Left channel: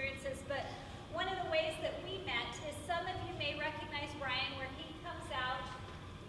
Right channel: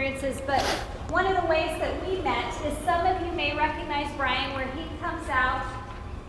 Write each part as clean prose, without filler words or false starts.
experiences, but one of the ways that we met is some of you may recognize Brian, where he comes out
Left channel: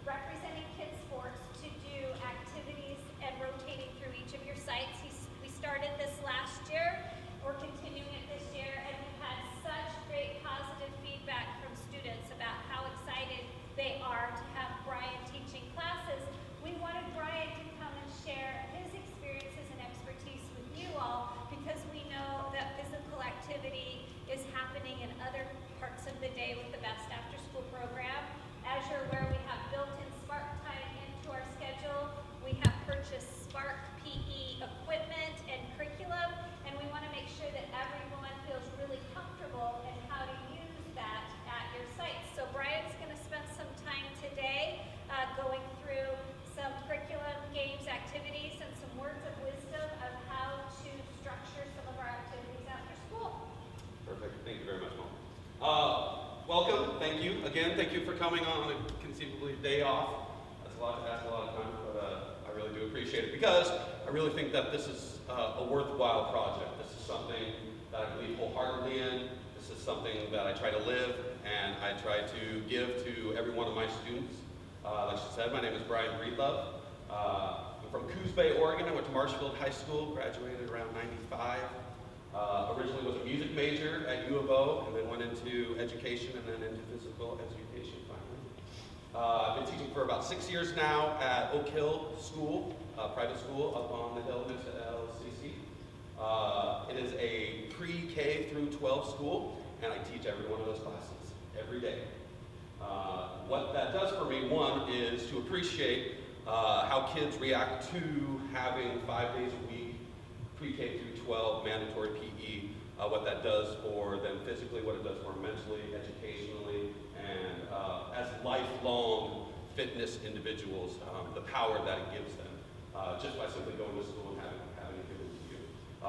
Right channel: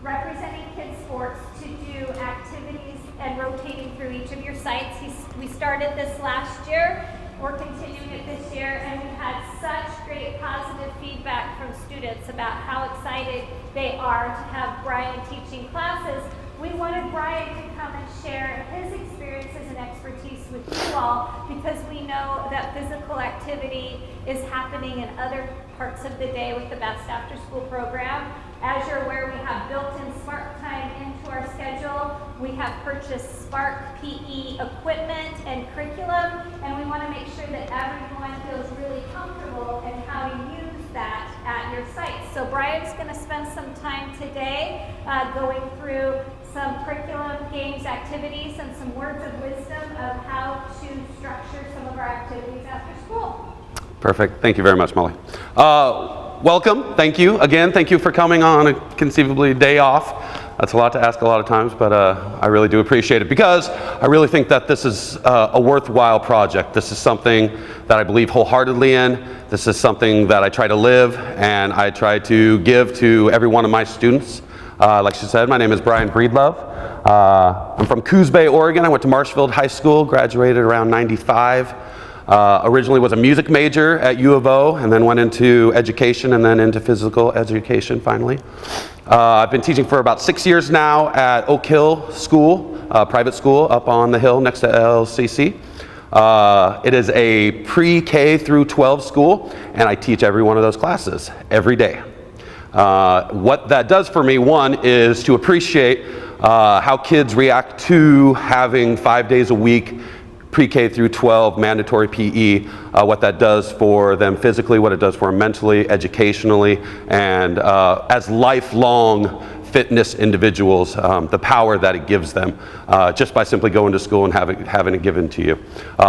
representing kids sports to do activities and rotating through each of your sites. We started this last year, we're continuing it this year, and we've had such great positive feedback from students about how excited they are to have Brian teaching classes. We wanted Brian to come and share his experiences and expertise with you all, because we know that physical activity is happening in other parts of the day with the Best After School program. As you're aware, we have built-in Spark time into our schedule. We have purchased Spark PE equipment and curriculum, and we want to make sure that everyone feels really comfortable in how to use that at your site. So Brian's going to spend some time today going through some curriculum, games, activities, and some words of wisdom of how to structure some of our activities after school. Perfect. Thank you very much, Molly. Welcome. Thank you. Again, thank you for coming on a conceivably day off. That's a lot to ask a lot of times, but I really do appreciate it, because I really think that this is a worthwhile project. This is something that I believe wholeheartedly in. This is something that I try to live, and I try to give to every one of my students. Like she said, my name is Brian Breedlove. I'm from Coos Bay, Oregon. I went to Marshfield High School, graduated around '95. Originally was a music major at U of O, and then went into education and then into physical education finally. I've been teaching for about 6 years now at Oak Hill School, private school up on the hill next to LCC. It is a pre-K through 12 school, and I teach every one of those classes every day. What that does for me, one, is to appreciate how kids react to having 5 days a week pre-K through 12 mandatory PE, what that does for them physically, what it does for them mentally, educationally, and as lifelong fitness individuals, the power that it gives them just by simply going to school and having it given to you.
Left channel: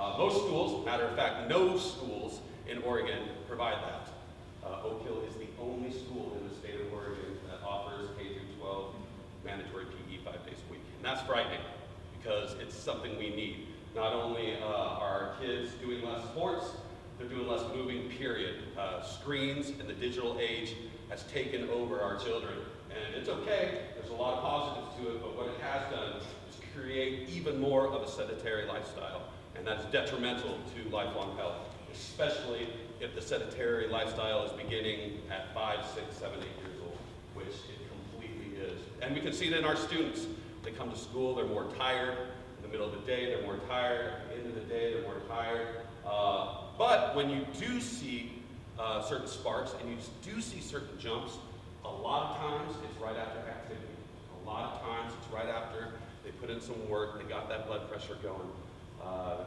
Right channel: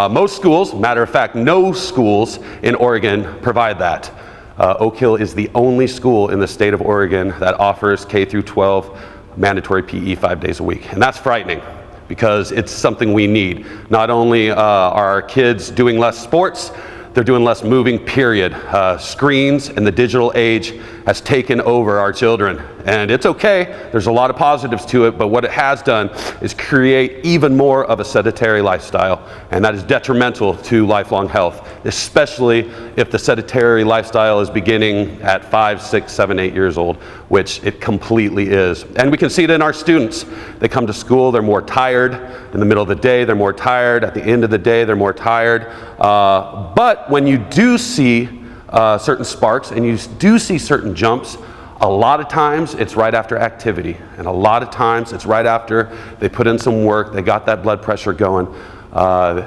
Most schools, matter of fact, no schools in Oregon provide that. Oak Hill is the only school in the state of Oregon that offers K through 12 mandatory PE 5 days a week, and that's frightening, because it's something we need. Not only are our kids doing less sports, they're doing less moving, period. Screens and the digital age has taken over our children. And it's okay, there's a lot of positives to it, but what it has done is create even more of a sedentary lifestyle, and that is detrimental to lifelong health, especially if the sedentary lifestyle is beginning at 5, 6, 7, 8 years old, which it completely is. And we can see it in our students. They come to school, they're more tired. In the middle of the day, they're more tired. At the end of the day, they're more tired. But when you do see certain sparks and you do see certain jumps, a lot of times it's right after activity, and a lot of times it's right after they put in some work, they got that blood pressure going,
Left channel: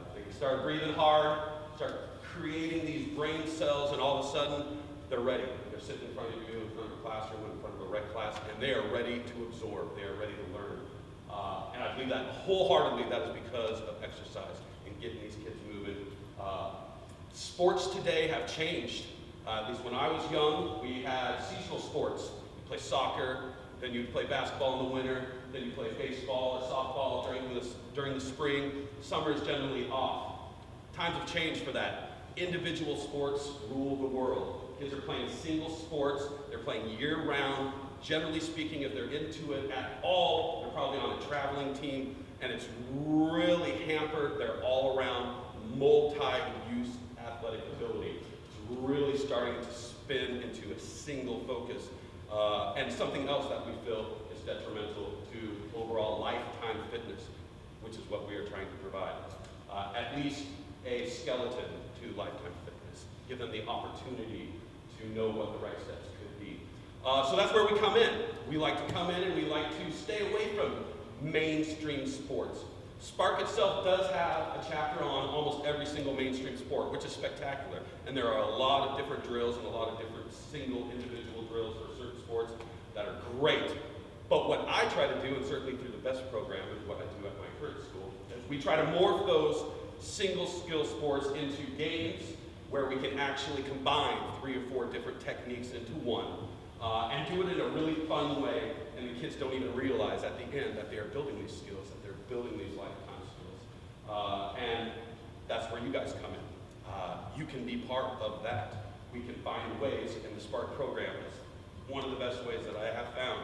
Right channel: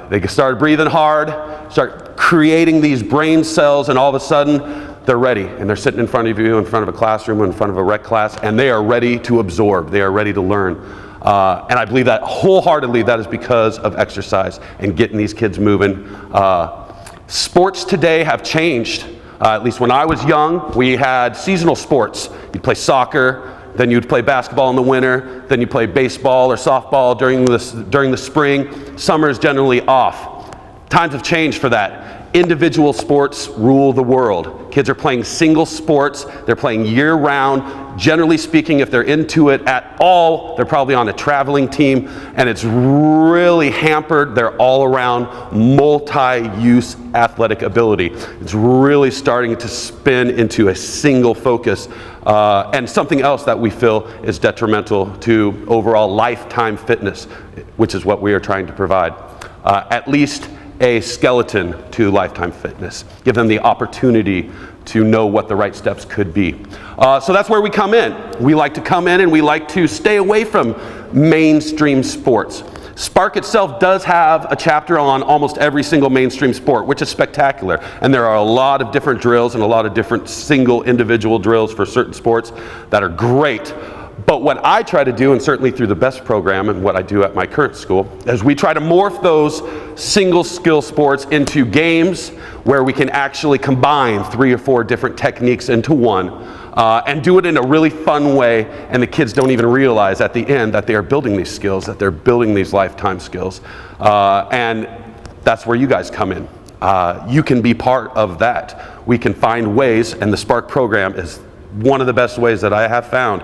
they started breathing hard, start creating these brain cells, and all of a sudden they're ready, and they're sitting in front of you, in front of a classroom, in front of a rec class, and they are ready to absorb, they are ready to learn. And I believe that wholeheartedly that is because of exercise and getting these kids moving. Sports today have changed. At least when I was young, we had seasonal sports. You'd play soccer, then you'd play basketball in the winter, then you'd play baseball or softball during the spring. Summer is generally off. Times have changed for that. Individual sports rule the world. Kids are playing single sports, they're playing year-round. Generally speaking, if they're into it at all, they're probably on a traveling team, and it's really hampered their all-around multi-use athletic ability. It's really starting to spin into a single focus, and something else that we feel is detrimental to overall lifetime fitness, which is what we are trying to provide. At least a skeleton to lifetime fitness. Give them the opportunity to know what the right steps could be. So that's where we come in. We like to come in and we like to stay away from mainstream sports. Spark itself does have a chapter on almost every single mainstream sport, which is spectacular. And there are a lot of different drills and a lot of different single individual drills for certain sports that are great. But what I try to do, and certainly through the BEST program and what I do at my current school, is we try to morph those single skill sports into games where we can actually combine 3 or 4 different techniques into one, and do it in a really fun way, and the kids don't even realize at the end that they are building these skills, that they're building these lifetime skills. And that's where you guys come in. you can be part of that. We can find ways, and the Spark program is one of the best ways that I have found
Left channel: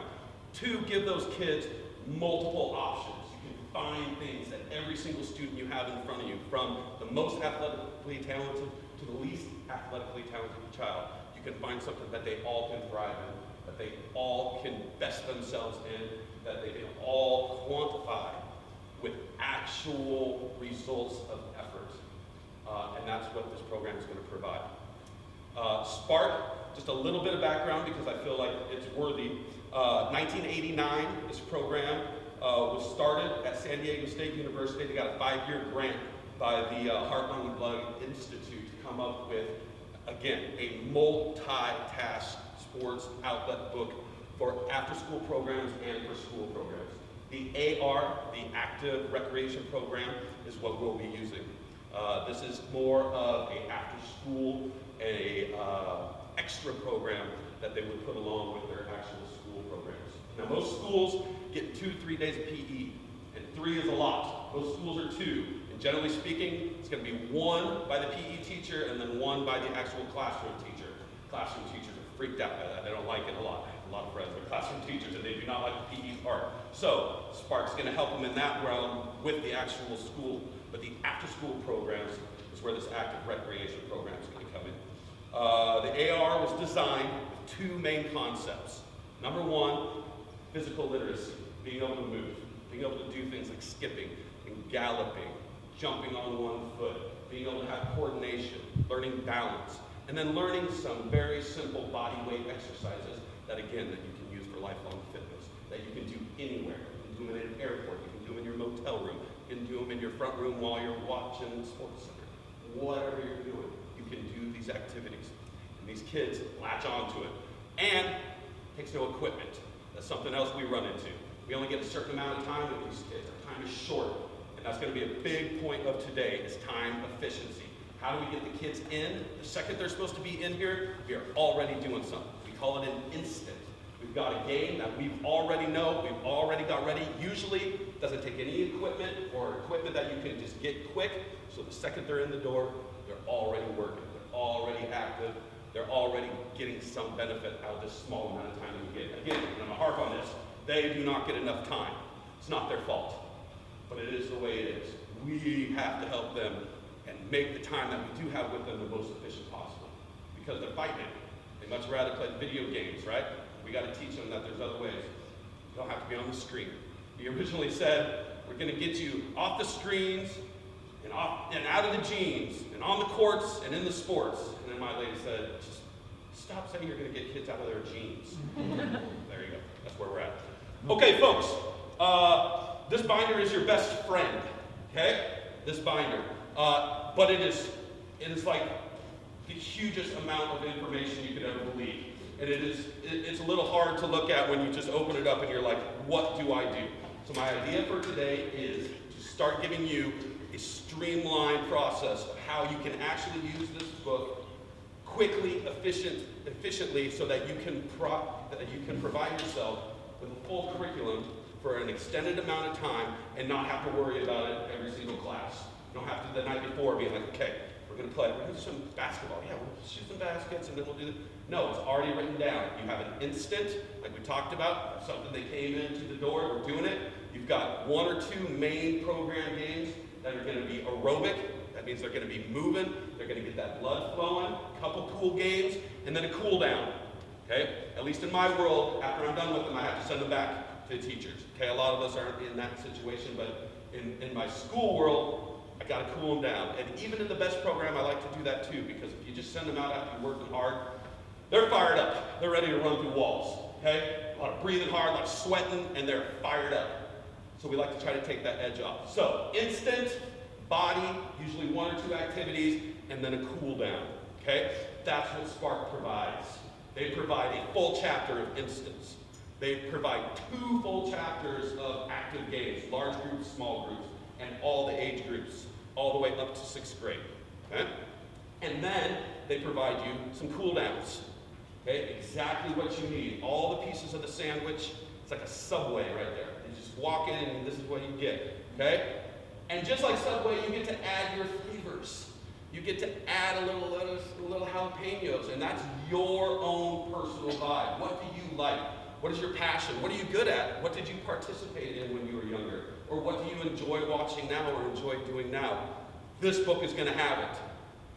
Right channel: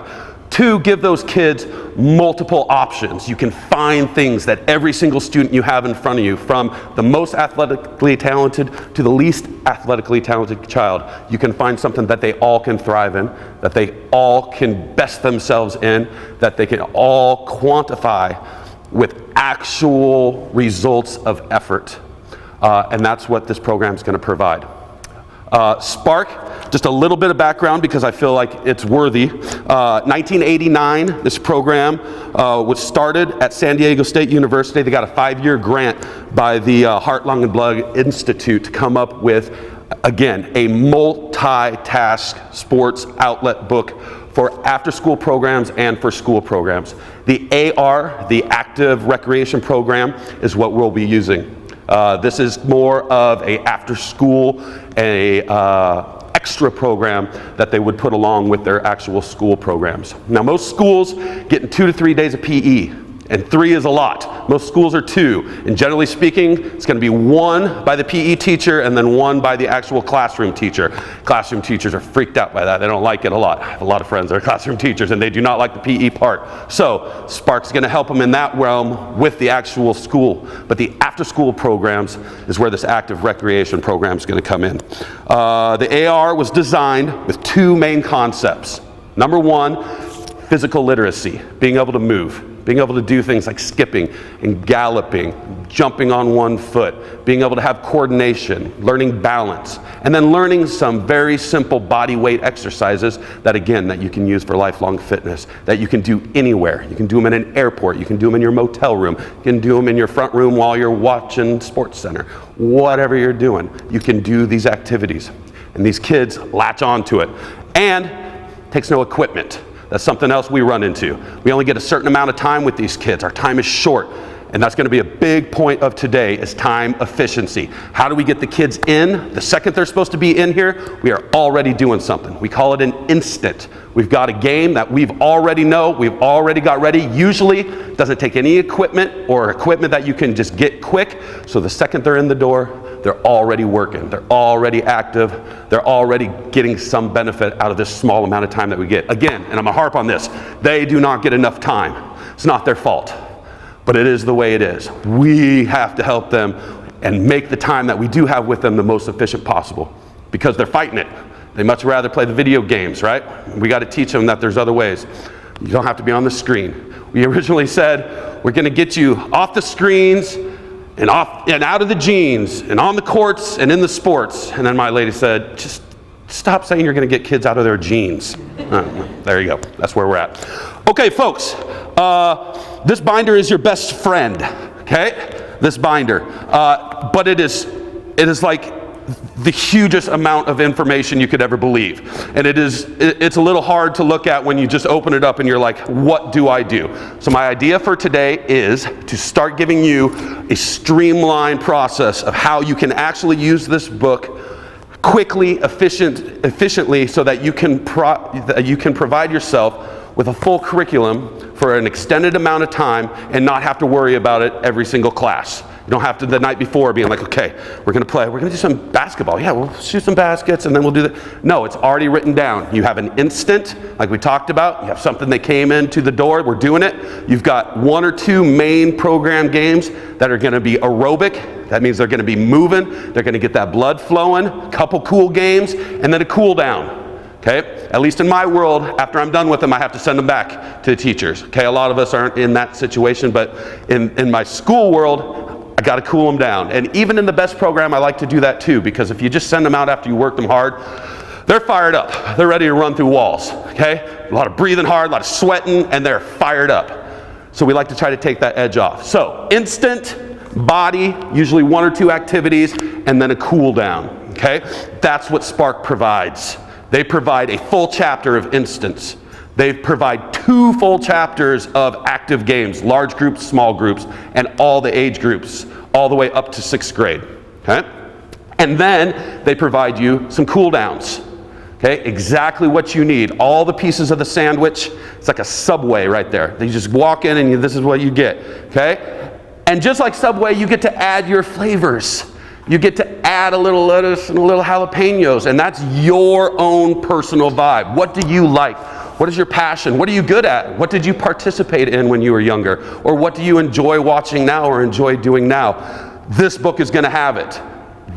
to give those kids multiple options. You can find things that every single student you have in front of you, from the most athletically talented to the least athletically talented child, you can find something that they all can thrive in, that they all can best themselves in, that they can all quantify with actual results of effort. And that's what this program is going to provide. Spark, just a little bit of background because I feel like it's worthy. 1989, this program was started at San Diego State University. They got a 5-year grant by the Heart, Lung, and Blood Institute to come up with, again, a multi-task sports outlet book for after-school programs and for school programs. The AR, the Active Recreation Program, is what we'll be using. This is more of a after-school, extra program that they would put along with their actual school programs. Now, most schools get 2 to 3 days of PE, and 3 is a lot. Most schools are 2, and generally speaking, it's going to be 1 by the PE teacher and then 1 by the actual classroom teacher. Classroom teachers are freaked out by that. They don't like it a lot. I have a lot of friends that are classroom teachers, and they do not like the PE part. So Spark's going to help them in that realm with the actual school. But the after-school programs is where this active recreation program is going to come in. The AR was designed with 2 main concepts. Number 1, physical literacy, being able to move. Being able to do things like skipping and galloping, jumping on 1 foot, being able to have coordination, learning balance, and then learning some very simple body weight exercises that, again, that you can use for lifelong fitness, that you can do anywhere. You can do them in an airport, you can do them in your motel room, you can do them in your front room while you're watching Sports Center. Whatever you're doing, you can do these activities. And these kids latch on to it. And it takes no equipment. That's something else we run into. We only get a certain amount of time with these kids. Our time is short. And that's going to be a big point of today is time efficiency. How do we get the kids in? The second they're supposed to be in here, we are already doing something. We call it an instant. We've got a game that we've already got ready. Usually it doesn't take any equipment or equipment that you can just get quick. So the second they're in the door, they're already working. They're already active. They're already getting some benefit out of this small amount of time that we get. Again, and I'm gonna harp on this, they do not get enough time. It's not their fault, but it is the way it is. We have to help them and make the time that we do have with them the most efficient possible because they're fighting it. They much rather play the video games, right? We got to teach them that there's other ways. You don't have to be on the screen. We originally said, we're gonna get you off the screens and out of the jeans and on the courts and in the sports. And then my lady said, just stop saying you're gonna get kids out of their jeans. There you go, that's where we're at. Okay, folks, this binder is your best friend, okay? This binder, but it is like the hugest amount of information you could ever believe. And it's a little hard to look at when you just open it up and you're like, what do I do? So my idea for today is to start giving you a streamlined process of how you can actually use this book quickly, efficiently, so that you can provide yourself with a full curriculum for an extended amount of time and not have to worry about it every single class. You don't have to the night before being like, okay, we're gonna do some basketball. Yeah, we'll shoot some baskets and then we'll do that. No, it's already written down. You have an instant, like we talked about. You have something that came into the door, we're doing it. You've got 1 or 2 main program games that are gonna be aerobic. That means they're gonna be moving. They're gonna get that blood flowing, a couple cool games, and then a cool down. Okay? At least in my world, after I'm done with them, I have to send them back to the teachers. Okay? A lot of us aren't in that situation, but in my school world, I got to cool them down. And even in the best program, I like to do that too, because if you just send them out after you work them hard, they're fired up. They're ready to run through walls. Okay? A lot of breathing hard, a lot of sweating, and they're fired up. So we like to try to take that edge off. So instant, body, usually 1 or 2 activities, and then a cool down. Okay? That's what Spark provides. They provide a full chapter of instance. They provide 2 full chapters of active games, large groups, small groups, and all the age groups, all the way up to 6th grade. Okay? And then they provide you some cool downs. Okay? Exactly what you need. All the pieces of the sandwich. It's like a Subway right there. You just walk in and this is what you get. Okay? And just like Subway, you get to add your flavors. You get to add a little lettuce and a little jalapenos, and that's your own personal vibe. What do you like? What is your passion? What are you good at? What did you participate in when you were younger? Or what do you enjoy watching now or enjoy doing now? This book is going to have it.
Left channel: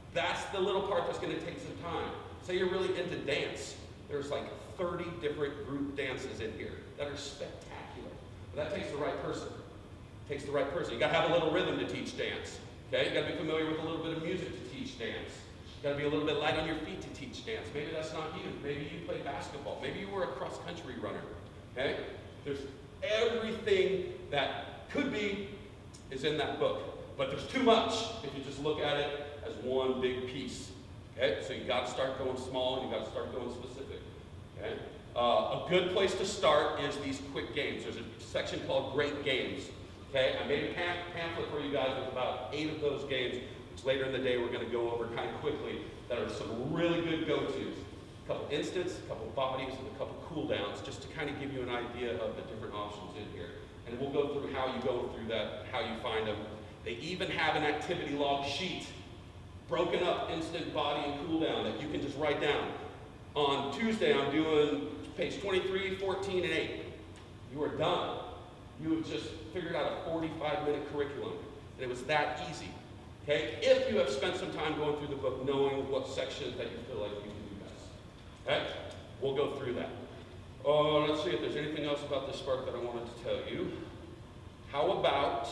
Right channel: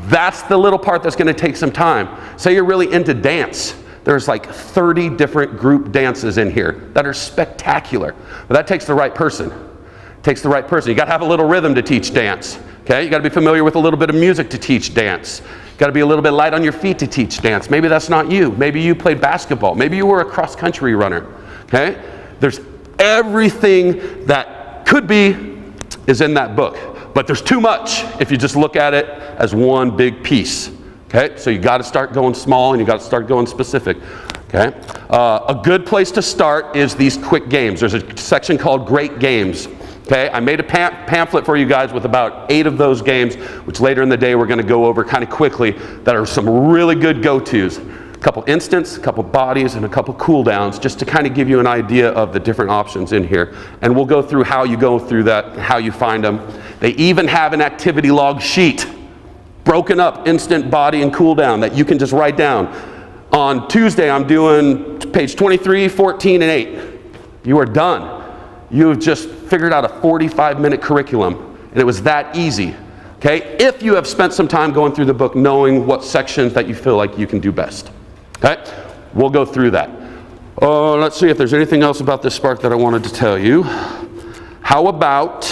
That's the little part that's going to take some time. Say you're really into dance. There's like 30 different group dances in here that are spectacular. But that takes the right person. It takes the right person. You got to have a little rhythm to teach dance. Okay? You got to be familiar with a little bit of music to teach dance. You got to be a little bit light on your feet to teach dance. Maybe that's not you. Maybe you played basketball. Maybe you were a cross-country runner. Okay? There's everything that could be is in that book. But there's too much if you just look at it as one big piece. Okay? So you got to start going small and you got to start going specific. Okay? A good place to start is these quick games. There's a section called Great Games. Okay, I made a pamphlet for you guys with about 8 of those games, which later in the day we're going to go over kind of quickly, that are some really good go-tos. A couple instants, a couple bodies, and a couple cooldowns, just to kind of give you an idea of the different options in here. And we'll go through how you go through that, how you find them. They even have an activity log sheet, broken up instant, body, and cooldown that you can just write down. On Tuesday, I'm doing page 23, 14, and 8. You are done. You've just figured out a 45-minute curriculum, and it was that easy, okay? If you have spent some time going through the book knowing what sections that you feel like you can do best, okay? We'll go through that. Let's see if there's anything else about this Spark that I wanted to tell you. How about,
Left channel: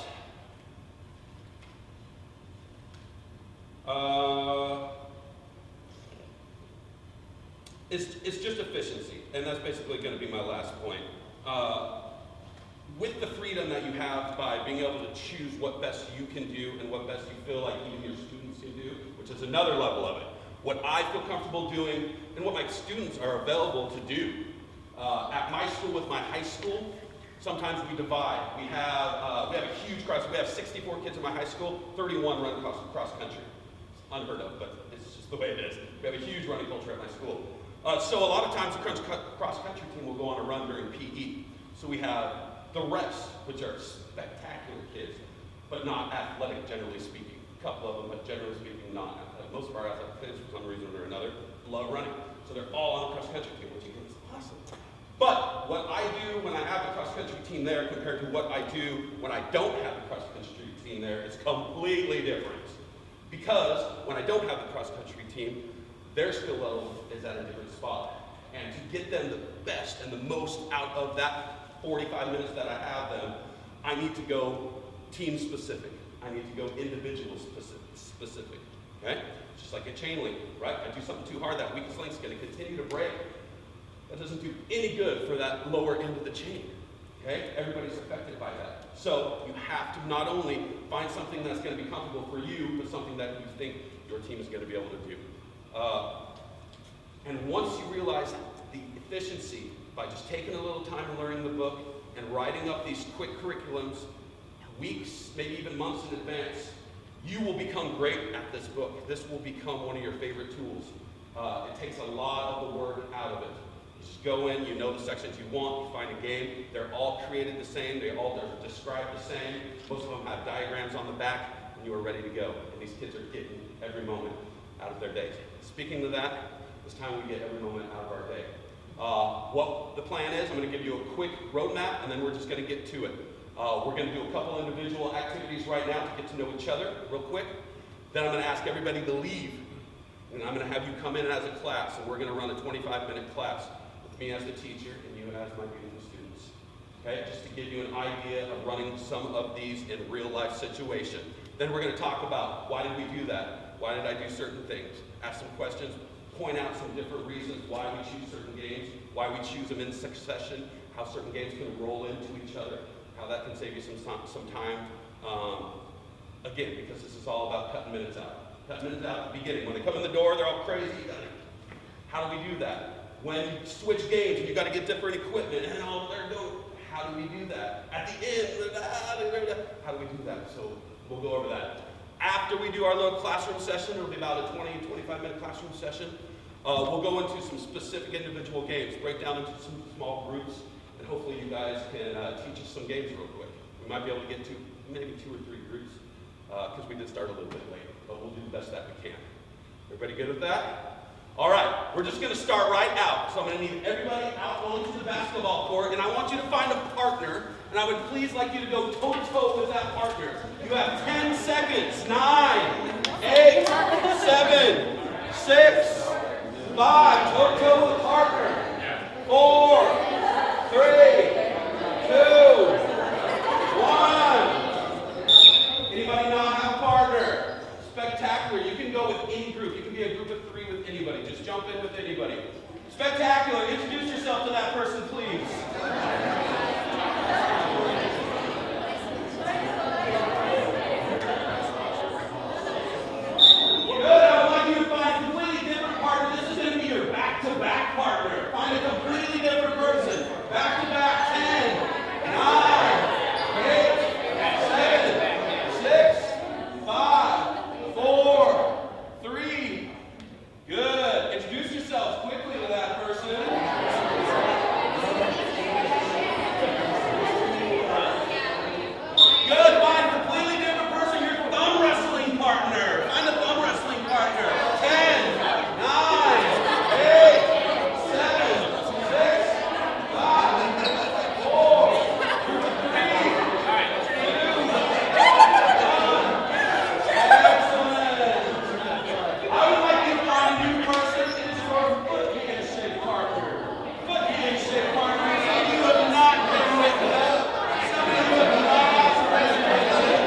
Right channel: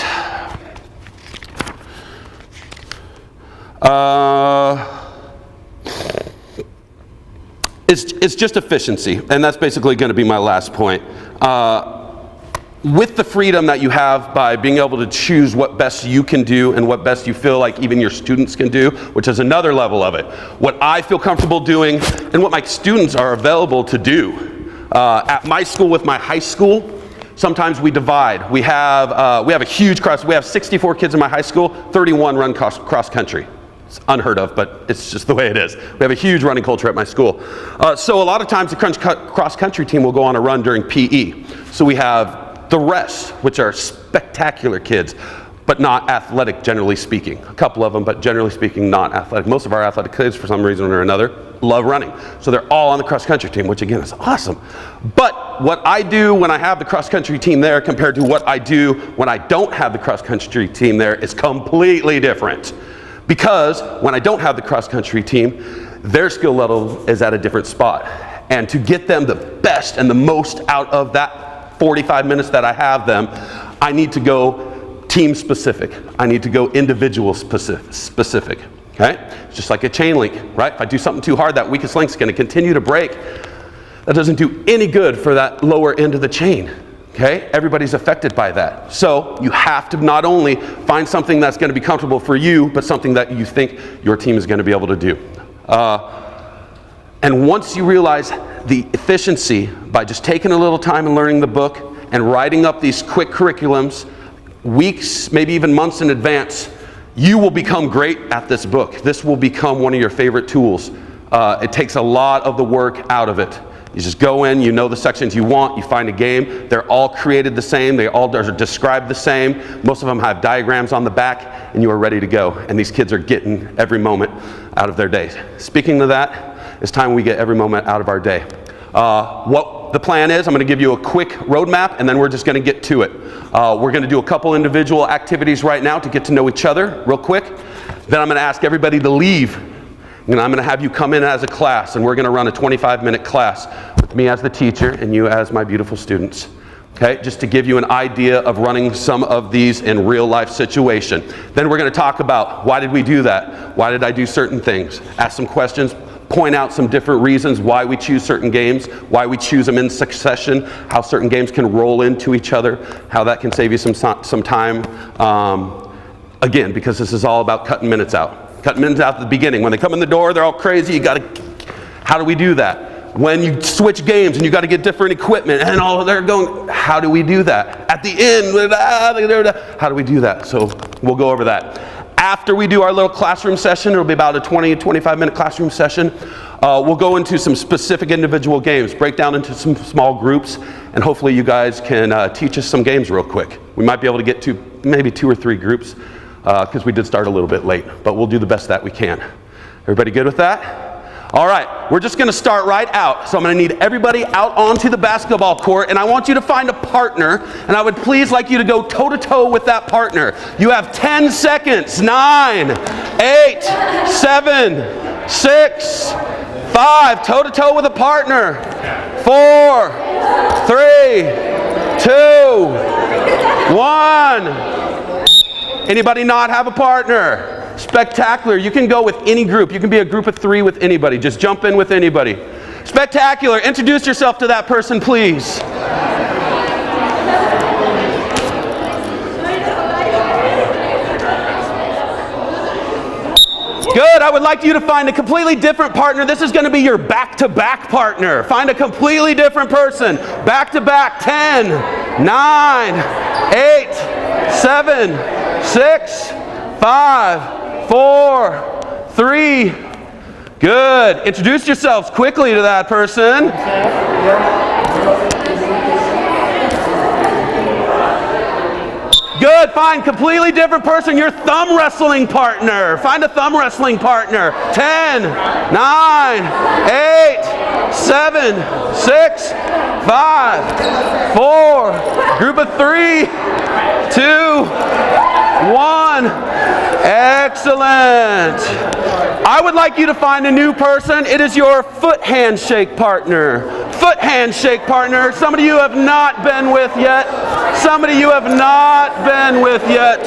it's just efficiency, and that's basically going to be my last point. With the freedom that you have by being able to choose what best you can do and what best you feel like even your students can do, which is another level of it. What I feel comfortable doing and what my students are available to do. At my school with my high school, sometimes we divide. We have a huge we have 64 kids in my high school, 31 run cross country. It's unheard of, but it's just the way it is. We have a huge running culture at my school. So a lot of times the cross country team will go on a run during PE. So we have the rest, which are spectacular kids, but not athletic, generally speaking. A couple of them, but generally speaking, not athletic. Most of our athletic kids, for some reason or another, love running. So they're all on the cross-country team, which again is awesome. But what I do when I have the cross-country team there compared to what I do when I don't have the cross-country team there is completely different. Because when I don't have the cross-country team, their skill level is at a different spot. And to get them the best and the most out of that 45 minutes that I have them, I need to go team specific. I need to go individual specific. Okay? It's just like a chain link, right? If I do something too hard, that weakest link's going to continue to break. That doesn't do any good for that lower end of the chain. Okay? Everybody's affected by that. So you have to not only find something that's going to be comfortable for you, but something that you think your team is going to be able to do. And once you realize the efficiency by just taking a little time and learning the book and writing up these quick curriculums, weeks, maybe even months in advance, you will become great at this book. This will become one of your favorite tools. It takes a lot of the work out of it. You just go in, you know the sections you want, you find a game. They're all created the same, they all are described the same. Most of them have diagrams on the back, and you are ready to go. And these kids are getting every moment out of their days. Speaking of that, it's time we get every moment out of our day. What the plan is, I'm going to give you a quick roadmap, and then we're just going to get to it. We're going to do a couple individual activities right now to get to know each other real quick. Then I'm going to ask everybody to leave. And I'm going to have you come in as a class, and we're going to run a 25-minute class with me as the teacher and you as my beautiful students. Okay, just to give you an idea of running some of these in real life situation. Then we're going to talk about why did we do that? Why did I do certain things? Ask some questions. Point out some different reasons why we choose certain games, why we choose them in succession, how certain games can roll into each other, how that can save you some time. Again, because this is all about cutting minutes out. Cutting minutes out at the beginning. When they come in the door, they're all crazy. How do we do that? When you switch games and you got to get different equipment and all they're going, how do we do that? At the end, how do we do that? So we'll go over that. After we do our little classroom session, it'll be about a 20-25-minute classroom session. We'll go into some specific individual games, break down into some small groups, and hopefully you guys can teach us some games real quick. We might be able to get to maybe 2 or 3 groups. because we did start a little bit late, but we'll do the best that we can. Everybody good with that? All right, we're just going to start right out. So I'm going to need everybody out onto the basketball court, and I want you to find a partner, and I would please like you to go toe-to-toe with that partner. You have 10 seconds. 9, 8, 7, 6, 5. Toe-to-toe with a partner. 4, 3, 2, 1. Anybody not have a partner? Spectacular. You can go with any group. You can be a group of 3 with anybody. Just jump in with anybody. Spectacular. Introduce yourself to that person, please. Good. I would like you to find a completely different partner. This is going to be your back-to-back partner. Find a completely different person. Back-to-back. 10, 9, 8, 7, 6, 5, 4, 3. Good. Introduce yourselves quickly to that person. Good. Find completely different person. Your thumb wrestling partner. Find a thumb wrestling partner. 10, 9, 8, 7, 6, 5, 4. Group of 3, 2, 1. Excellent. I would like you to find a new person. It is your foot handshake partner. Foot handshake partner. Somebody you have not been with yet. Somebody you have not been with yet.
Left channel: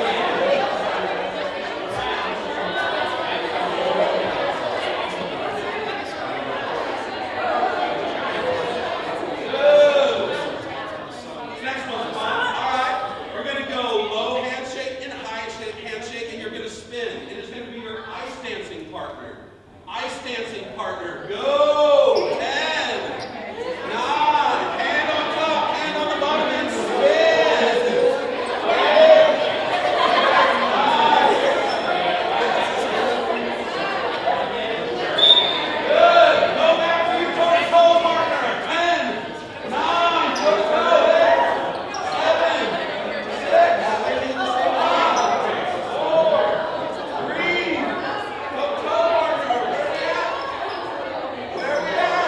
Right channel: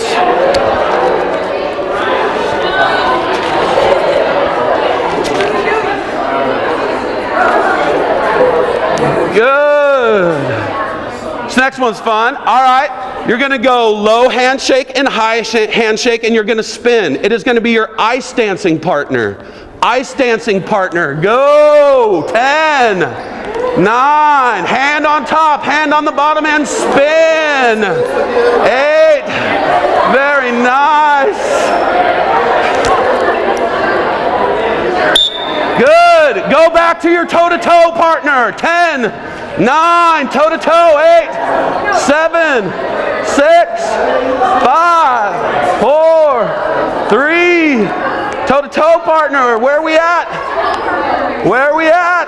Good. This next one's fun. All right. You're going to go low handshake and high handshake, and you're going to spin. It is going to be your ice dancing partner. Ice dancing partner. Go. 10, 9. Hand on top, hand on the bottom, and spin. 8. Very nice. Good. Go back to your toe-to-toe partner. 10, 9. Toe-to-toe. 8, 7. 6, 5, 4, 3. Toe-to-toe partner. Where are we at? Where are we at?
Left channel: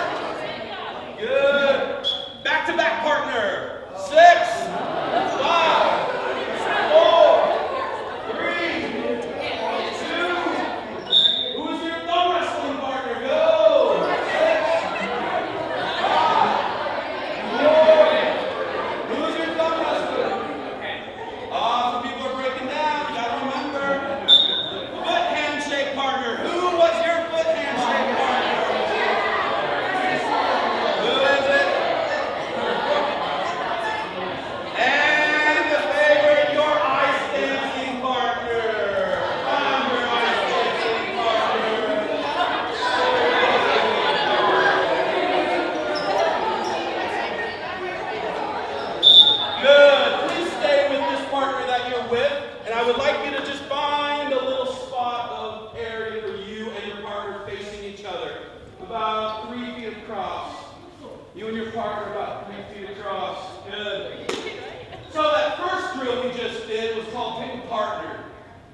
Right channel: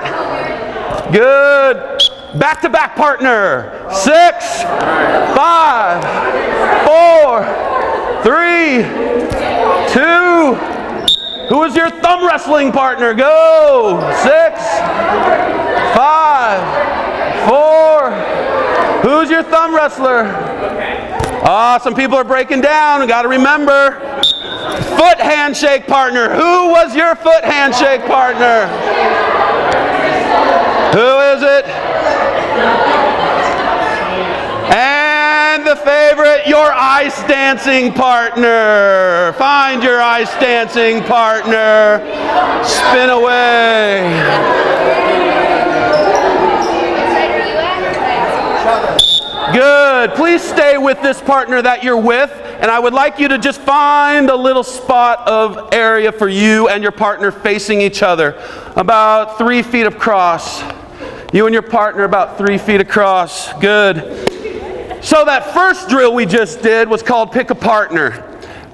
Good. Back-to-back partner. 6, 5, 4, 3, 2. Who is your thumb wrestling partner? Go. 6, 5, 4. Who's your thumb wrestler? Some people are breaking down. We got to remember. Foot handshake partner. Who was your foot handshake partner? Who is it? And the favorite, your ice dancing partner. Find your ice dancing partner. Spin away. Good. Please stay with this partner that you're with, and I would like you to just find a little spot of area for you and your partner facing each other, about 3 feet across. You and your partner about 3 feet across. Good. So that first drill we just did was called pick a partner,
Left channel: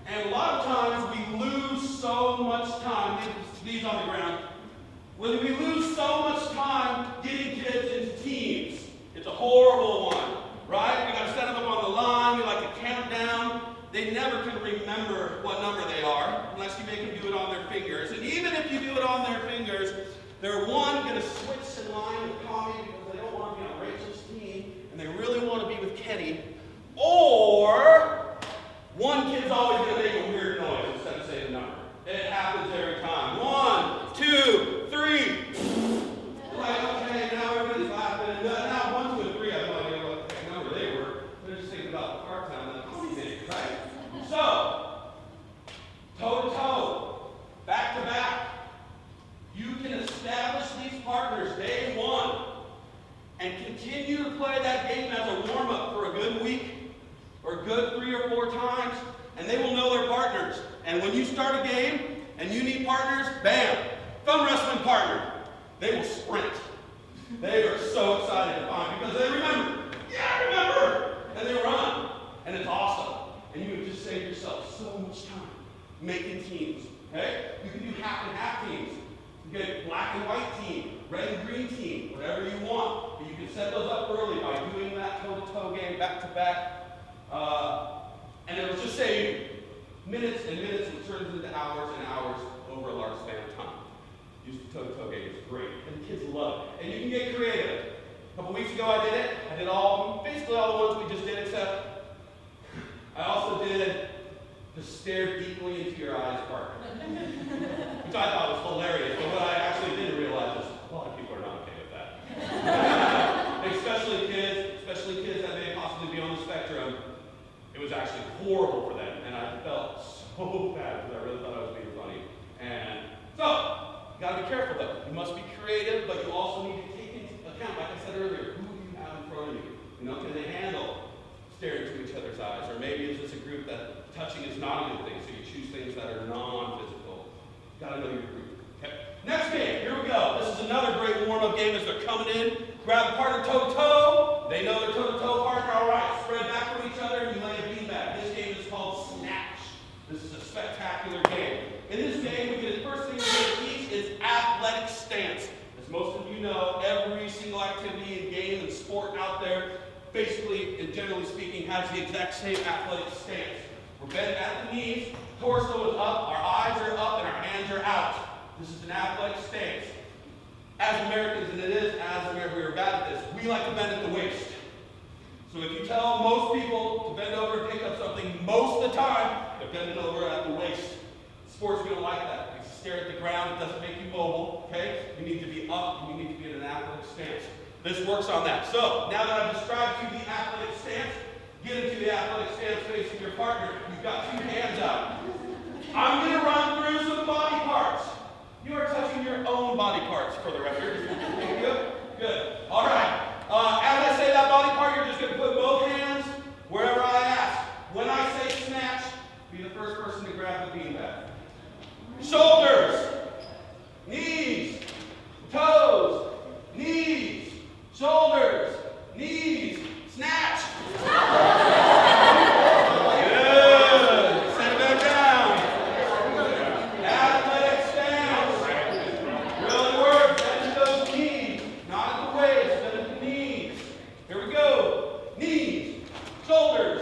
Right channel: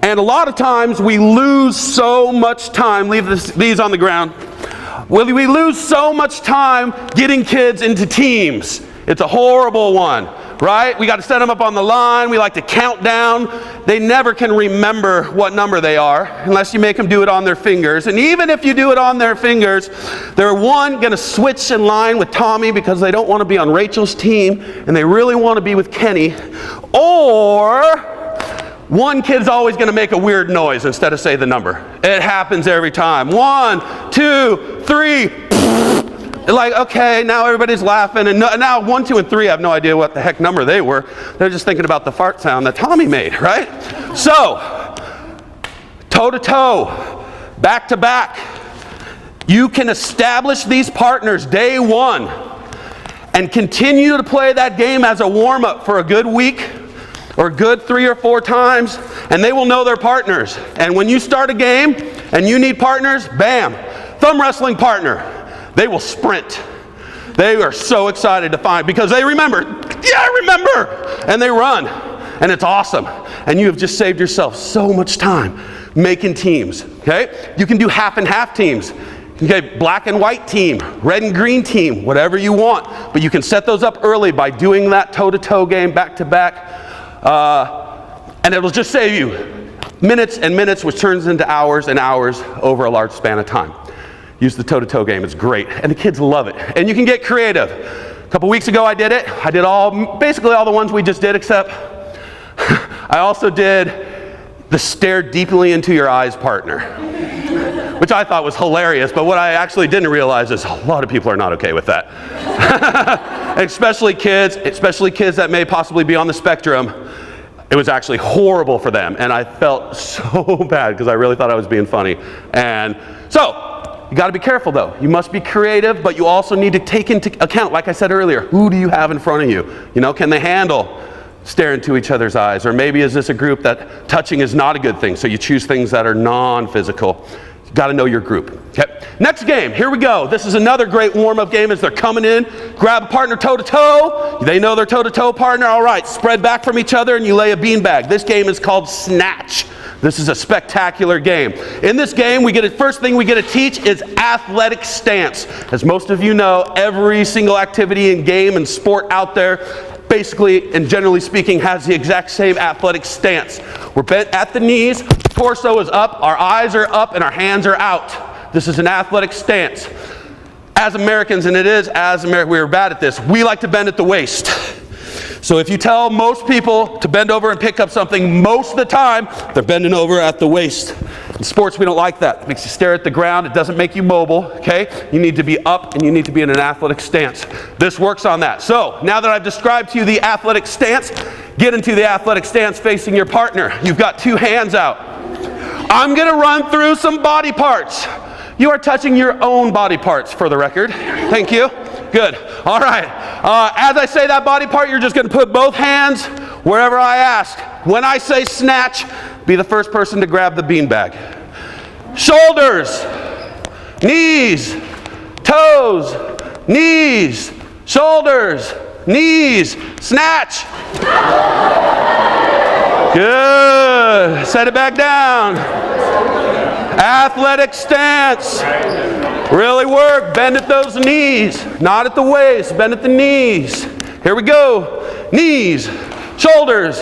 and a lot of times we lose so much time. Leave these on the ground. We lose so much time getting kids into teams. It's a horrible one. Right? We got to set them up on the line. We like to count down. They never can remember what number they are unless you make them do it on their fingers. And even if you do it on their fingers, they're going to switch in line with Tommy because they don't want to be on Rachel's team and they really want to be with Kenny. Or one kid's always going to make a weird noise instead of say the number. It happens every time. 1, 2, 3. Like, okay, now everybody's laughing, and now 1, 2, and 3 have no idea what the heck number they were. They're just thinking about the fart sound that Tommy made, right? So, toe-to-toe, back-to-back. You can establish these partners day one and continue to play that game as a warm-up for a good week or a good 3 or 4 times, and they will know their partners. And when you start a game and you need partners, bam, thumb wrestling partner. They will sprint. They are so excited to find, because they remember, yeah, I remember, and they run, and it's awesome. and you have just saved yourself so much time making teams, okay? You can do half and half teams. Okay, black and white team, red and green team, whatever you want. But you can set those up early by doing that toe-to-toe game back to back. And it'll just save you minutes and minutes, which turns into hours and hours over a large span of time. Use the toe-to-toe game, it's great. And the kids love it. And you can get creative. A couple weeks ago I did it. I did basically all the ones we just did, except I also did the stare deeply into your eyes partner, which I thought was hilarious, but what I actually didn't realize is a lot of people are not okay with that. especially kids that may possibly be on the spectrum. It was actually horrible for them, and I felt so bad because I really thought I was being funny. And so, you gotta be careful though. You must be creative, but you also need to take into account, like I said earlier, who do you have in front of you? You know, can they handle staring into each other's eyes? Or maybe is this a group that touching is not a good thing, so you choose things that are non-physical. You gotta know your group. Okay. Next game, here we go. This is another great warm-up game as they're coming in. Grab a partner toe-to-toe. They know their toe-to-toe partner. All right, spread back from each other and you lay a beanbag. This game is called Snatch. This is a spectacular game. In this game, first thing we get to teach is athletic stance. As most of you know, every single activity and game and sport out there basically and generally speaking has the exact same athletic stance. We're bent at the knees, torso is up, our eyes are up, and our hands are out. This is an athletic stance. As Americans, and we are bad at this, we like to bend at the waist. So if you tell most people to bend over and pick up something, most of the time, they're bending over at the waist. In sports, we don't like that. It makes you stare at the ground. It doesn't make you mobile, okay? You need to be up and you need to be in an athletic stance. This works on that. So now that I've described to you the athletic stance, get into the athletic stance facing your partner. You've got two hands out. I'm gonna run through some body parts. You are touching your own body parts for the record. Thank you. Good. All right. As I say that body part, you're just gonna put both hands wherever I ask. When I say snatch, be the first person to grab the beanbag. Shoulders, knees, toes, knees, shoulders, knees, snatch. Good. Set it back down. Athletic stance. Really work. Bend at those knees. Not at the waist. Bend at the knees. Here we go. Knees, shoulders,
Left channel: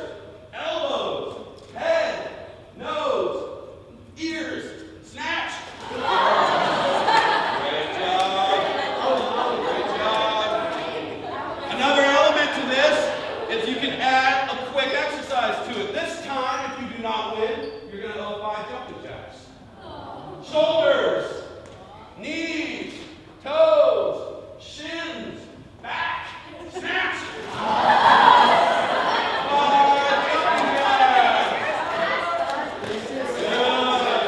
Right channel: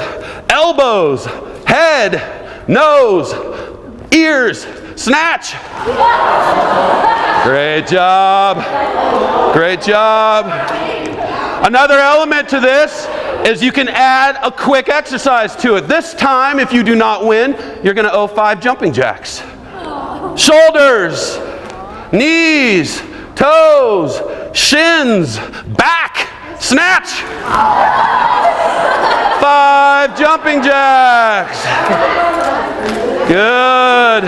elbows, head, nose, ears, snatch. Great job. Great job. Another element to this is you can add a quick exercise to it. This time, if you do not win, you're going to owe 5 jumping jacks. Shoulders, knees, toes, shins, back, snatch. 5 jumping jacks. Good.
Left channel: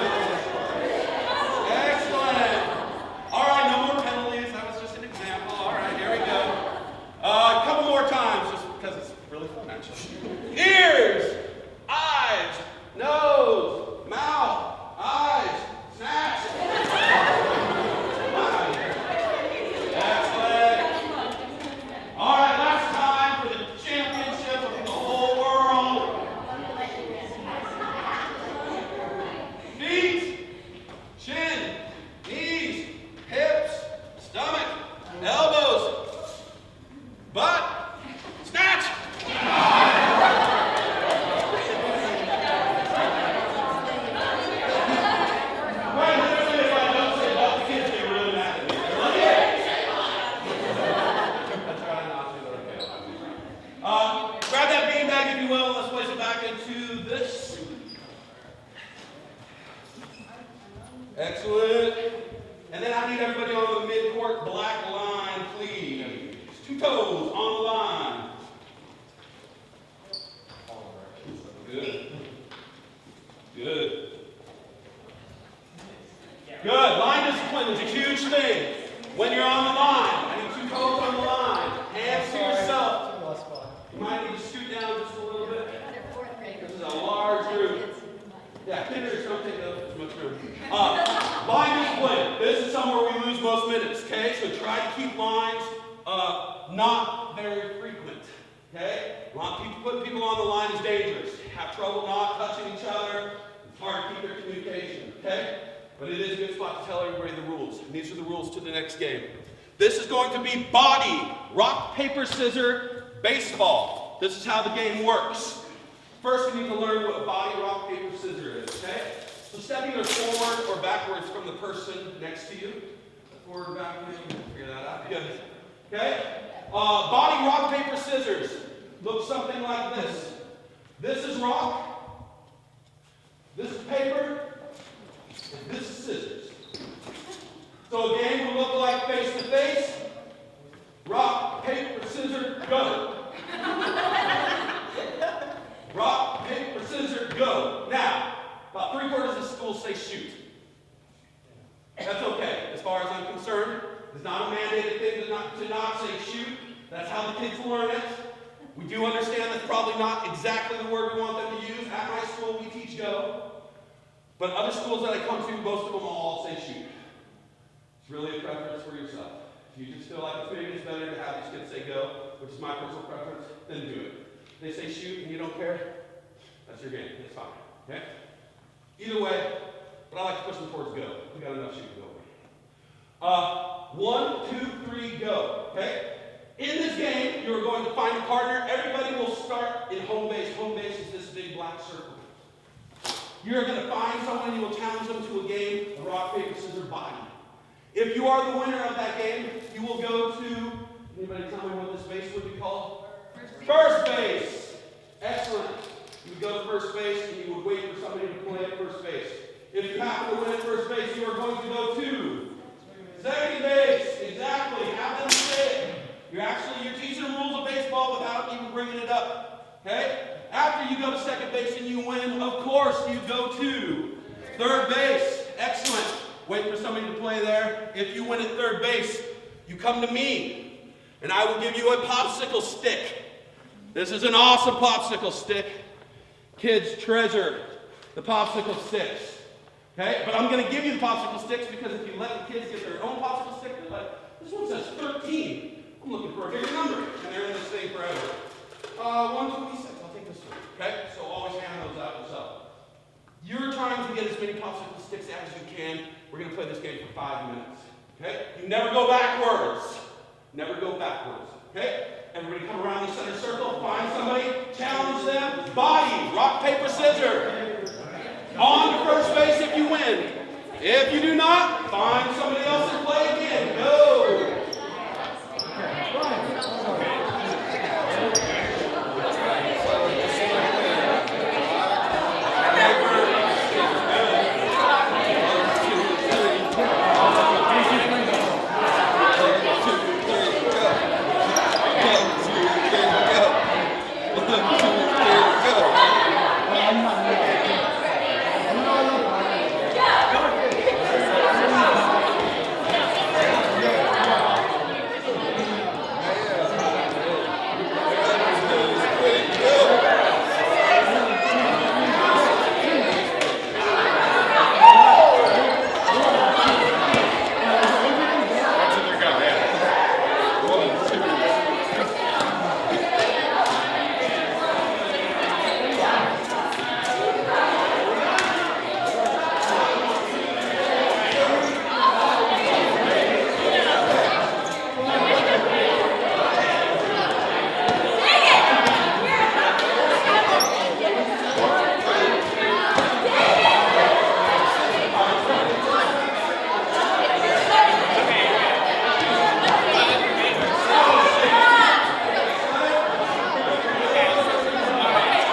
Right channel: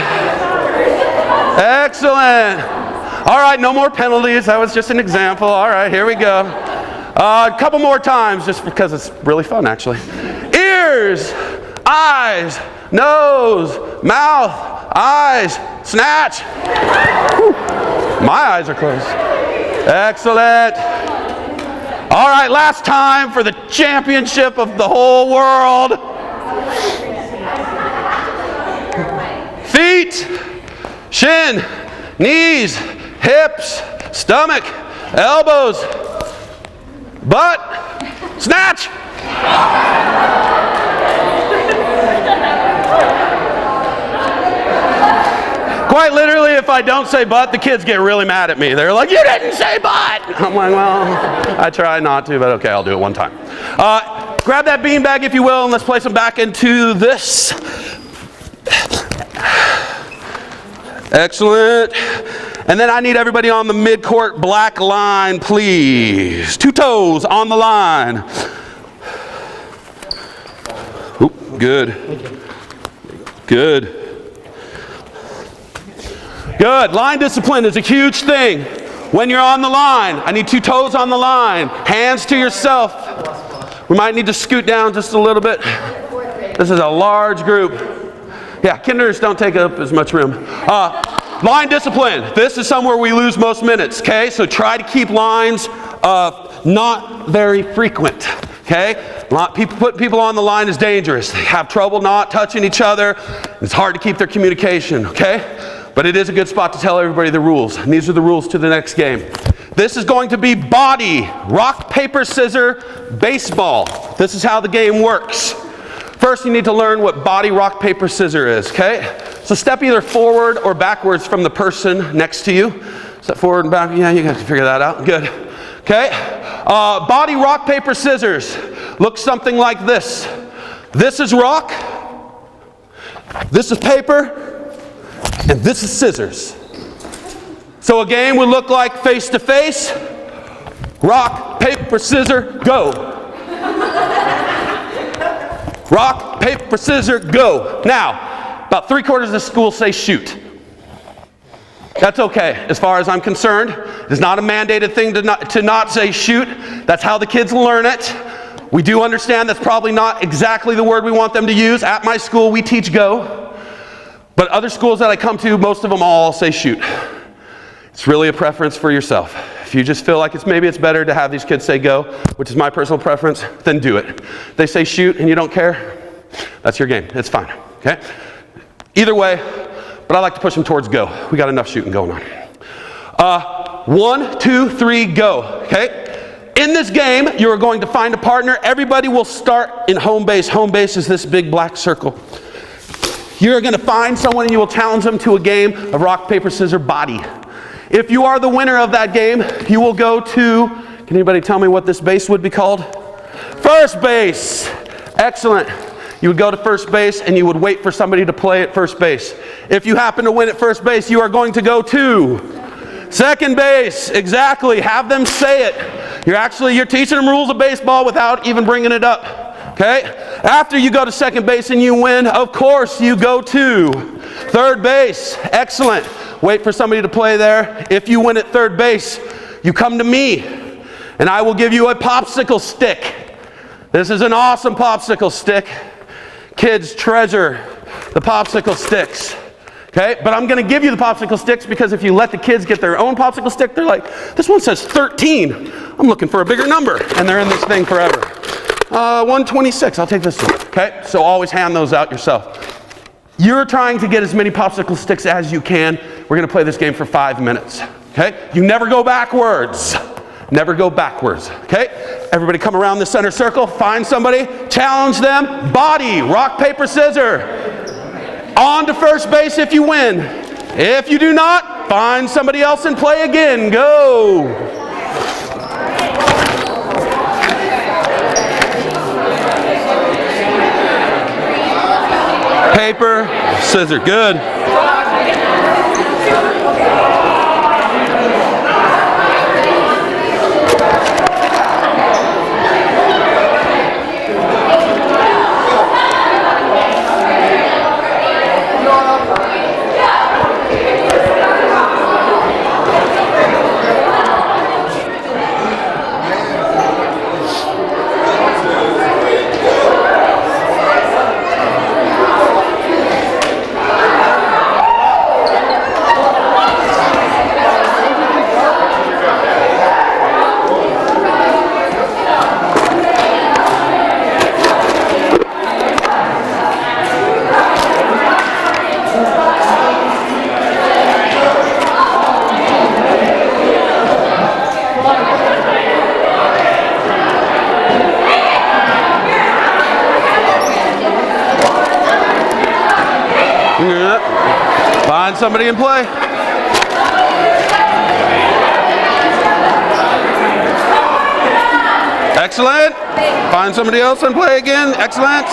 Excellent. All right, no more penalties. That was just an example. All right, here we go. A couple more times, just because it's really fun, actually. Ears, eyes, nose, mouth, eyes, snatch. Whew. My eyes are closed. Excellent. All right, last time for the championship of the whole world. Feet, shin, knees, hips, stomach, elbows, butt, snatch. Quite literally, if I don't say butt, the kids get really mad at me. They're like, you didn't say butt. I'm like, well, I try not to, but okay, I'll do it one time. Grab that beanbag, if you will, and let's place them back into this. Excellent. And then I need everybody on the mid-court black line, please. 2 toes on the line. Oop, good. Good. Good. Line discipline is a huge thing. When you're on the line, I need 2 toes on the line. Hands to yourself. We might need to scoot down just a little bit. This is a large group. Yeah, kinders don't take up as much room. Line discipline. This is somewhere we lose most minutes, okay? So try to keep lines not very frequent. okay? Putting people on the line is dangerous. They have trouble not touching each other. It's hard to keep their communication, okay? But it is a good spot to tell everybody the rules. And these are the rules to the next game. This is going to be body, rock, paper, scissors, baseball. This is how the game works. First, you need to learn what body, rock, paper, scissors is, okay? So step either forward or backwards from the person next to you. Step forward and back. Yeah, you guys can figure that out. Good. Okay? Body, rock, paper, scissors. Looks something like this. This is rock. This is paper. And this is scissors. So a game would look like face to face. Rock, paper, scissors, go. Rock, paper, scissors, go. Now, about 3/4 of the school say shoot. That's okay, as far as I'm concerned. It's not a mandated thing to not say shoot. That's how the kids learn it. We do understand that's probably not exactly the word we want them to use. At my school, we teach go. But other schools that I come to, most of them all say shoot. It's really a preference for yourself. If you just feel like maybe it's better to have these kids say go, which is my personal preference, then do it. If they say shoot and you don't care, that's your game. It's fine, okay? Either way, but I like to push them towards go. We got enough shooting going on. 1, 2, 3, go, okay? In this game, you are going to find a partner. Everybody will start in home base. Home base is this big black circle. You're going to find someone and you will challenge them to a game of rock, paper, scissors, body. If you are the winner of that game, you will go to, can anybody tell me what this base would be called? First base. Excellent. You would go to first base and you would wait for somebody to play at first base. If you happen to win at first base, you are going to go to second base. Exactly. Have them say it. You're teaching them rules of baseball without even bringing it up. Okay? After you go to second base and you win, of course you go to third base. Excellent. Wait for somebody to play there. If you win at third base, you come to me and I will give you a popsicle stick. This is an awesome popsicle stick. Kids treasure the popsicle sticks. Okay? But I'm going to give you the popsicle sticks because if you let the kids get their own popsicle stick, they're like, this one says 13. I'm looking for a bigger number. And they're in this thing forever. 126, I'll take this one. Okay? So always hand those out yourself. You're trying to get as many popsicle sticks as you can. We're going to play this game for 5 minutes. Okay? You never go backwards. Never go backwards. Okay? Everybody come around the center circle, find somebody, challenge them, body, rock, paper, scissors. On to first base if you win. If you do not, find somebody else and play again. Go. Paper, scissors. Good. Somebody in play. Excellent. Find somebody else and play again. Excellent.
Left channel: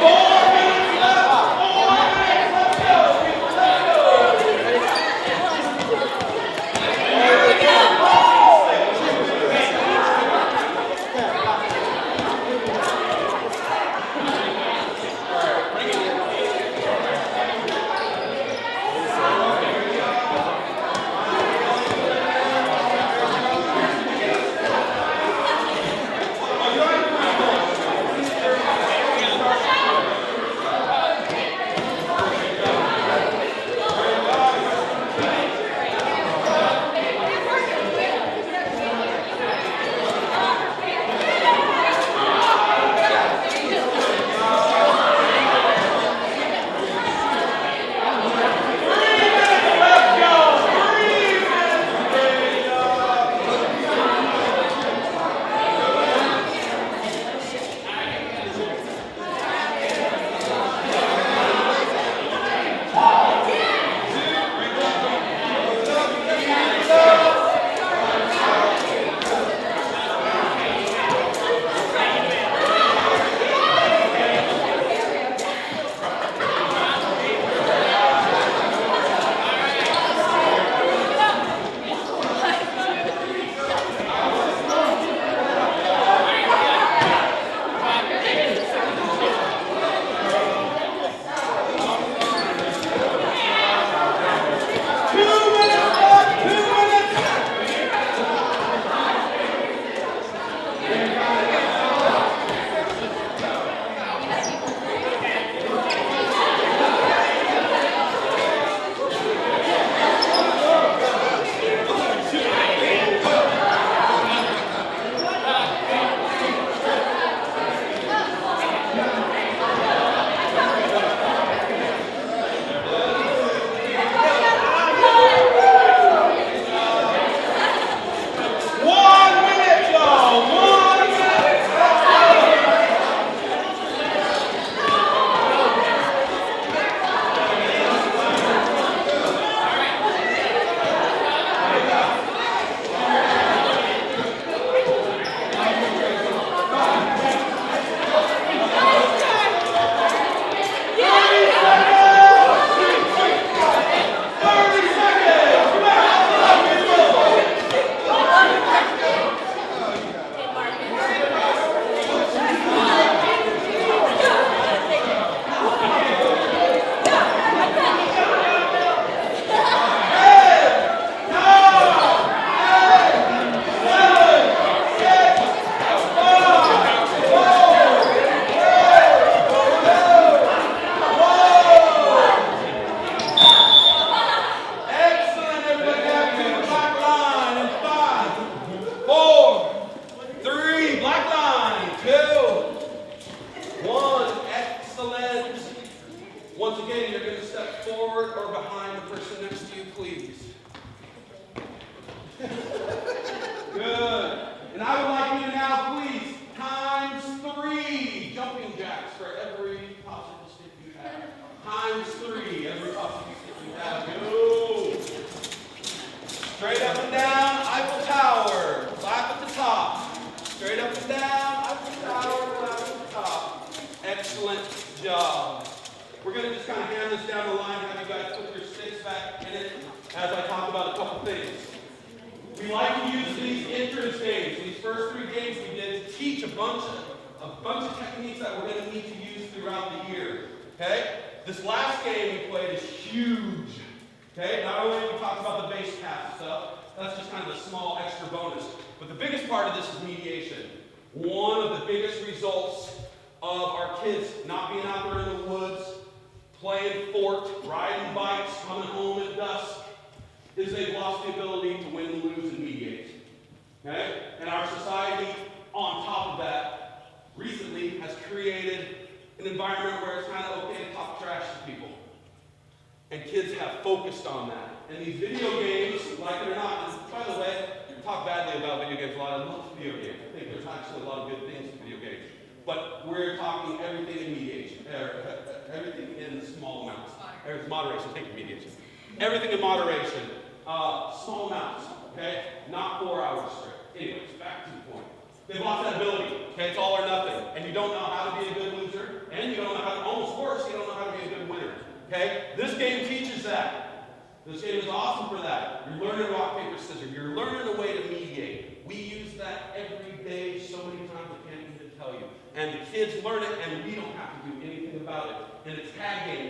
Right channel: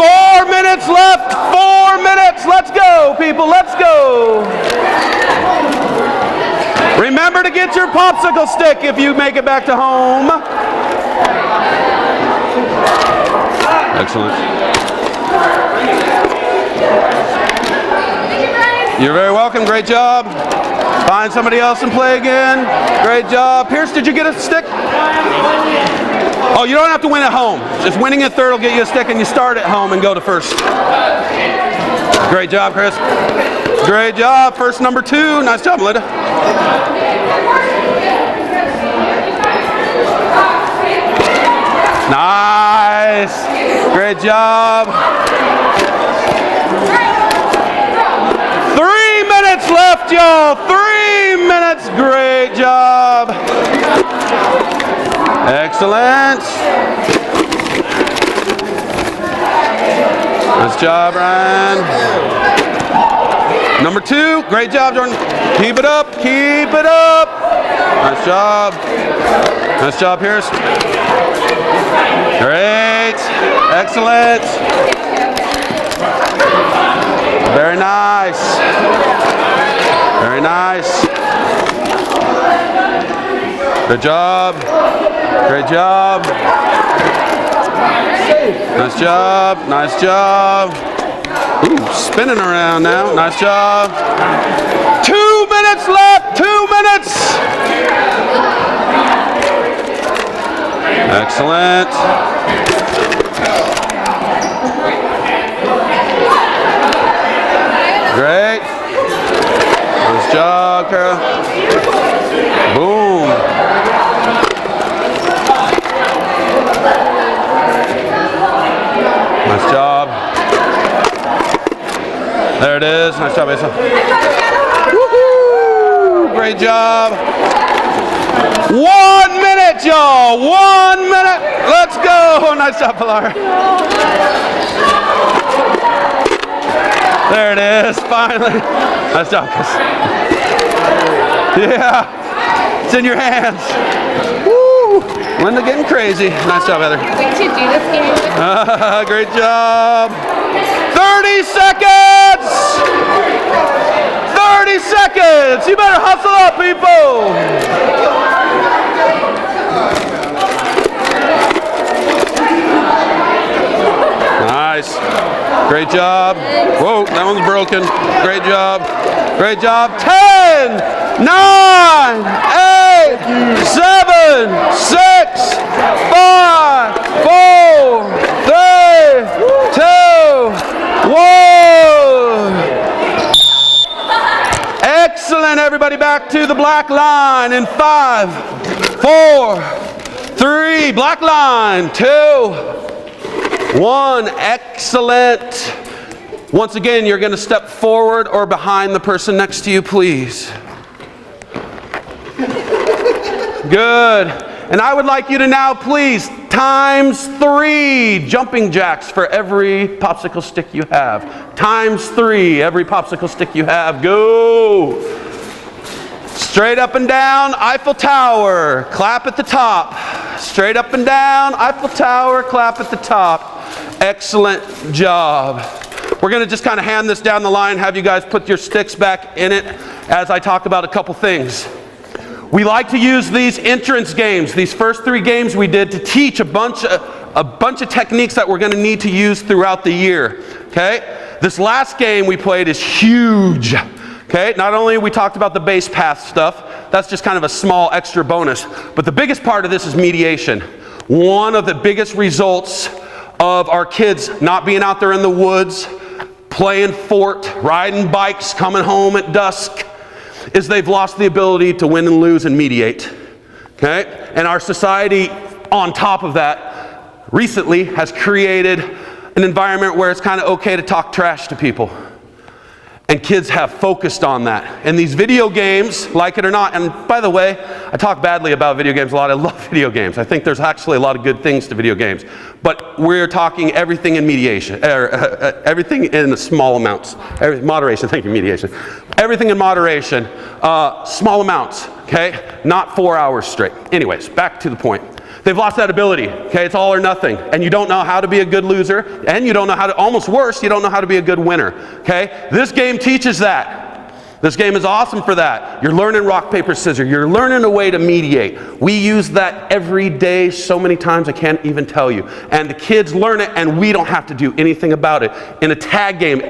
Four minutes left. 4 minutes. Let's go, people. Let's go. Remember to get your popsicle stick if you make it back to home. Excellent. You're very welcome. Great job. Find somebody else and play again. Great job. Pierce, did you get a stick? Oh, you don't have to win at home. Just winning at third will get you a stick, and you start at home and go to first. Great job, Chris. Great job. First number 2. Nice job, Linda. Nice. Great job. 3 minutes left, y'all. 3 minutes. Great job. Excellent. Nice job, Ryan. Number 2. Great job, Jordan. Keep it up. Keep it up. Nice job. Nice job, Pierce. Great. Excellent. Very nice. Very nice. Good job. Great job. Nice job. Nice job. Ooh, spinning around now. Nice job. 2 minutes left. 2 minutes. Excellent. Great. Nice job, Carol. Boom. Nice job. There it is. Nice job, Asa. Woo-hoo. Great job. 1 minute, y'all. 1 minute. Let's go. Nice job, Pilar. There it is, finally. Nice job, Chris. Yeah. It's in your hands. Woo. Linda getting crazy. Nice job, Heather. We should do this game. Great job. 30 seconds. 30 seconds. You better hustle up, people. Nice. Great job. Whoa, that one's broken. Great job. Great job. 10, 9, 8, 7, 6, 5, 4, 3, 2, 1. Excellent, everybody. Back to the black line in 5, 4, 3. Black line. 2, 1. Excellent. Once again, you're going to step forward or behind the person next to you, please. Good. And I would like you to now, please, times 3 jumping jacks for every popsicle stick you have. Times 3, every popsicle stick you have. Go. Straight up and down, Eiffel Tower. Clap at the top. Straight up and down, Eiffel Tower. Clap at the top. Excellent job. We're going to just kind of hand this down the line, have you guys put your sticks back in it as I talk about a couple things. We like to use these entrance games, these first 3 games we did, to teach a bunch of techniques that we're going to need to use throughout the year. Okay? This last game we played is huge. Okay? Not only we talked about the base path stuff, that's just kind of a small extra bonus, but the biggest part of this is mediation. One of the biggest results of our kids not being out there in the woods, playing fort, riding bikes, coming home at dusk, is they've lost the ability to win and lose and mediate. Okay? And our society, on top of that, recently has created an environment where it's kind of okay to talk trash to people. And kids have focused on that. And these video games, like it or not, and by the way, I talk badly about video games a lot. I love video games. I think there's actually a lot of good things to video games. But we're talking everything in mediation, everything in small amounts. Moderation, thank you, mediation. Everything in moderation, small amounts, okay? Not 4 hours straight. Anyways, back to the point. They've lost that ability, okay? It's all or nothing. And you don't know how to be a good loser, and you don't know how to, almost worse, you don't know how to be a good winner, okay? This game teaches that. This game is awesome for that. You're learning rock, paper, scissors. You're learning a way to mediate. We use that every day so many times I can't even tell you. And the kids learn it, and we don't have to do anything about it. In a tag game,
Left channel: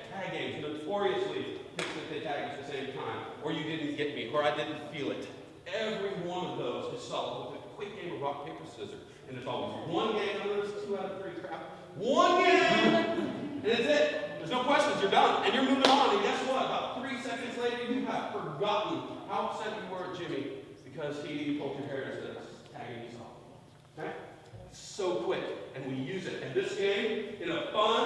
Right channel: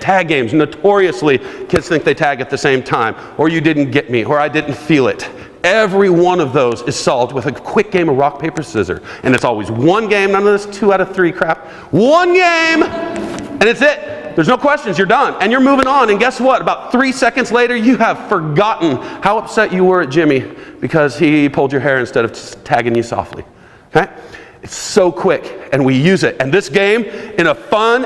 tag games, notoriously, kids think they tag at the same time, or you didn't get me, or I didn't feel it. Every one of those is solved with a quick game of rock, paper, scissors. And it's always one game, none of this 2 out of 3 crap. One game, and it's it. There's no questions, you're done. And you're moving on, and guess what? About 3 seconds later, you have forgotten how upset you were at Jimmy because he pulled your hair instead of tagging you softly. Okay? It's so quick, and we use it. And this game, in a fun,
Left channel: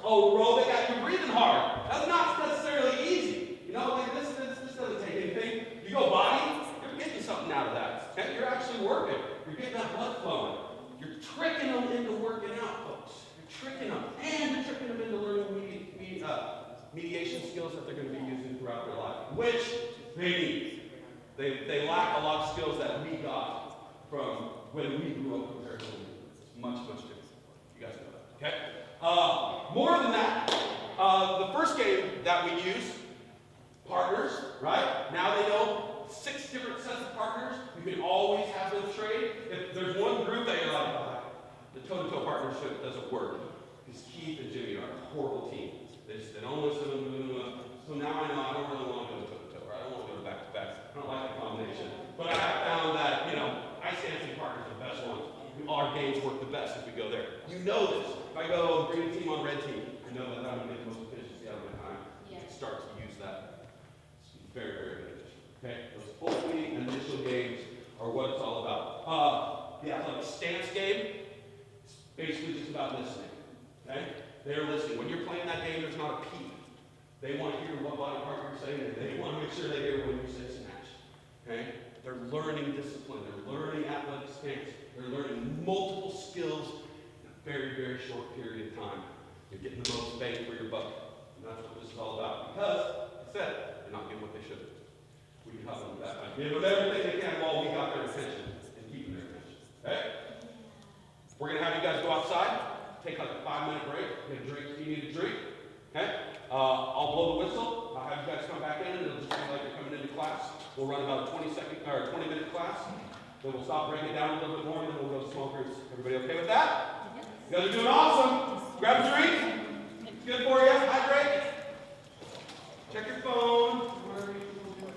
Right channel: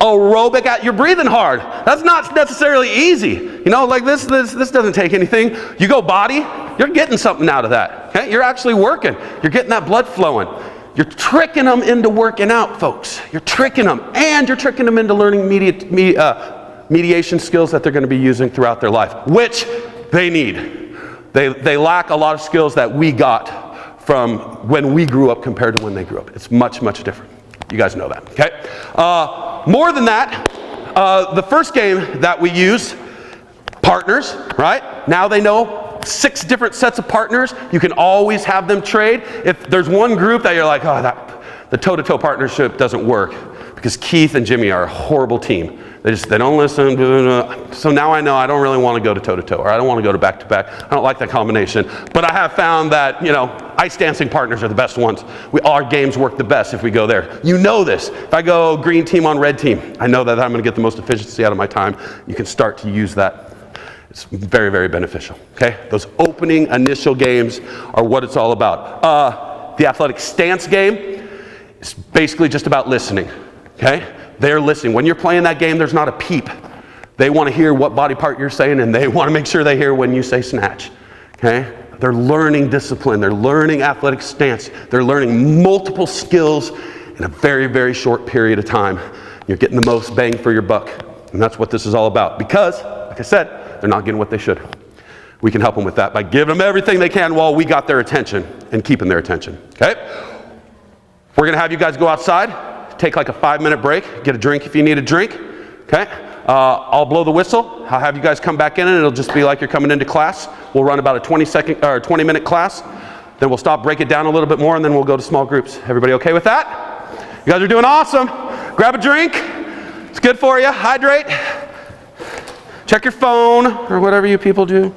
aerobic, you're breathing hard. That's not necessarily easy. You know, like this doesn't take anything. You go body, you're getting something out of that. Okay? You're actually working. You're getting that blood flowing. You're tricking them into working out, folks. You're tricking them, and you're tricking them into learning mediation skills that they're going to be using throughout their life, which they need. They lack a lot of skills that we got from when we grew up compared to when they grew up. It's much, much different. You guys know that, okay? More than that, the first game that we used, partners, right? Now they know 6 different sets of partners. You can always have them trade. If there's one group that you're like, oh, the toe-to-toe partnership doesn't work, because Keith and Jimmy are a horrible team. They don't listen. So now I know I don't really want to go to toe-to-toe, or I don't want to go to back-to-back. I don't like that combination. But I have found that, you know, ice dancing partners are the best ones. Our games work the best if we go there. You know this. If I go green team on red team, I know that I'm going to get the most efficiency out of my time. You can start to use that. It's very, very beneficial, okay? Those opening initial games are what it's all about. The athletic stance game is basically just about listening, okay? They're listening. When you're playing that game, there's not a peep. They want to hear what body part you're saying, and they want to make sure they hear when you say snatch, okay? They're learning discipline. They're learning athletic stance. They're learning multiple skills in a very, very short period of time. You're getting the most bang for your buck, and that's what this is all about. Because, like I said, they're not getting what they should. We can help them with that by giving them everything they can while we got their attention and keeping their attention, okay? We're going to have you guys go outside. Take like a 5-minute break, get a drink if you need a drink, okay? I'll blow the whistle. I'll have you guys come back in, and it'll just be like you're coming into class. We'll run about a 20-minute class. Then we'll stop, break it down a little bit more, and then we'll go to small groups. Everybody okay with that? You guys are doing awesome. Grab a drink. It's good for you. Hydrate. Check your phone, or whatever you people do.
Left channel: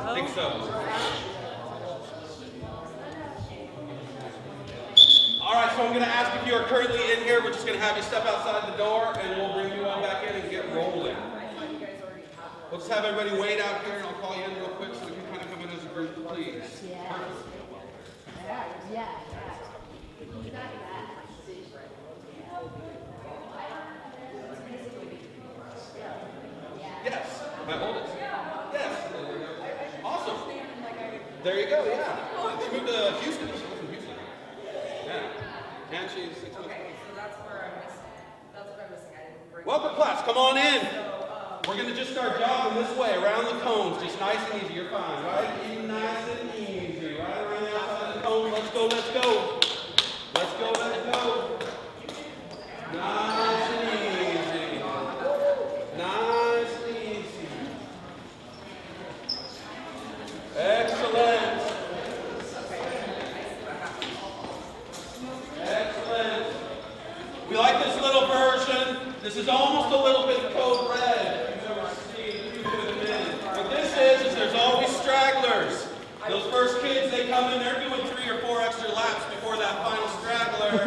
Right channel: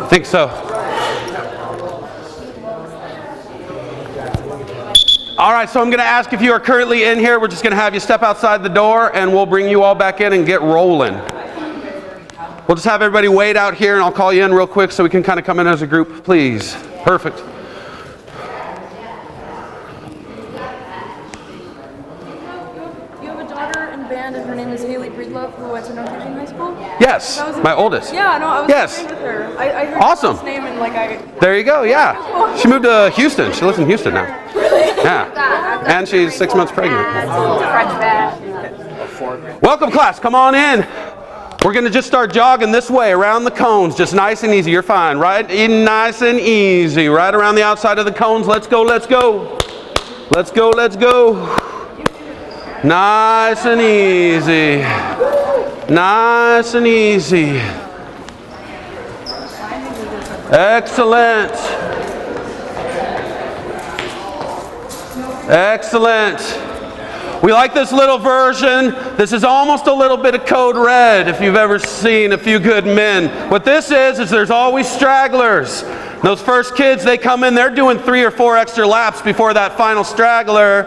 I think so. All right, so I'm going to ask if you are currently in here. We're just going to have you step outside the door, and we'll bring you all back in and get rolling. We'll just have everybody wait out here, and I'll call you in real quick so we can kind of come in as a group, please. Perfect. You have a daughter in band, and her name is Breedlove, who went to North Eugene High School? Yes, my oldest. Yeah, no, I was yes. with her. I heard awesome. His name and There you go, yeah. She moved to Houston. She lives in Houston now. Really? Yeah. And she's 6 months pregnant. Welcome, class. Come on in. We're going to just start jogging this way around the cones, just nice and easy. You're fine, right? Nice and easy, right around the outside of the cones. Let's go, let's go. Let's go, let's go. Nice and easy. Nice and easy. Excellent. Excellent. We like this little version. This is almost a little bit of Code Red if you've ever seen A Few Good Men. What this is there's always stragglers. Those first kids, they come in, they're doing 3 or 4 extra laps before that final straggler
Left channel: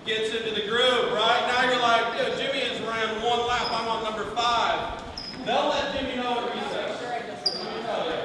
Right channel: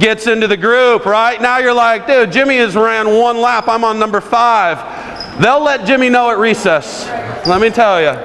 gets into the group, right? Now you're like, dude, Jimmy has ran 1 lap. I'm on number 5. They'll let Jimmy know at recess. Let me tell you.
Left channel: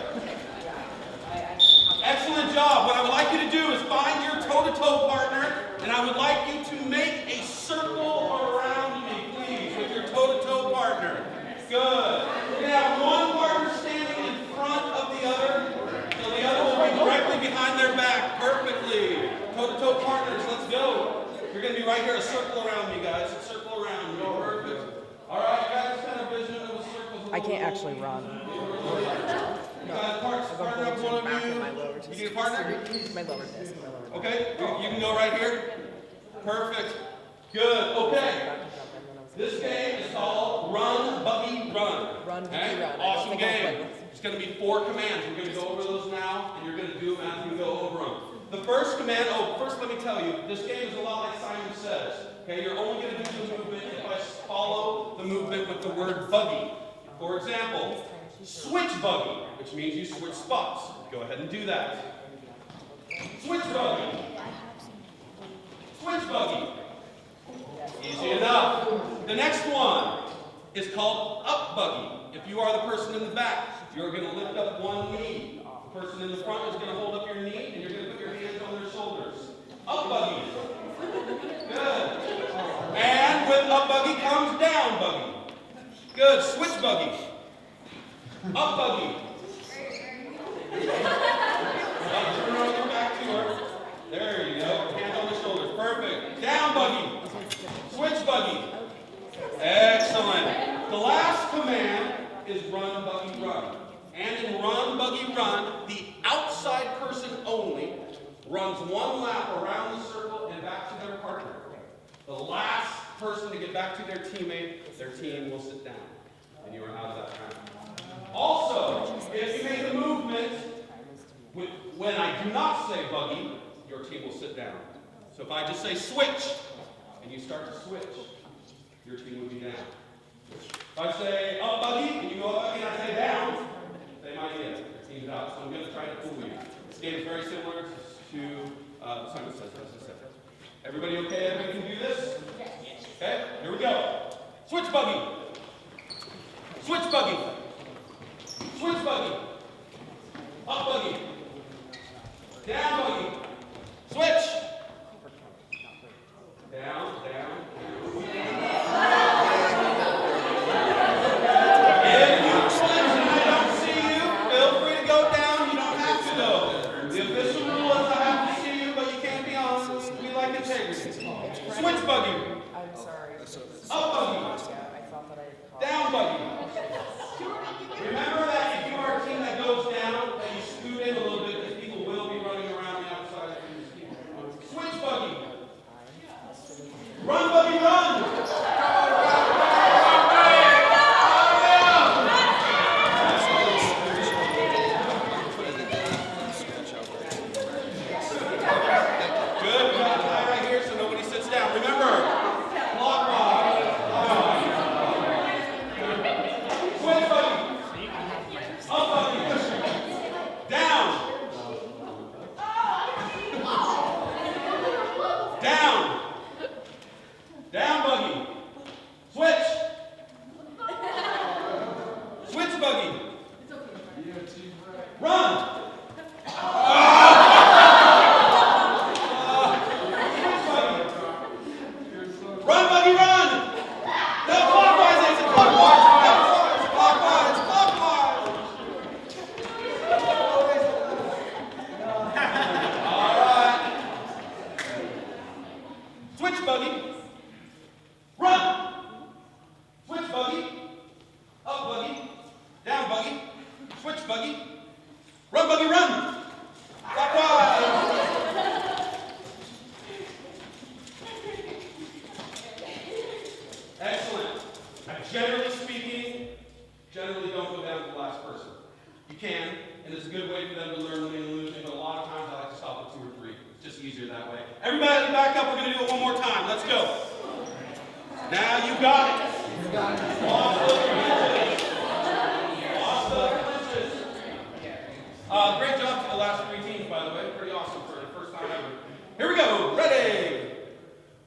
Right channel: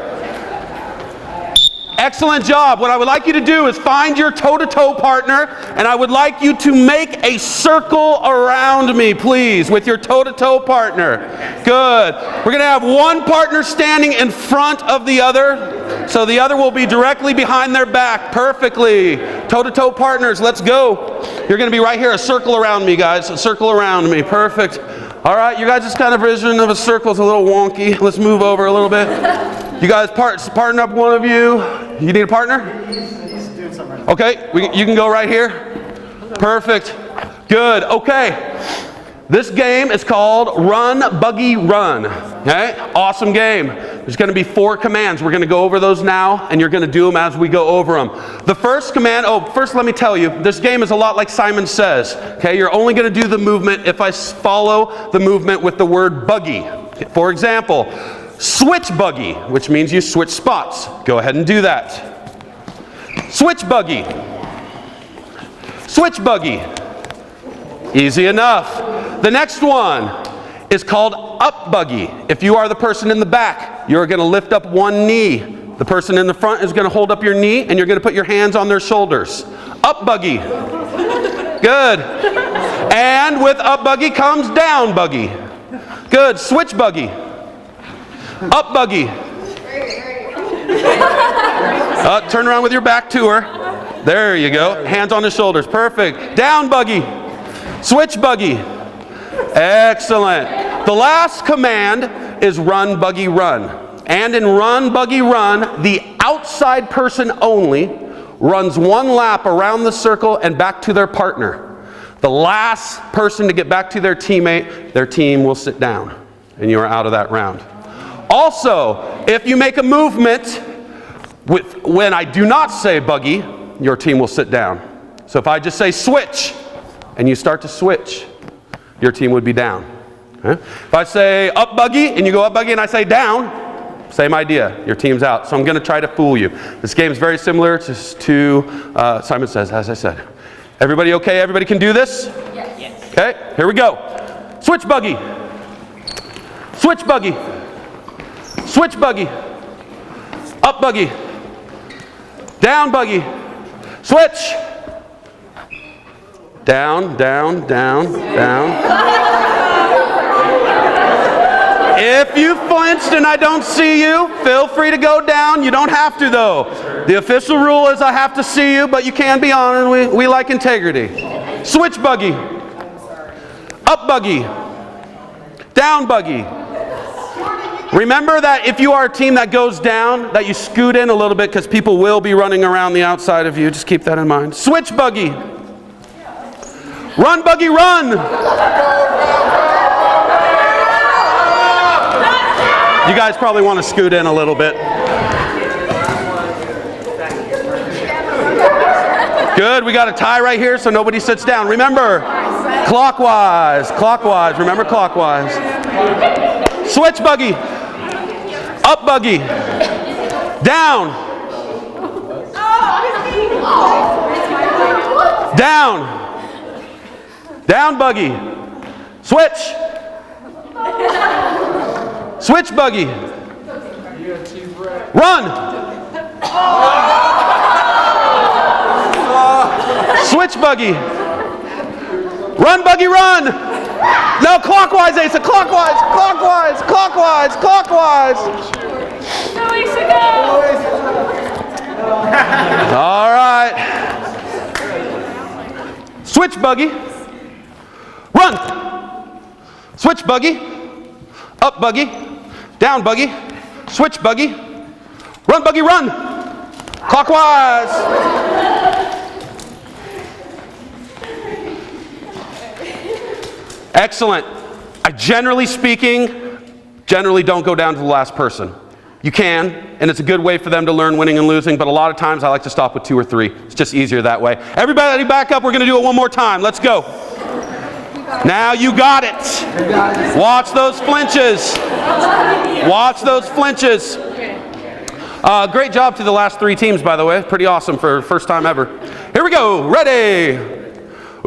Excellent job. What I would like you to do is find your toe-to-toe partner, and I would like you to make a circle around me, please, with your toe-to-toe partner. Good. We're going to have one partner standing in front of the other, so the other will be directly behind their back. Perfectly. Toe-to-toe partners, let's go. You're going to be right here, a circle around me, guys. A circle around me. Perfect. All right, you guys' kind of vision of a circle is a little wonky. Let's move over a little bit. You guys partner up, one of you. You need a partner? Okay, you can go right here. Perfect. Good. Okay. This game is called Run, Buggy, Run. Okay? Awesome game. There's going to be 4 commands. We're going to go over those now, and you're going to do them as we go over them. The first command, first let me tell you, this game is a lot like Simon Says. Okay? You're only going to do the movement if I follow the movement with the word buggy. For example, switch buggy, which means you switch spots. Go ahead and do that. Switch buggy. Switch buggy. Easy enough. The next one is called up buggy. If you are the person in the back, you're going to lift up one knee. The person in the front is going to hold up your knee, and you're going to put your hands on their shoulders. Up buggy. Good. And with up buggy comes down buggy. Good. Switch buggy. Up buggy. Turn around with your back to her. There you go. Hands on the shoulders. Perfect. Down buggy. Switch buggy. Excellent. The last command is run buggy run. And in run buggy run, the outside person only runs one lap around the circle and back to their partner. The last person to get back to their teammate, their team will sit down, and you are out of that round. Also, if you make a movement when I do not say buggy, your team will sit down. So if I just say switch, and you start to switch, your team would be down. Okay? If I say up buggy, and you go up buggy, and I say down, same idea, your team's out. So I'm going to try to fool you. This game is very similar to Simon Says, as I said. Everybody okay? Everybody can do this? Yes. Okay, here we go. Switch buggy. Switch buggy. Switch buggy. Up buggy. Down buggy. Switch. Down, down, down, down. If you flinched and I don't see you, feel free to go down. You don't have to, though. The official rule is I have to see you, but you can be on, and we like integrity. Switch buggy. Up buggy. Down buggy. Remember that if you are a team that goes down, that you scoot in a little bit because people will be running around the outside of you. Just keep that in mind. Switch buggy. Run buggy run. You guys probably want to scoot in a little bit. Good, we got a tie right here so nobody sits down. Remember, clockwise, clockwise, remember clockwise. Switch buggy, up buggy, down, down, down buggy, switch, switch buggy, run, switch buggy, run buggy run. No, clockwise, Asa, clockwise, clockwise, clockwise, clockwise. No ways to go. All right. Switch buggy, run. Switch buggy, up buggy, down buggy, switch buggy, run buggy run. Clockwise. Excellent. I generally don't go down to the last person. You can, and it's a good way for them to learn winning and losing, but a lot of times I like to stop with 2 or 3. It's just easier that way. Everybody back up. We're going to do it one more time. Let's go. Now you got it. Watch those flinches. Watch those flinches. Great job to the last 3 teams, by the way. Pretty awesome for first time ever. Here we go. Ready.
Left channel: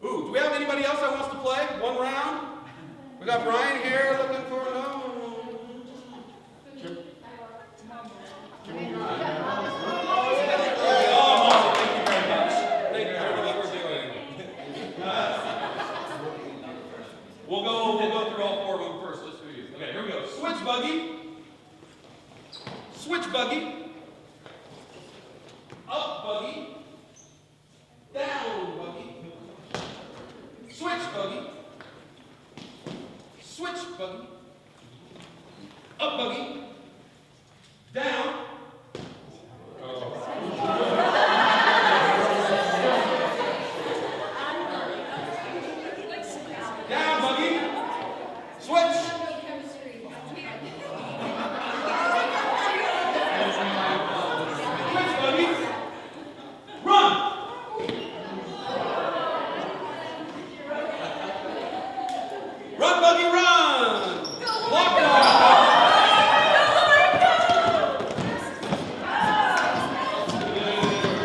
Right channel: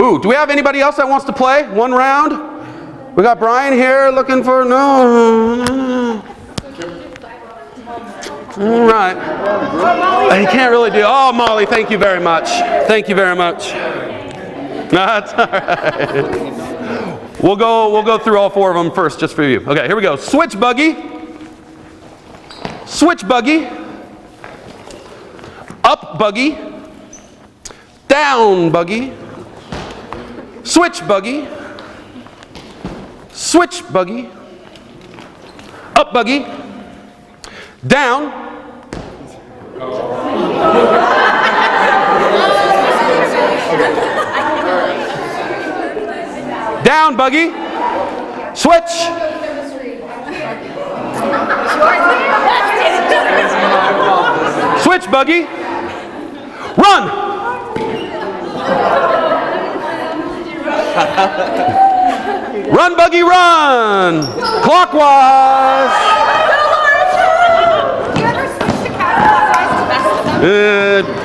Ooh, do we have anybody else that wants to play? One round? We got Brian here looking for, no. All right. He can't really do, oh, Molly, thank you very much. Thank you very much. No, that's all right. We'll go through all 4 of them first, just for you. Okay, here we go. Switch buggy. Switch buggy. Up buggy. Down buggy. Switch buggy. Switch buggy. Up buggy. Down. Down buggy. Switch. Switch buggy. Run. Run buggy run. Clockwise.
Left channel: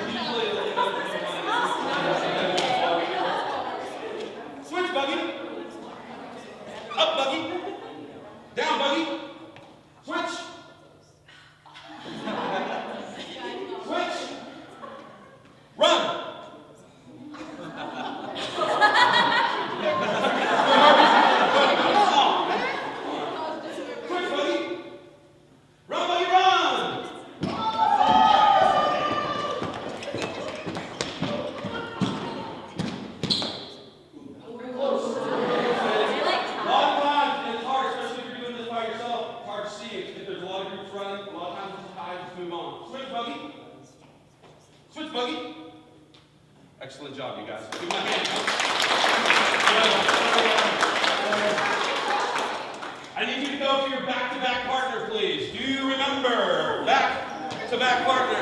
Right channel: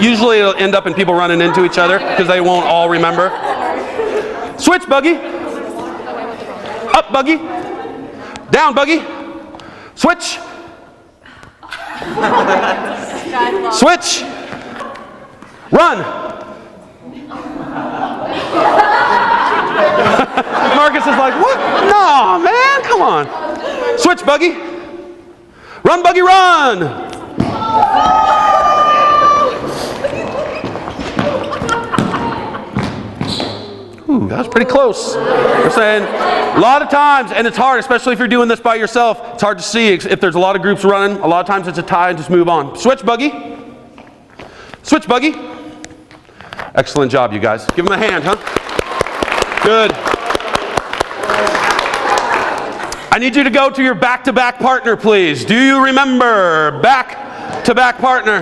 Usually it'll end up in people running into each other because they won't all remember. Switch, Buggy. Up, Buggy. Down, Buggy. Switch. Switch. Run. Marcus is like, what? No, man, come on. Switch, Buggy. Run, Buggy, run. Ooh, that was pretty close. We're saying a lot of times, and it's hard, especially if you're doing this by yourself, it's hard to see if there's a lot of groups running. A lot of times it's a tie and just move on. Switch, Buggy. Switch, Buggy. Excellent job, you guys. Give them a hand, huh? Good. I need you to go to your back-to-back partner, please. Do you remember back-to-back partner?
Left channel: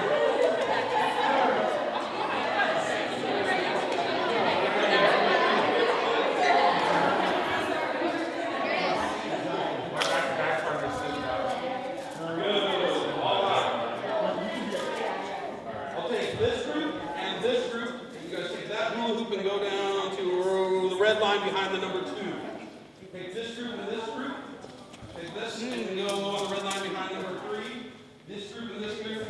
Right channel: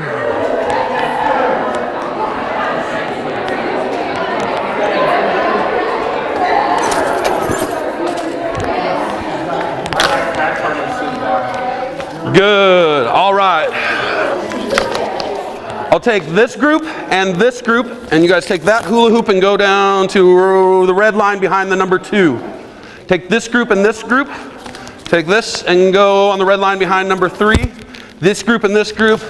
Good. All right. I'll take this group, and you guys take that hula hoop and go down to the red line behind the number 2. Take this group and this group. Take this and go on the red line behind number 3. This group and this group.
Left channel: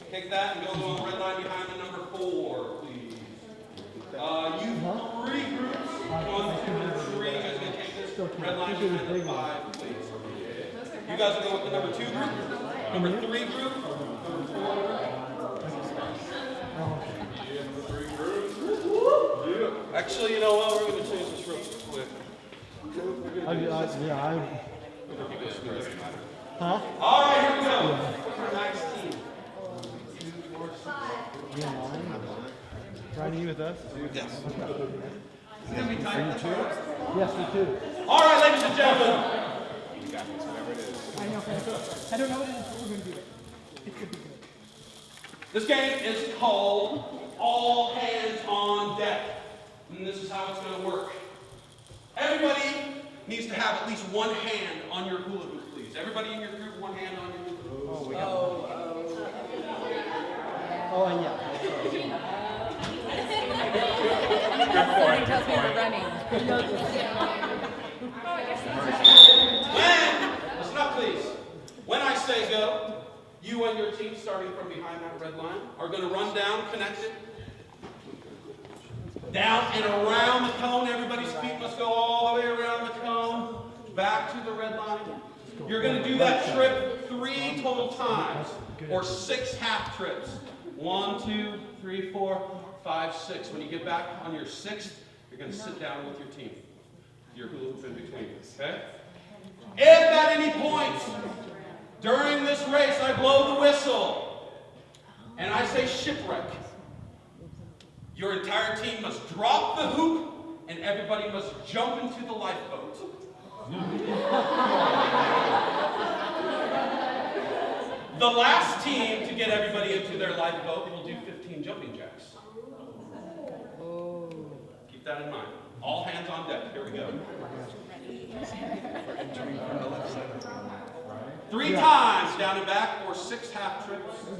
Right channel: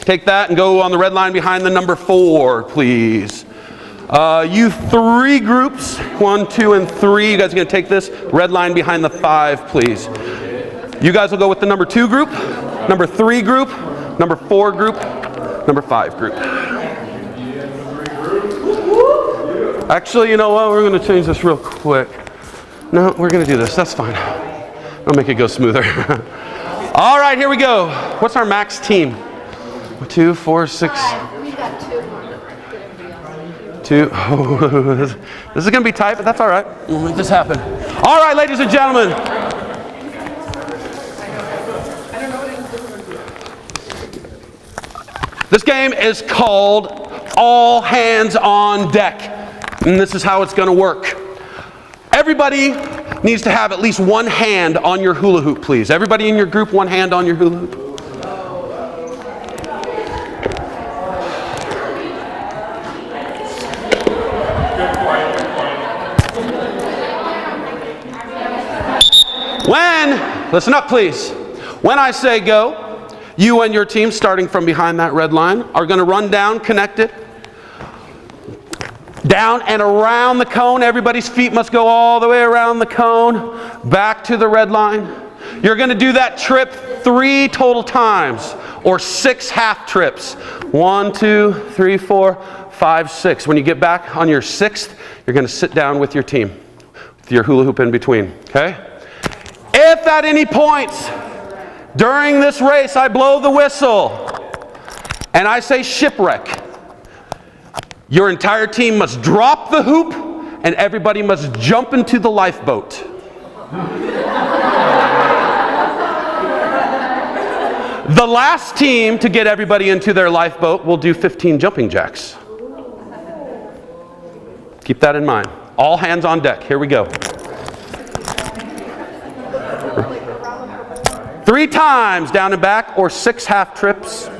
Take that and go on the red line behind the number 4, please. You 3 groups, 1, 2, and 3. You guys are going to take this red line behind the 5, please. You guys will go with the number 2 group, number 3 group, number 4 group, number 5 group. Actually, you know what? We're going to change this real quick. No, we're going to do this. That's fine. I'll make it go smoother. All right, here we go. What's our max team? 2, 4, 6. We got 2. 2. Oh, this is going to be tight, but that's all right. We'll make this happen. All right, ladies and gentlemen. This game is called All Hands on Deck, and this is how it's going to work. Everybody needs to have at least one hand on your hula hoop, please. Everybody in your group, one hand on your hula hoop. Listen up, please. When I say go, you and your team, starting from behind that red line, are going to run down, connect it, down and around the cone. Everybody's feet must go all the way around the cone, back to the red line. You're going to do that trip 3 total times, or 6 half trips. 1, 2, 3, 4, 5, 6. When you get back on your 6th, you're going to sit down with your team, with your hula hoop in between, okay? If at any point during this race I blow the whistle and I say shipwreck, your entire team must drop the hoop and everybody must jump into the lifeboat. The last team to get everybody into their lifeboat will do 15 jumping jacks. Keep that in mind. All hands on deck. Here we go. 3 times down and back, or 6 half trips.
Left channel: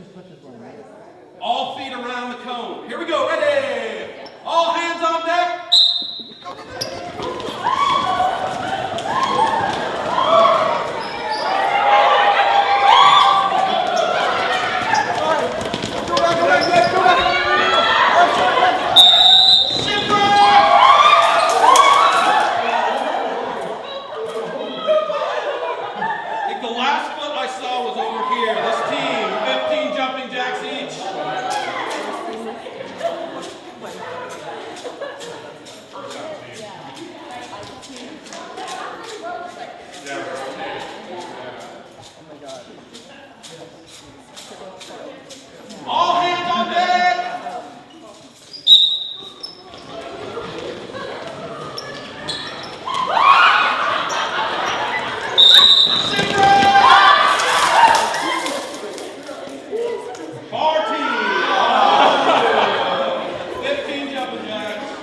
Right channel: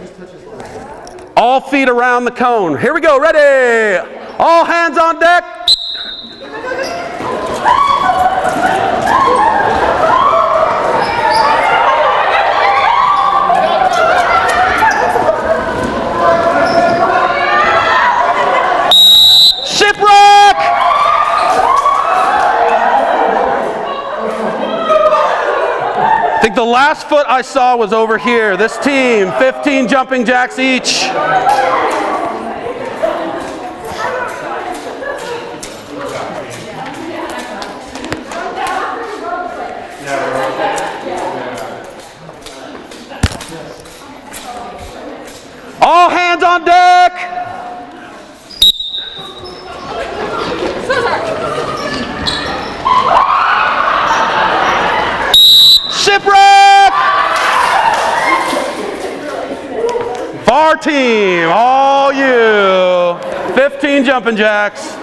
All feet around the cone. Here we go. Ready? All hands on deck. I think the last foot I saw was over here. This team, 15 jumping jacks each. All hands on deck. Shipwreck! Far team, all you. 15 jumping jacks.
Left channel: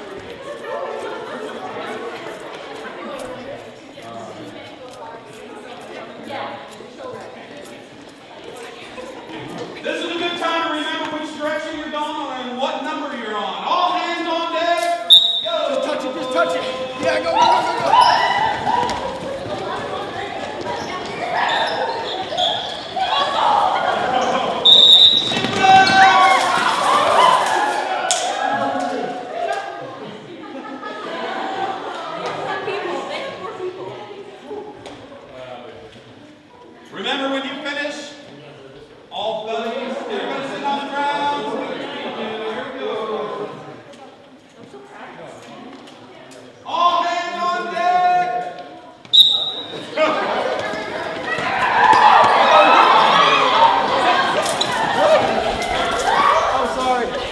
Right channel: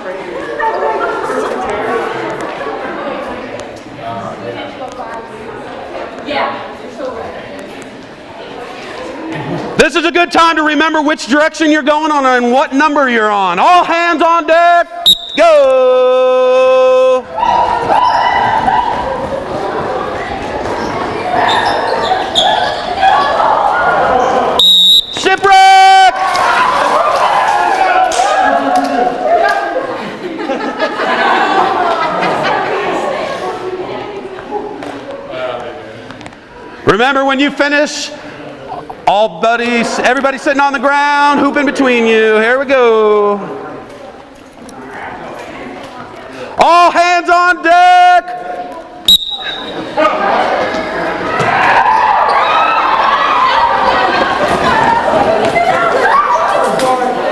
This is a good time to remember which direction you're going on and what number you're on. All hands on deck. go! Shipwreck! Remember, when you finish, all buddies, everybody sitting on the ground, hoop in between you. Here we go. All hands on deck.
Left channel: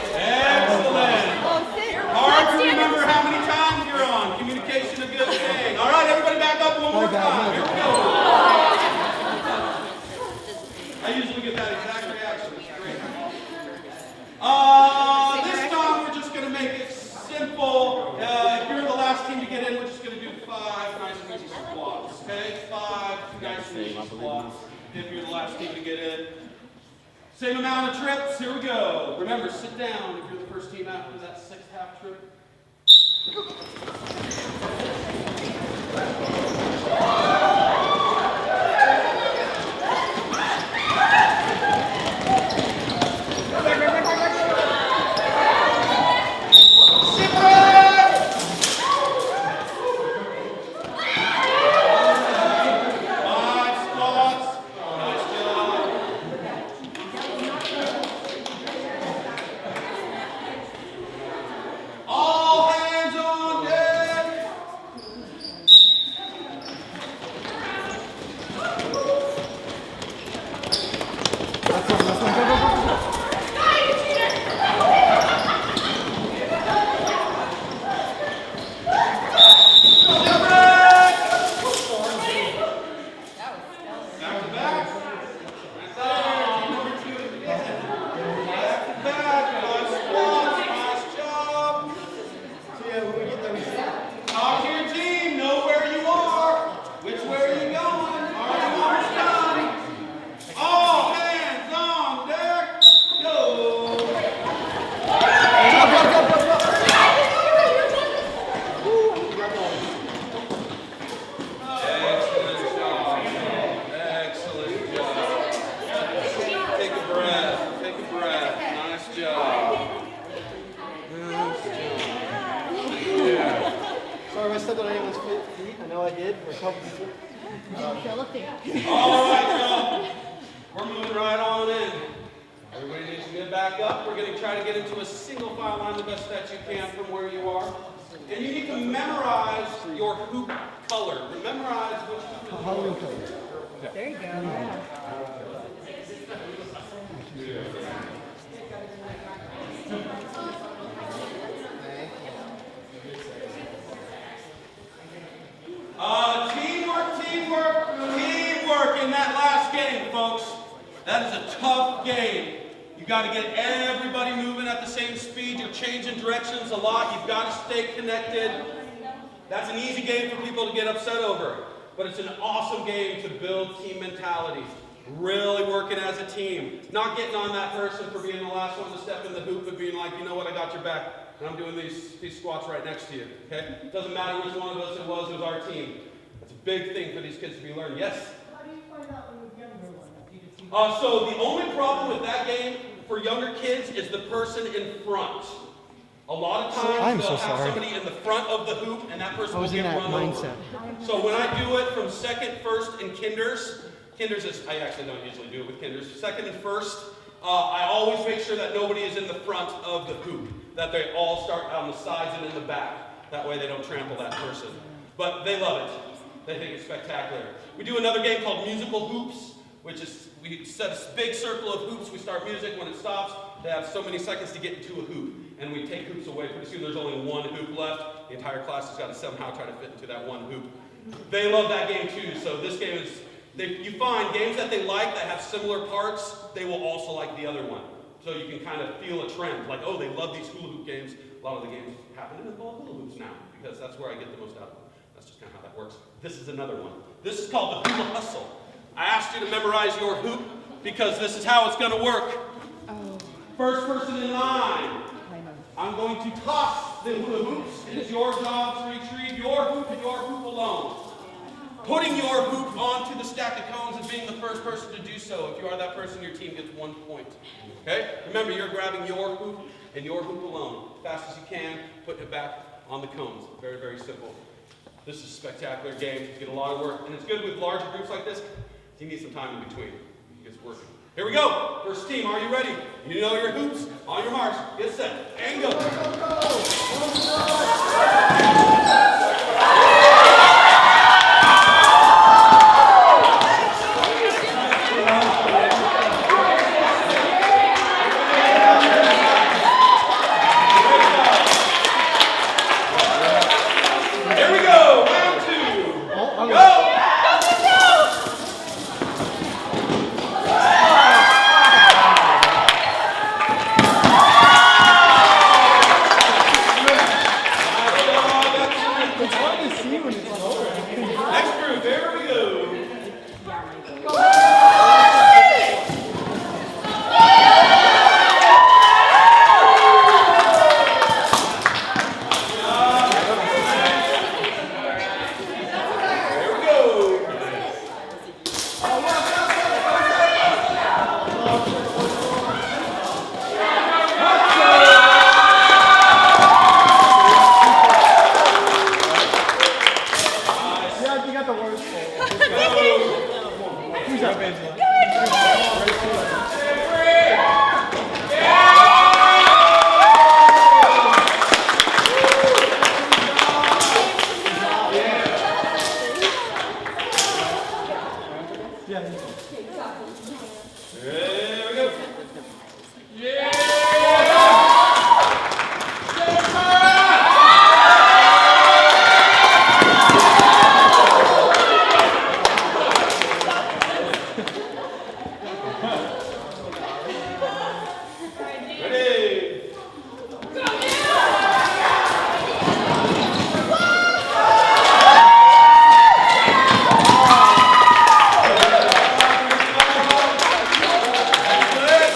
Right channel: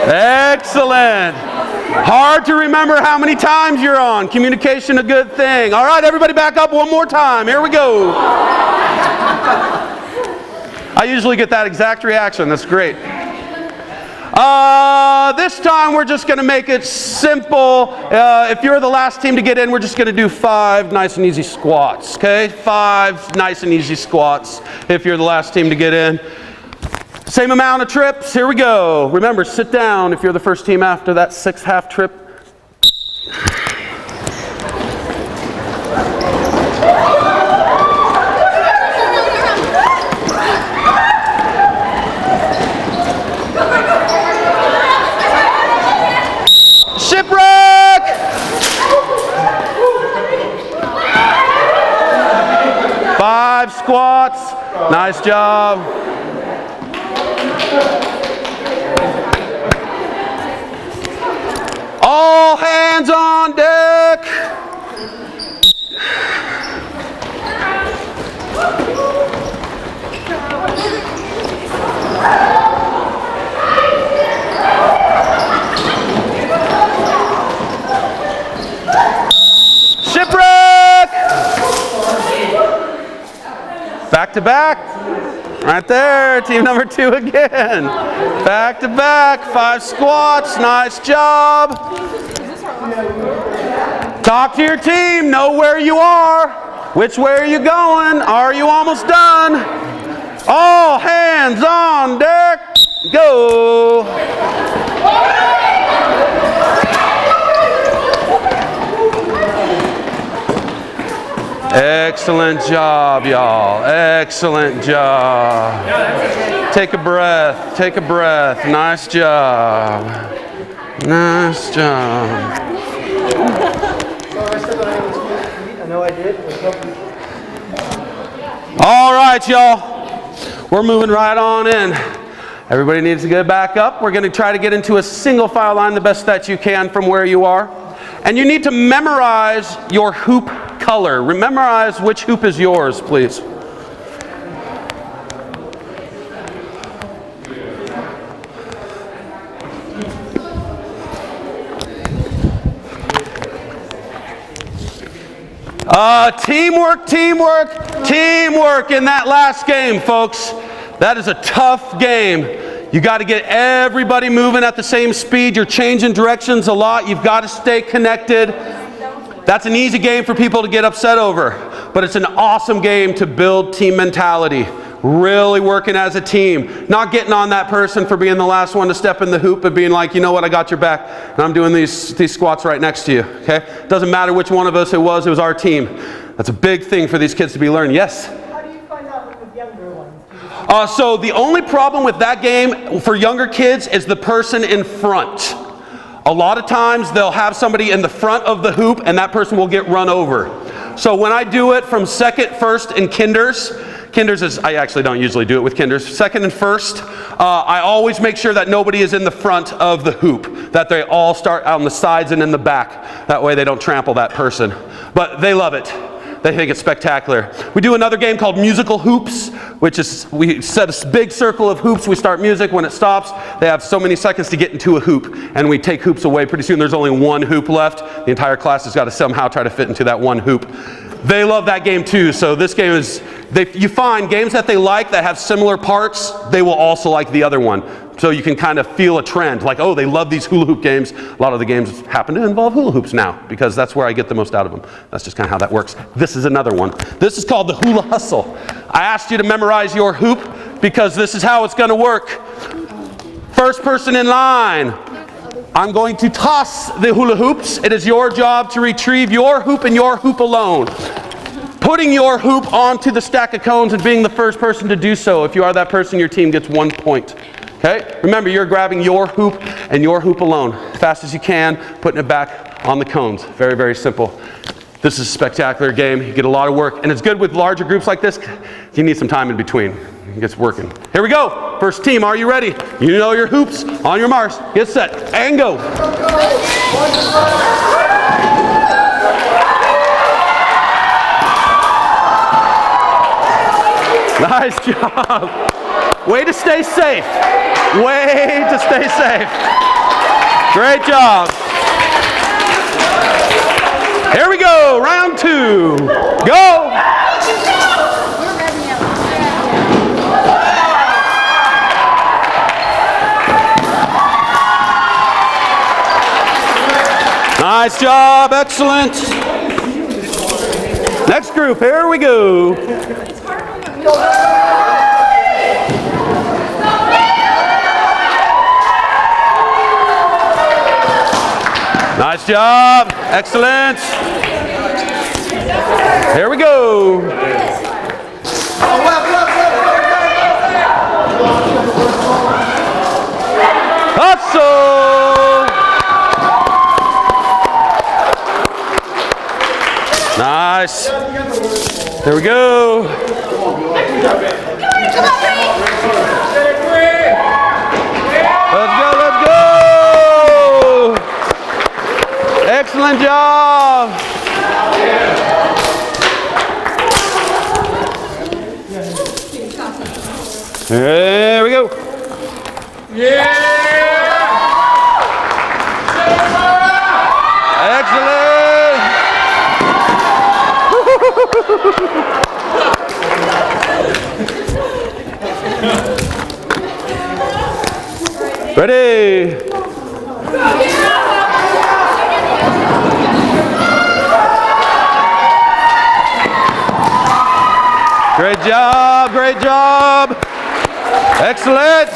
Excellent. Hard to remember how many times you're on. Communication a good thing. All right, everybody back up one more time. Here we go. I usually get that exact reaction. That's great. This time we're just going to make it simple. If you're the last team to get in, we're just going to do 5 nice and easy squats. Okay? 5 nice and easy squats if you're the last team to get in. Same amount of trips. Here we go. Remember, sit down if you're the first team after that 6 half trip. Shipwreck! 5 squats. Nice job. All hands on deck. Shipwreck! Back to back. Right there, team number 2 again. Back to back, 5 squats, nice job. Talk to your team, know where you are. Which way are you going? Are you almost done? All hands on deck, go. Excellent job, y'all. Excellent job. Take a breath. Take a breath. Nice job. Nice job. I know I did. All right, y'all. We're moving right on in. Everybody needs to get back up. We're going to try to get into a single file line the best that you can from where you are. And you need to memorize your hoop color. Memorize which hoop is yours, please. Teamwork, teamwork, teamwork in that last game, folks. That is a tough game. You got to get everybody moving at the same speed. You're changing directions a lot. You've got to stay connected. That's an easy game for people to get upset over, but it's an awesome game to build team mentality. Really working as a team. Not getting on that person for being the last one to step in the hoop, but being like, you know what, I got your back, and I'm doing these squats right next to you, okay? Doesn't matter which one of us it was our team. That's a big thing for these kids to be learning. Yes? How do you find out with the younger ones? So the only problem with that game for younger kids is the person in front. A lot of times they'll have somebody in the front of the hoop and that person will get run over. So when I do it from second, first, and kinders is, I actually don't usually do it with kinders. Second and first, I always make sure that nobody is in the front of the hoop, that they all start on the sides and in the back. That way they don't trample that person. But they love it. They think it's spectacular. We do another game called musical hoops, which is we set a big circle of hoops. We start music. When it stops, they have so many seconds to get into a hoop, and we take hoops away. Pretty soon there's only one hoop left. The entire class has got to somehow try to fit into that one hoop. They love that game too. So this game is, you find games that they like that have similar parts, they will also like the other one. So you can kind of feel a trend, like, oh, they love these hula hoop games. A lot of the games happen to involve hula hoops now, because that's where I get the most out of them. That's just kind of how that works. This is another one. This is called the hula hustle. I asked you to memorize your hoop because this is how it's going to work. First person in line, I'm going to toss the hula hoops. It is your job to retrieve your hoop and your hoop alone. Putting your hoop onto the stack of cones and being the first person to do so. If you are that person, your team gets 1 point. Okay? Remember, you're grabbing your hoop and your hoop alone. As fast as you can, putting it back on the cones. Very, very simple. This is a spectacular game. You get a lot of work. And it's good with larger groups like this. You need some time in between. It gets working. Here we go. First team, are you ready? You know your hoops. On your marks. Get set. And go. Nice job. Way to stay safe. Way to stay safe. Great job. Here we go. Round 2. Go. Nice job. Excellent. Next group. Here we go. Nice job. Excellent. Here we go. Nice. Here we go. Let's go, let's go. Excellent job. There we go. Yeah. Ready? Great job, great job. Excellent.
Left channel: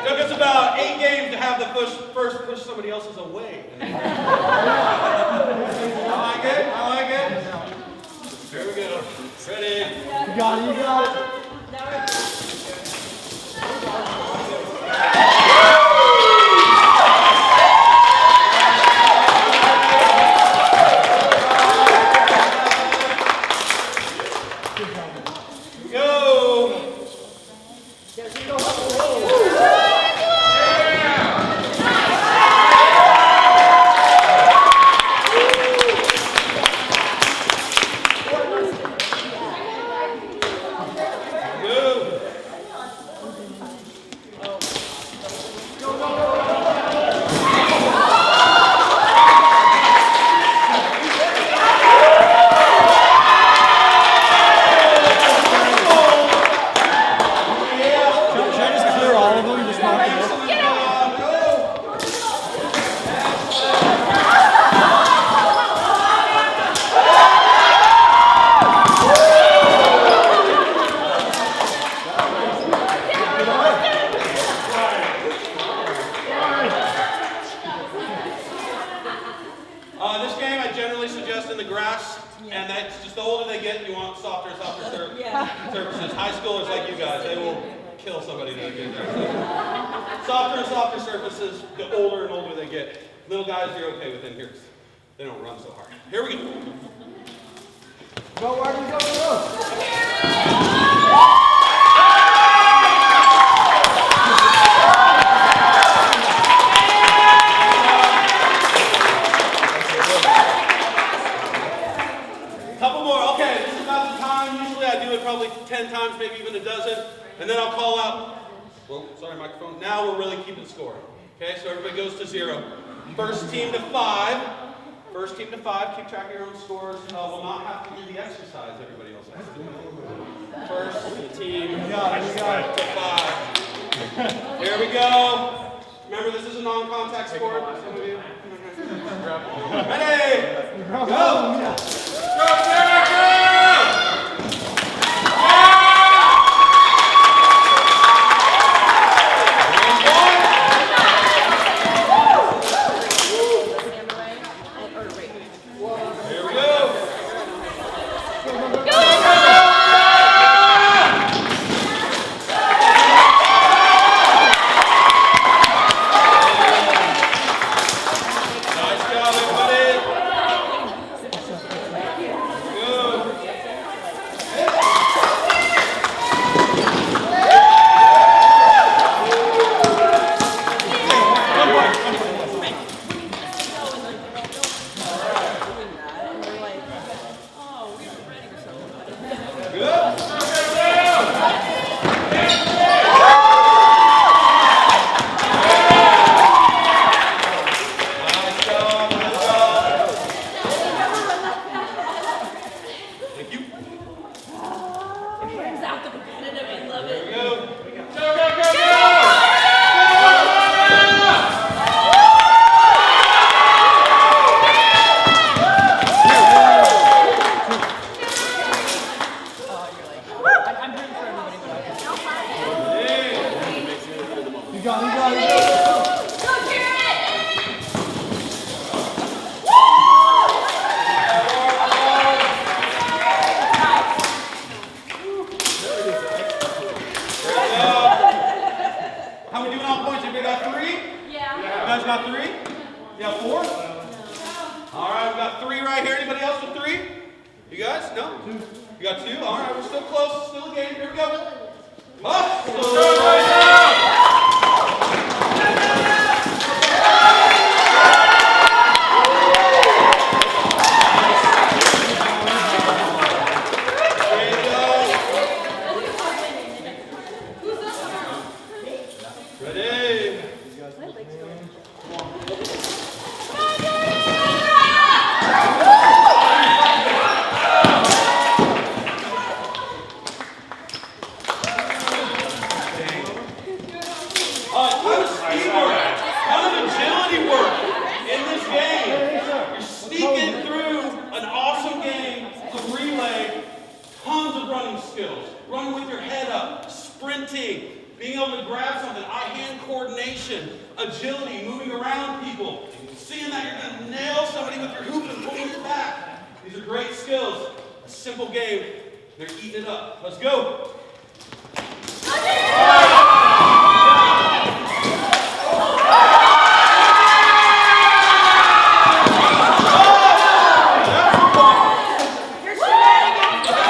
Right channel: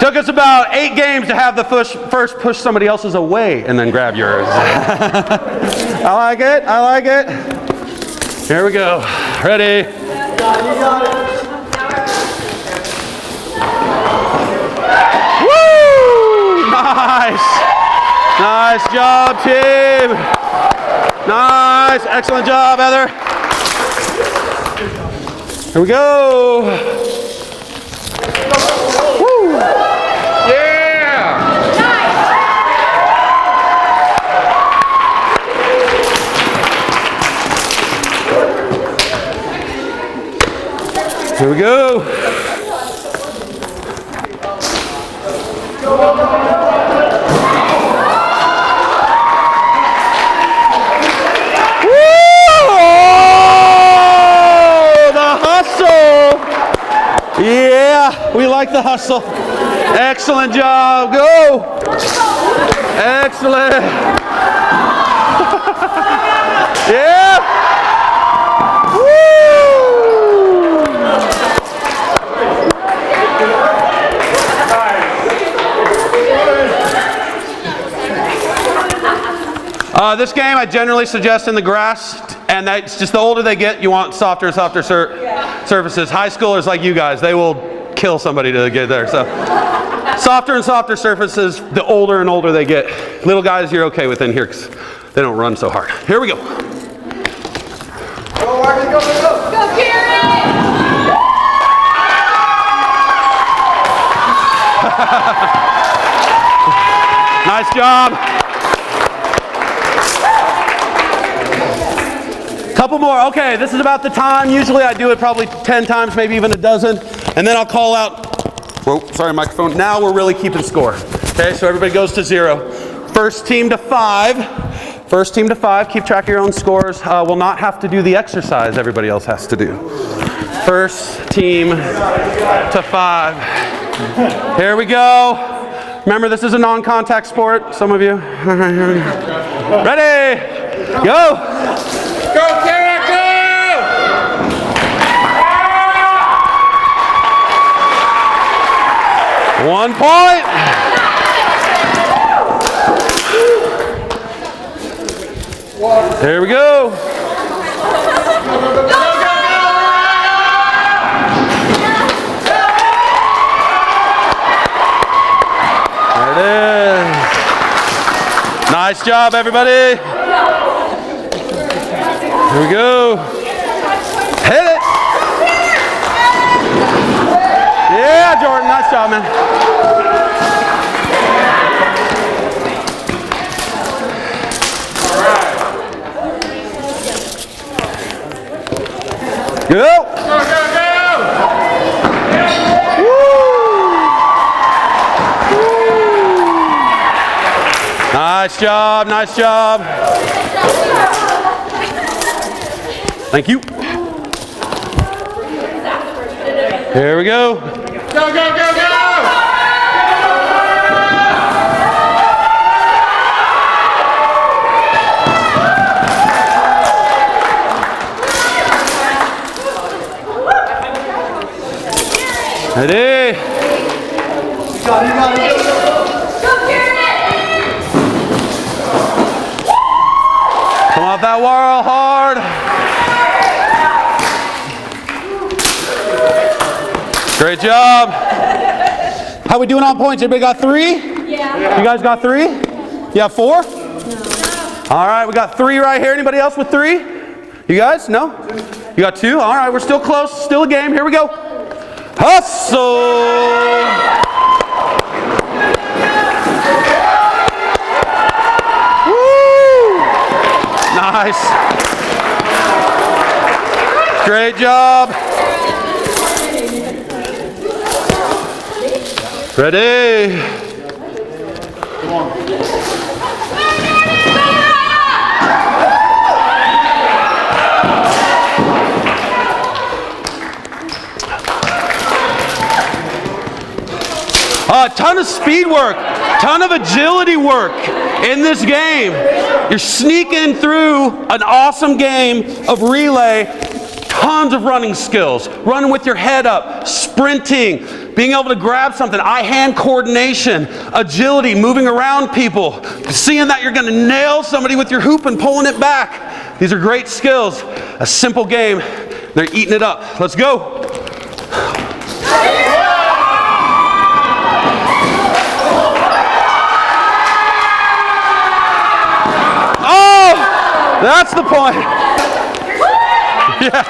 Took us about 8 games to have the first push somebody else's away and then grab yours. I like it, I like it. Here we go. Ready? Woo! Nice! Nice job, team! Nice! Excellent job, Heather. Here we go. Woo! Here we go. The hustle. Yeah, we like the hustle. Excellent job. Go. Excellent. Yeah. This game I generally suggest in the grass, and that's just the older they get, you want softer and softer surfaces. High schoolers like you guys, they will kill somebody to get there. So softer and softer surfaces, the older and older they get. Little guys, you're okay with in here because they don't run so hard. Here we go. Go, Arby, go, go, go. Go, Karen! Nice job. Couple more. Okay, this is about the time. Usually I do it probably 10 times, maybe even a dozen. And then I'll call out, whoa, sorry, microphone. Now we're really keeping score. Okay, so everybody goes to 0. First team to 5. First team to 5. Keep track of your own scores. Will not have to do the exercise everybody else has to do. First team to 5. Here we go. Remember, this is a non-contact sport, some of you. All right, here we go. Ready? Go! Go, Kara, go! 1 point. There we go. Nice job, everybody. Here we go. Hit it. Yeah, Jordan, nice job, man. Go. Go, go, go. Nice job, nice job. Thank you. Here we go. Go, go, go, go! Ready? Come off that whirl hard. Great job. How we doing on points? Everybody got 3? Yeah. You guys got 3? You have 4? No. All right, we got 3 right here. Anybody else with 3? You guys? No? You got 2? All right, we're still close. Still a game. Here we go. Hustle! Nice. Great job. Ready? A ton of speed work, ton of agility work in this game. You're sneaking through an awesome game of relay, tons of running skills, running with your head up, sprinting, being able to grab something, eye-hand coordination, agility, moving around people, seeing that you're going to nail somebody with your hoop and pulling it back. These are great skills. A simple game. They're eating it up. Let's go. That's the point. Yeah.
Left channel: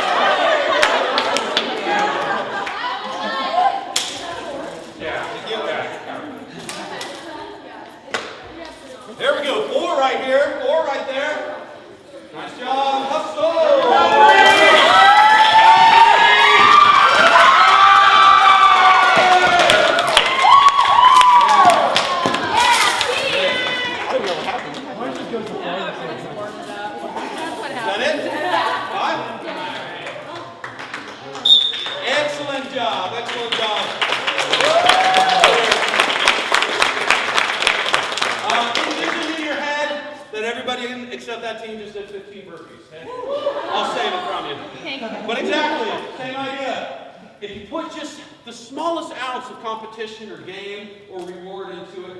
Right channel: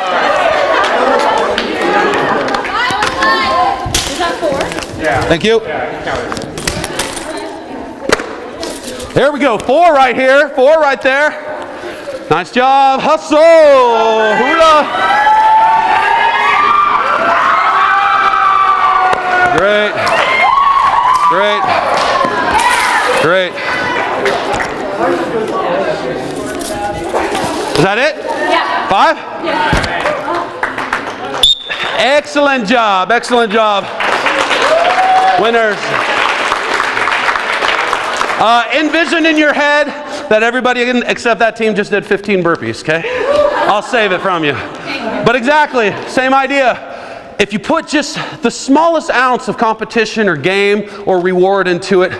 Is that 4? Yeah. Thank you. There we go. 4 right here. 4 right there. Nice job. Hustle. Great. Great. Great. Is that it? Yeah. 5? Yeah. Excellent job. Excellent job. Winners. Envision in your head that everybody except that team just did 15 burpees, okay? I'll save it from you. But exactly, same idea. If you put just the smallest ounce of competition or game or reward into it,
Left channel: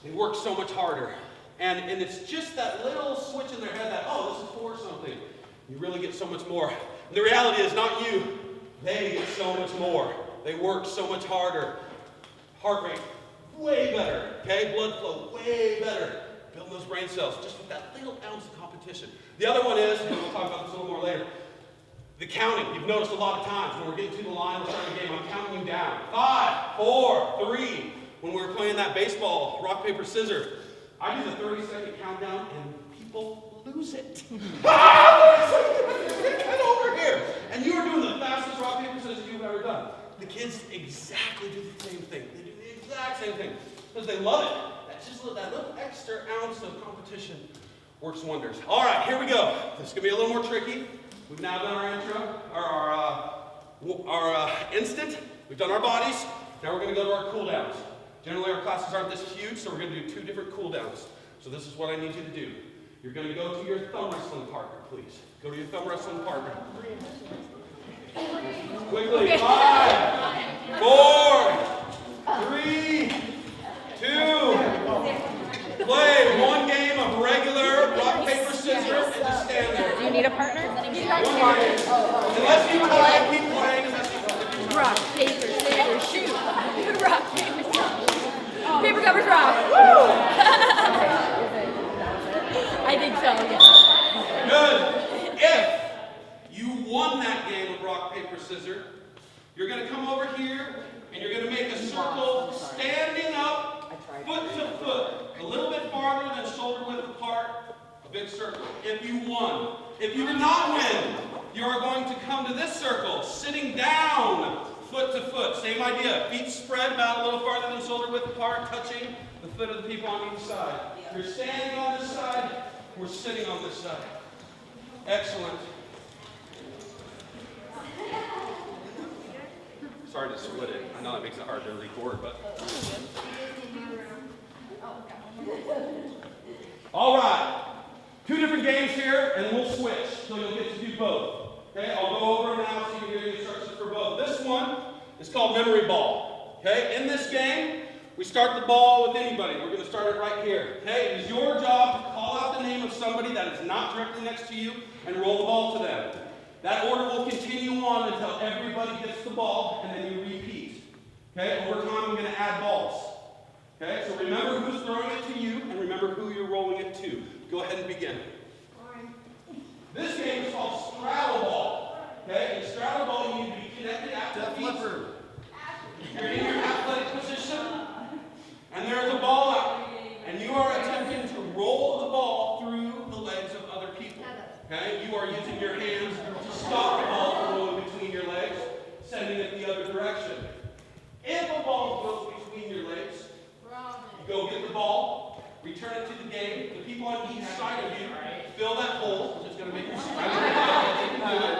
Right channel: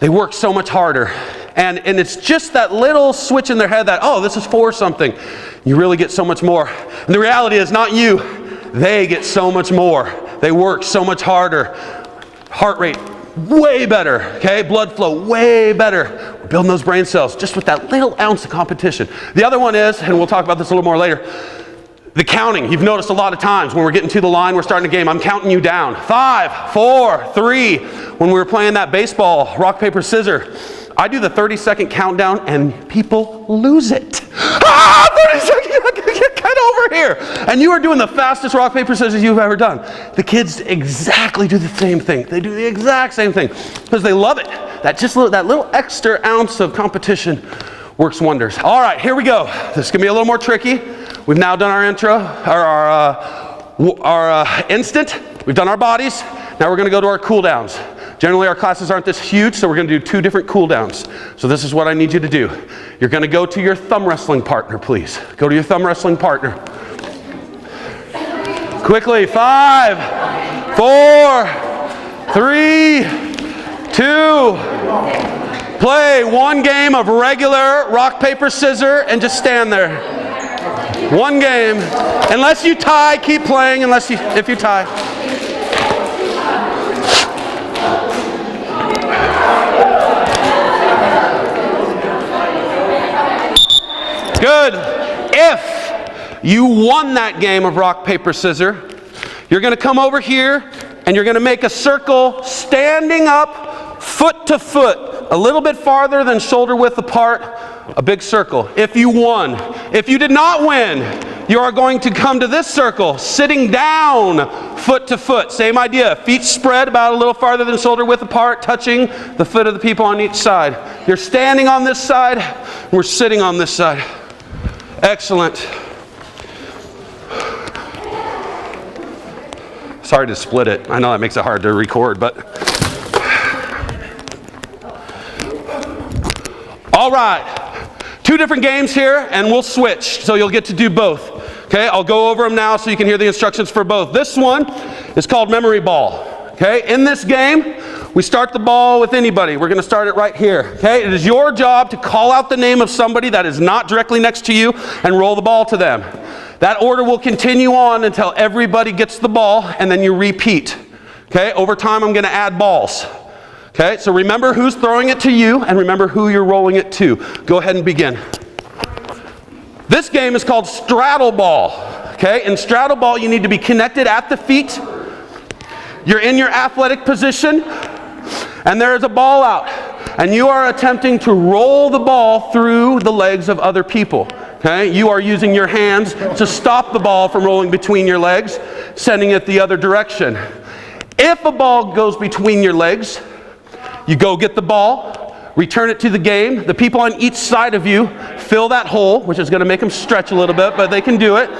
they work so much harder. And it's just that little switch in their head that, oh, this is for something. You really get so much more. And the reality is not you. They get so much more. They work so much harder. Heart rate, way better, okay? Blood flow, way better. We're building those brain cells just with that little ounce of competition. The other one is, and we'll talk about this a little more later, the counting. You've noticed a lot of times when we're getting to the line, we're starting a game, I'm counting you down. 5, 4, 3. When we were playing that baseball, rock, paper, scissors, I do the 30-second countdown and people lose it. 30 seconds, get over here. And you are doing the fastest rock, paper, scissors you've ever done. The kids exactly do the same thing. They do the exact same thing because they love it. That little extra ounce of competition works wonders. All right, here we go. This is gonna be a little more tricky. We've now done our intro, our instant. We've done our bodies. Now we're gonna go to our cool downs. Generally, our classes aren't this huge, so we're going to do 2 different cool downs. So this is what I need you to do. You're going to go to your thumb wrestling partner, please. Go to your thumb wrestling partner. Quickly, 5, 4, 3, 2. Play 1 game of regular rock, paper, scissors, and just stand there. 1 game. Unless you tie, keep playing. If you tie. Good. If you won that game of rock, paper, scissors, you're going to come over here and you're going to make a circle standing up, foot to foot, a little bit farther than shoulder width apart, a big circle. If you won. If you did not win, you are going to come to this circle, sitting down, foot to foot. Same idea. Feet spread about a little farther than shoulder width apart, touching the foot of the people on each side. You're standing on this side, and we're sitting on this side. Excellent. Sorry to split it. I know that makes it hard to record, but. All right. 2 different games here, and we'll switch, so you'll get to do both. Okay, I'll go over them now so you can hear the instructions for both. This one is called memory ball. Okay, in this game, we start the ball with anybody. We're going to start it right here. Okay, it is your job to call out the name of somebody that is not directly next to you and roll the ball to them. That order will continue on until everybody gets the ball, and then you repeat. Okay, over time I'm going to add balls. Okay, so remember who's throwing it to you and remember who you're rolling it to. Go ahead and begin. This game is called straddle ball. Okay, in straddle ball you need to be connected at the feet. You're in your athletic position and there is a ball out and you are attempting to roll the ball through the legs of other people. Okay, you are using your hands to stop the ball from rolling between your legs, sending it the other direction. If a ball goes between your legs, you go get the ball, return it to the game. The people on each side of you fill that hole, which is going to make them stretch a little bit, but they can do it.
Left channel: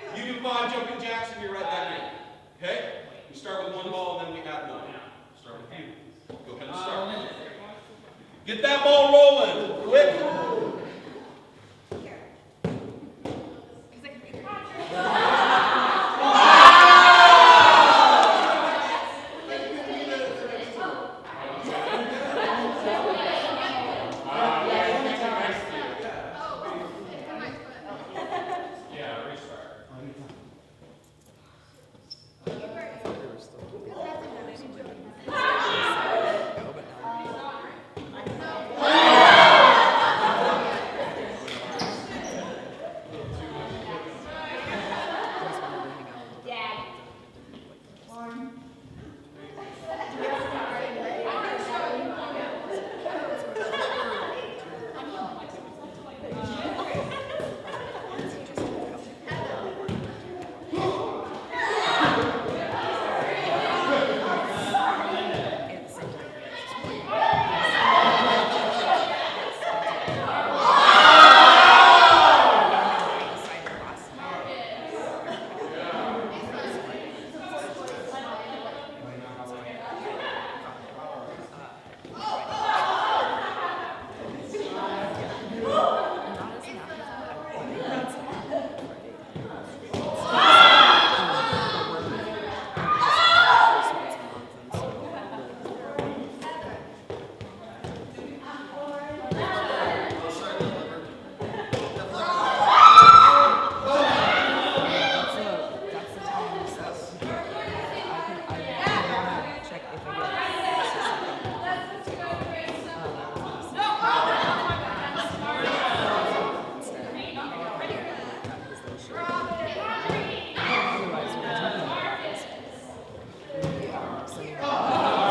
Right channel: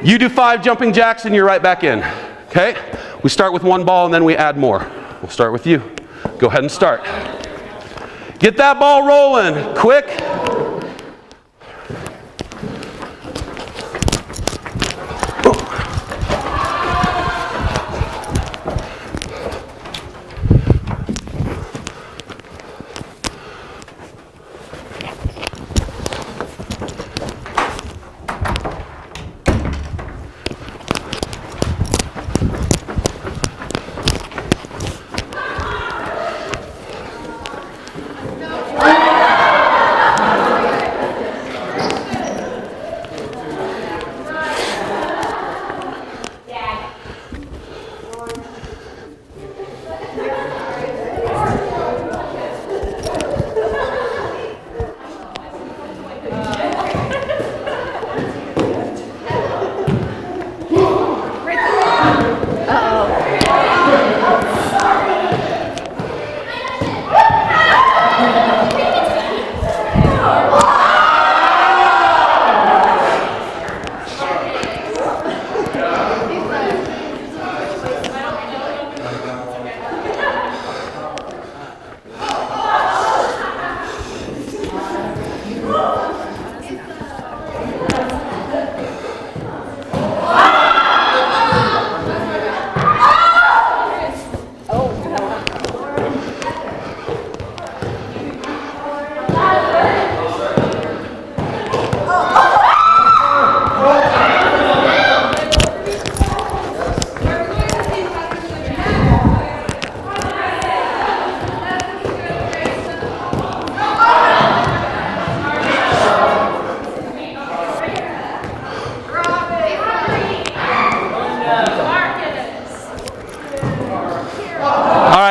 You do 5 jumping jacks and you're right back in. Okay? We start with 1 ball and then we add more. We'll start with you. Go ahead and start. Get that ball rolling. Quick.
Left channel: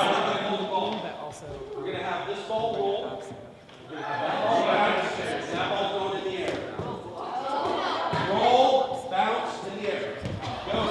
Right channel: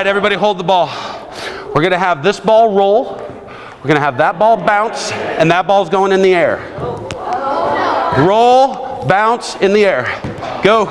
Everybody hold the ball. We're going to have this ball roll. We're going to have that ball bounce, and that ball's going in the air. Roll, bounce, in the air. Go.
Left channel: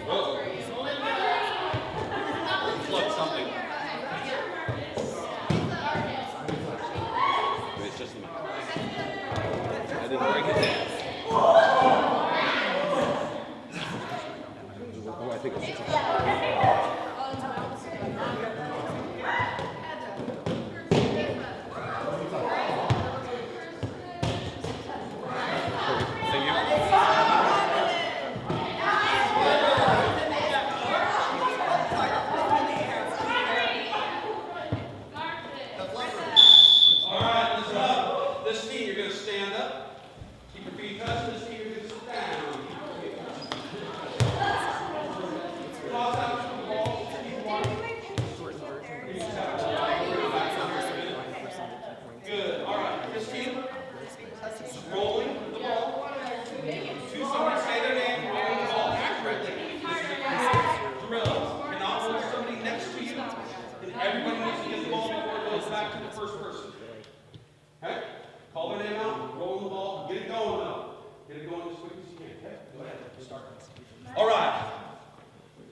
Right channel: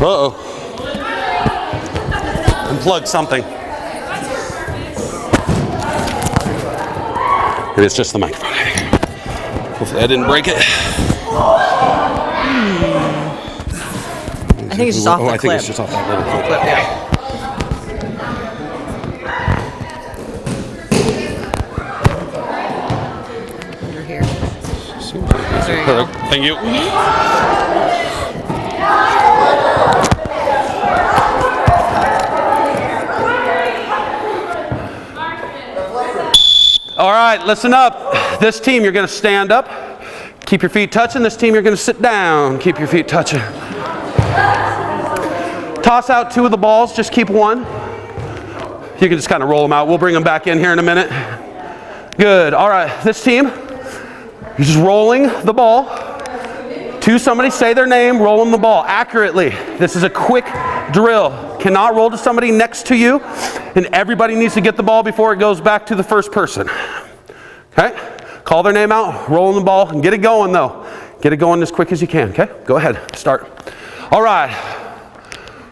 Uh-oh. Unplug something. Maybe it's just the microphone. Hopefully I didn't break it. I think it's just off the I think clip. it's just off that little clip. Yeah. You're here. There you go. Perfect. Thank you. All right, listen up. This team, you're going to stand up. Keep your feet touching. This team, you're going to sit down. Keep your feet touching. Toss out 2 of the balls. Just keep 1. You can just kind of roll them out. We'll bring them back in here in a minute. Good. All right, this team, you're just rolling the ball to somebody. Say their name, rolling the ball accurately. This is a quick drill. Cannot roll to somebody next to you, and everybody needs to get the ball before it goes back to the first person. Okay? Call their name out, rolling the ball, and get it going though. Get it going as quick as you can, okay? Go ahead, start. All right.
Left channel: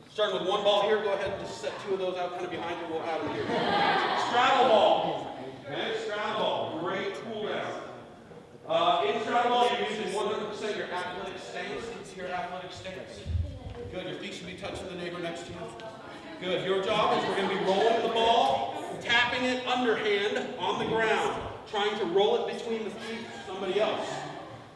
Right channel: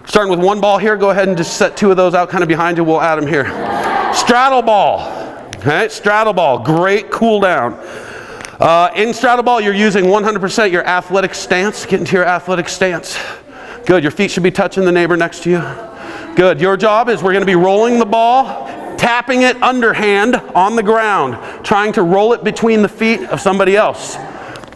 Starting with 1 ball here, go ahead and just set 2 of those out kind of behind you. We'll add them here. Straddle ball. Okay, straddle ball, great cool down. In straddle ball, you're using 100% your athletic stance. Get into your athletic stance. Good, your feet should be touching the neighbor next to you. Good, your job is we're gonna be rolling the ball, tapping it underhand on the ground, trying to roll it between the feet of somebody else.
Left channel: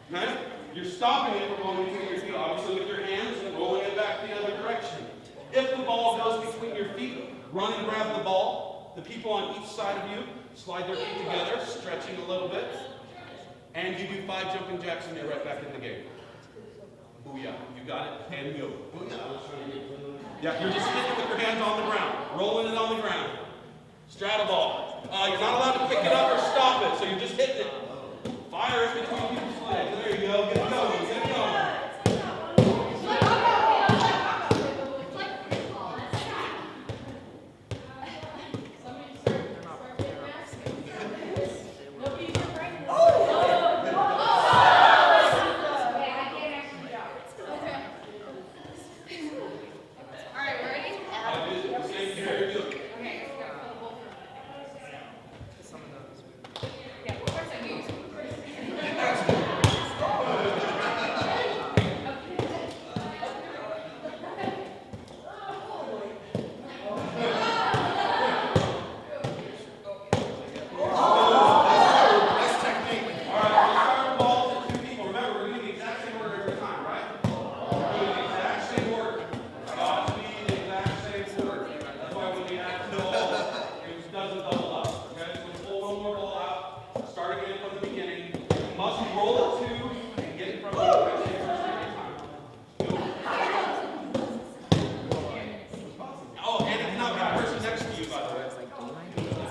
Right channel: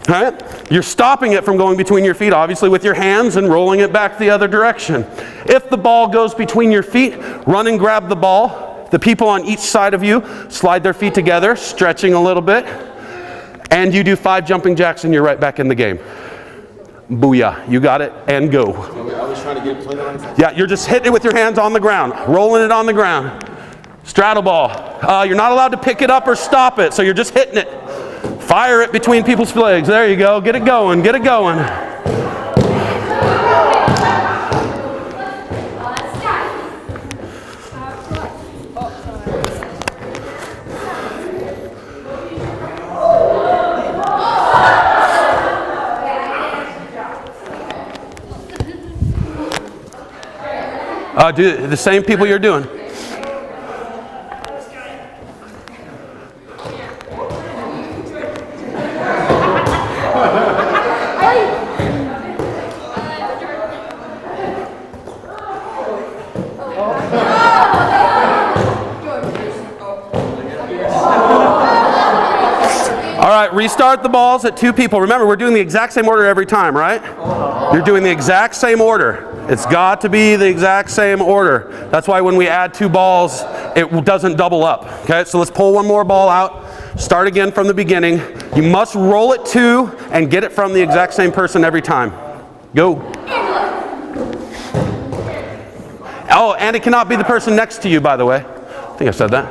All right? You're stopping it from going between your feet, obviously, with your hands and rolling it back the other direction. If the ball goes between your feet, run and grab the ball. The people on each side of you slide their feet together, stretching a little bit, and you do 5 jumping jacks and you're right back in the game. Booyah, you got it, and go. I was trying to get plenty on. Yeah, you're just hitting it with your hands on the ground, rolling it on the ground. Straddle ball. You're not allowed to pick it up or stop it, so you're just hitting it. Fire it between people's legs. There you go. Get it going. Get it going. Do the same people you're doing. Restart the balls at 2 people. Remember, we're doing the exact same order every time, right? You're doing the exact same order. It's got to be the exact same order. That's why when we add 2 balls, it doesn't double up. Okay, so let's pull 1 more ball out. Start again from the beginning. You must roll it 2 and get it from the exact same person every time. Go. Oh, and it cannot be the person next to you, by the way. I think I said that.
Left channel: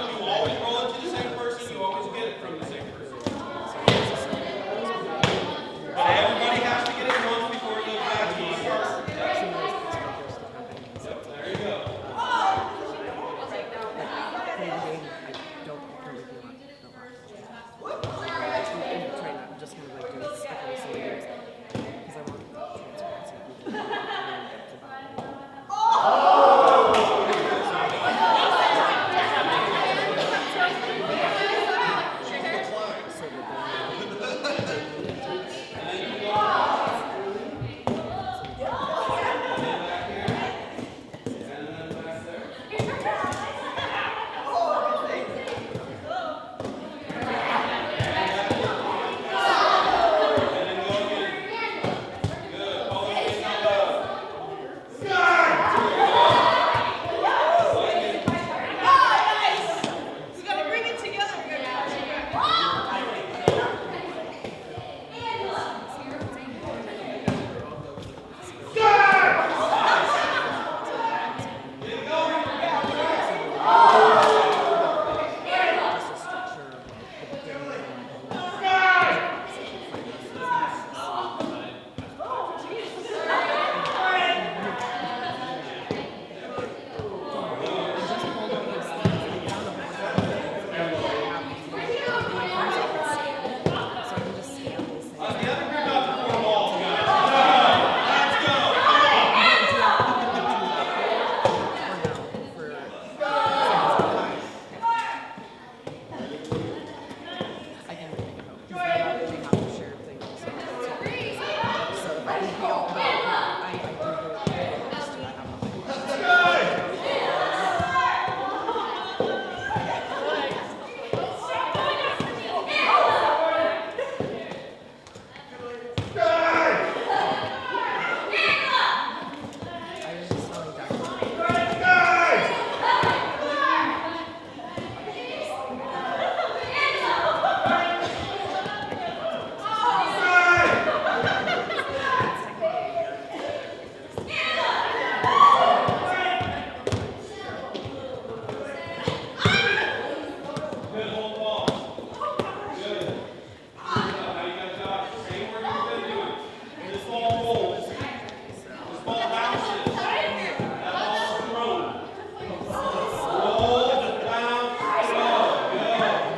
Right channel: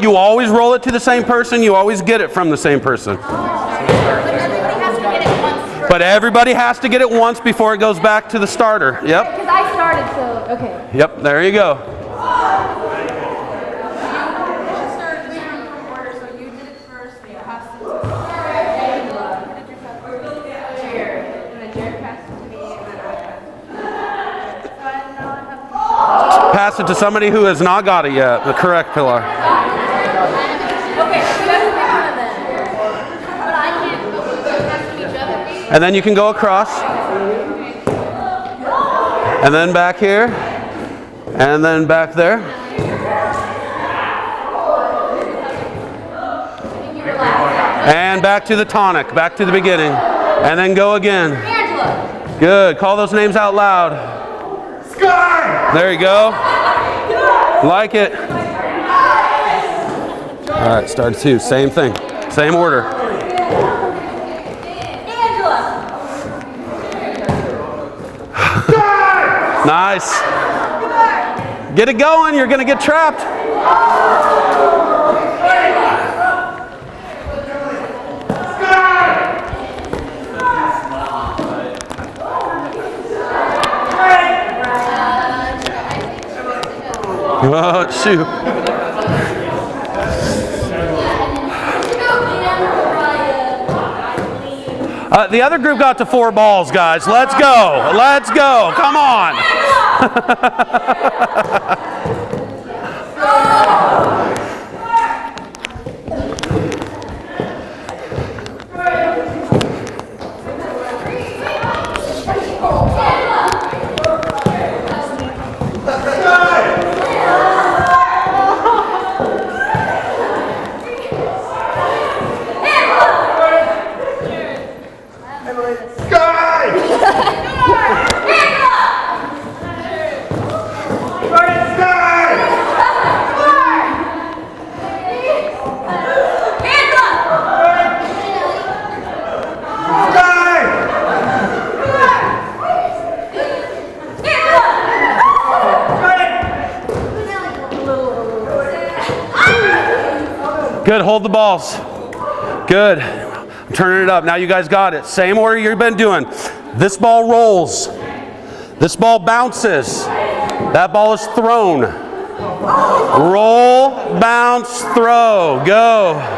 You always roll it to the same person, you always get it from the same person. But everybody has to get it once before it goes back to the starter. Yep. Because I started, so, okay. Yep, there you go. Pass it to somebody who has not got it yet, the correct pillar. And then you can go across. And then back here. And then back there. And back to the tonic, back to the beginning. And then go again. Good. Call those names out loud. There you go. Like it. All right, start 2. Same thing. Same order. Nice. Get it going, you're gonna get trapped. Oh, shoot. The other group got to 4 balls, guys. Let's go. Let's go. Come on. Good, hold the balls. Good. I'm turning it up. Now you guys got it. Same order you've been doing. This ball rolls. This ball bounces. That ball is thrown. Roll, bounce, throw. Go.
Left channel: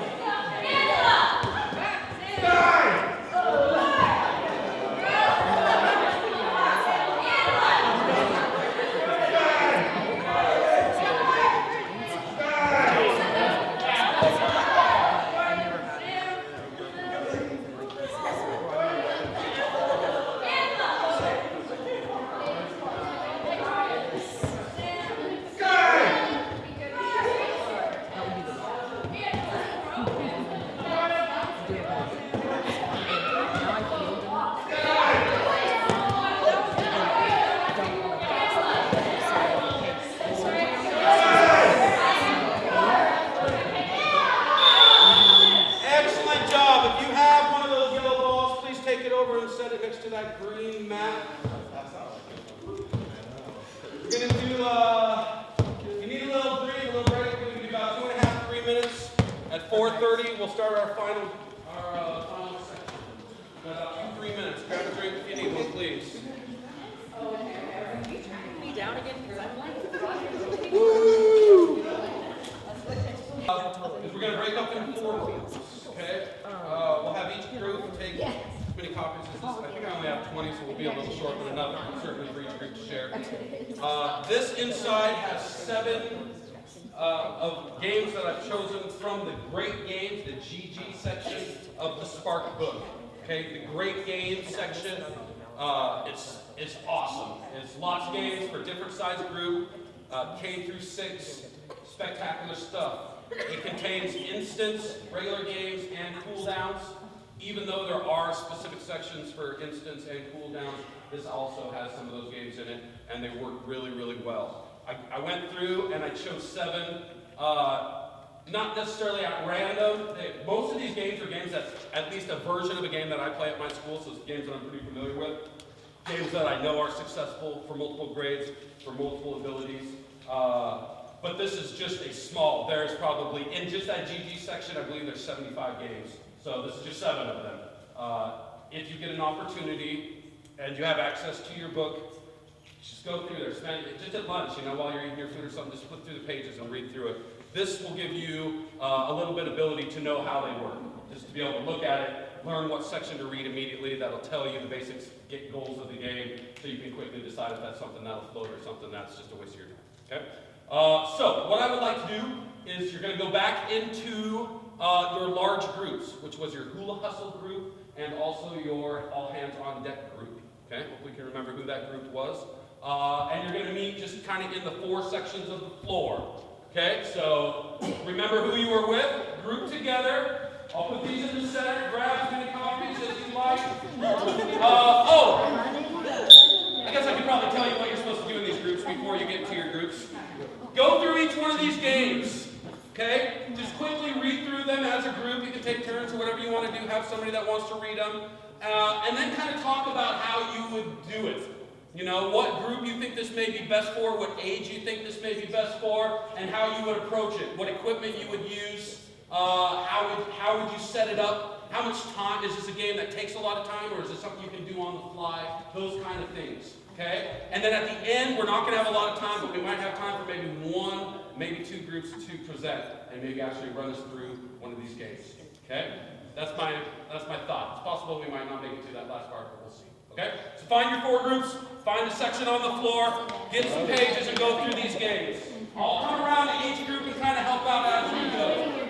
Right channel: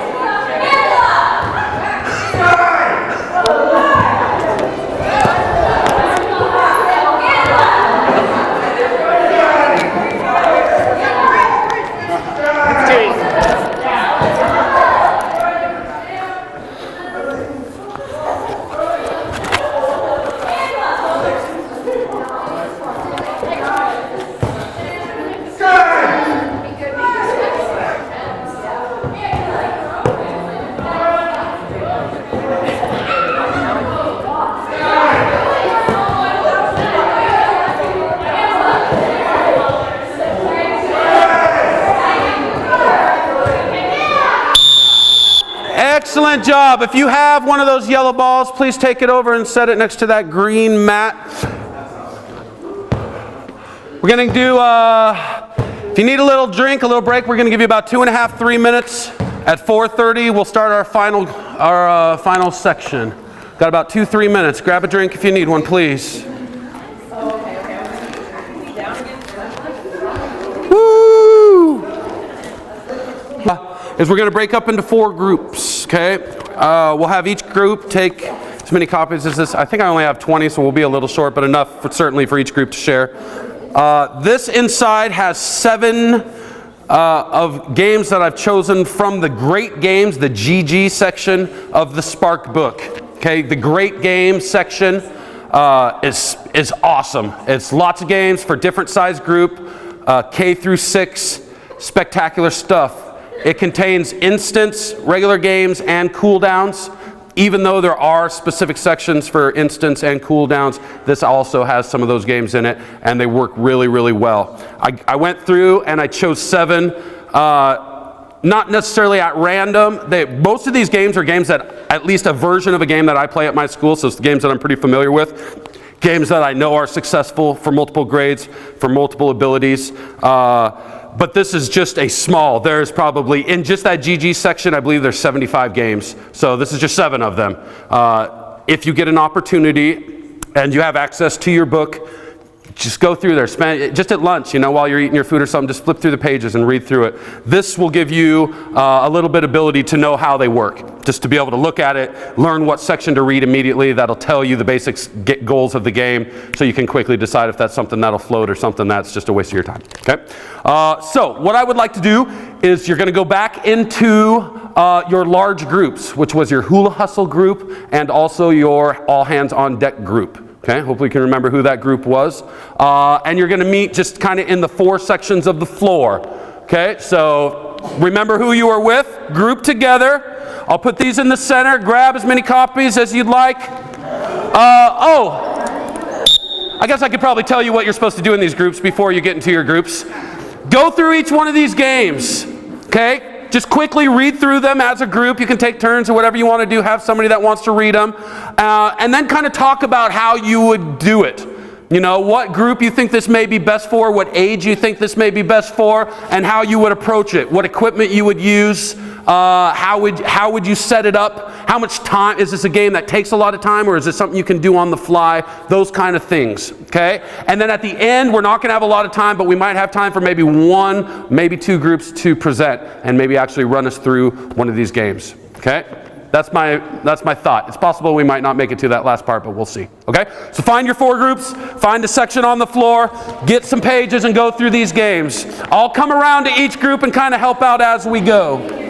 Excellent job. If you have one of those yellow balls, please take it over and set it next to that green mat. We're going to do, if you need a little drink, a little break, we're going to give you about 2.5, 3 minutes. At 4:30, we'll start our final section. Got about 2-3 minutes. Grab a drink if you need one, please. Woo! Is we're going to break up into 4 groups, okay? We'll have each group take as many copies as this. I think I only have 20, so we'll be a little short, but enough certainly for each group to share. This inside has 7 of games that I've chosen from the Great Games, the GG section of the Spark book. Okay, the Great Games section is awesome. It's lots of games for different size group, K through 6, spectacular stuff. It contains instants, regular games, and cooldowns. Even though there are specific sections for instants and cooldowns, this also has some of those games in it, and they work really, really well. I went through and I chose 7, not necessarily at random. Most of these games are games that, at least a version of a game that I play at my school, so it's the games that I'm pretty familiar with. Games that I know are successful for multiple grades, for multiple abilities. But this is just a small, there's probably, in just that GG section, I believe there's 75 games. So this is just 7 of them. If you get an opportunity and you have access to your book, just go through there. Spend just at lunch, you know, while you're eating your food or something, just flip through the pages and read through it. This will give you a little bit of ability to know how they work. Just to be able to look at it, learn what section to read immediately. That'll tell you the basic goals of the game, so you can quickly decide if that's something that'll float or something that's just a waste of your time. Okay. So what I would like to do is you're going to go back into your large groups, which was your hula hustle group and also your all hands on deck group. Okay, hopefully you can remember who that group was. And you're going to meet just kind of in the 4 sections of the floor. Okay, so remember who you were with, group together. I'll put these in the center, grab as many copies as you'd like. I guess I could probably tell you what you're supposed to do in these groups before you get into your groups. Go through each one of these games, okay? Just quickly read through them as a group. You can take turns or whatever you want to do. Have somebody that wants to read them. And then kind of talk about how you would do it, You know, what group you think this may be best for, what age you think this may be best for, and how you would approach it, what equipment you would use, how would you set it up, how much time, is this a game that takes a lot of time, or is this something you can do on the fly, those kind of things, okay? And then at the end, we're not gonna have a lot of time, but we might have time for maybe one, maybe two groups to present, and maybe actually run us through one of these games, okay? That's my thought. It's possible we might not make it to that last part, but we'll see. Okay? So find your 4 groups, find a section on the floor, get some pages and go through these games. I'll come around to each group and kind of help out as we go.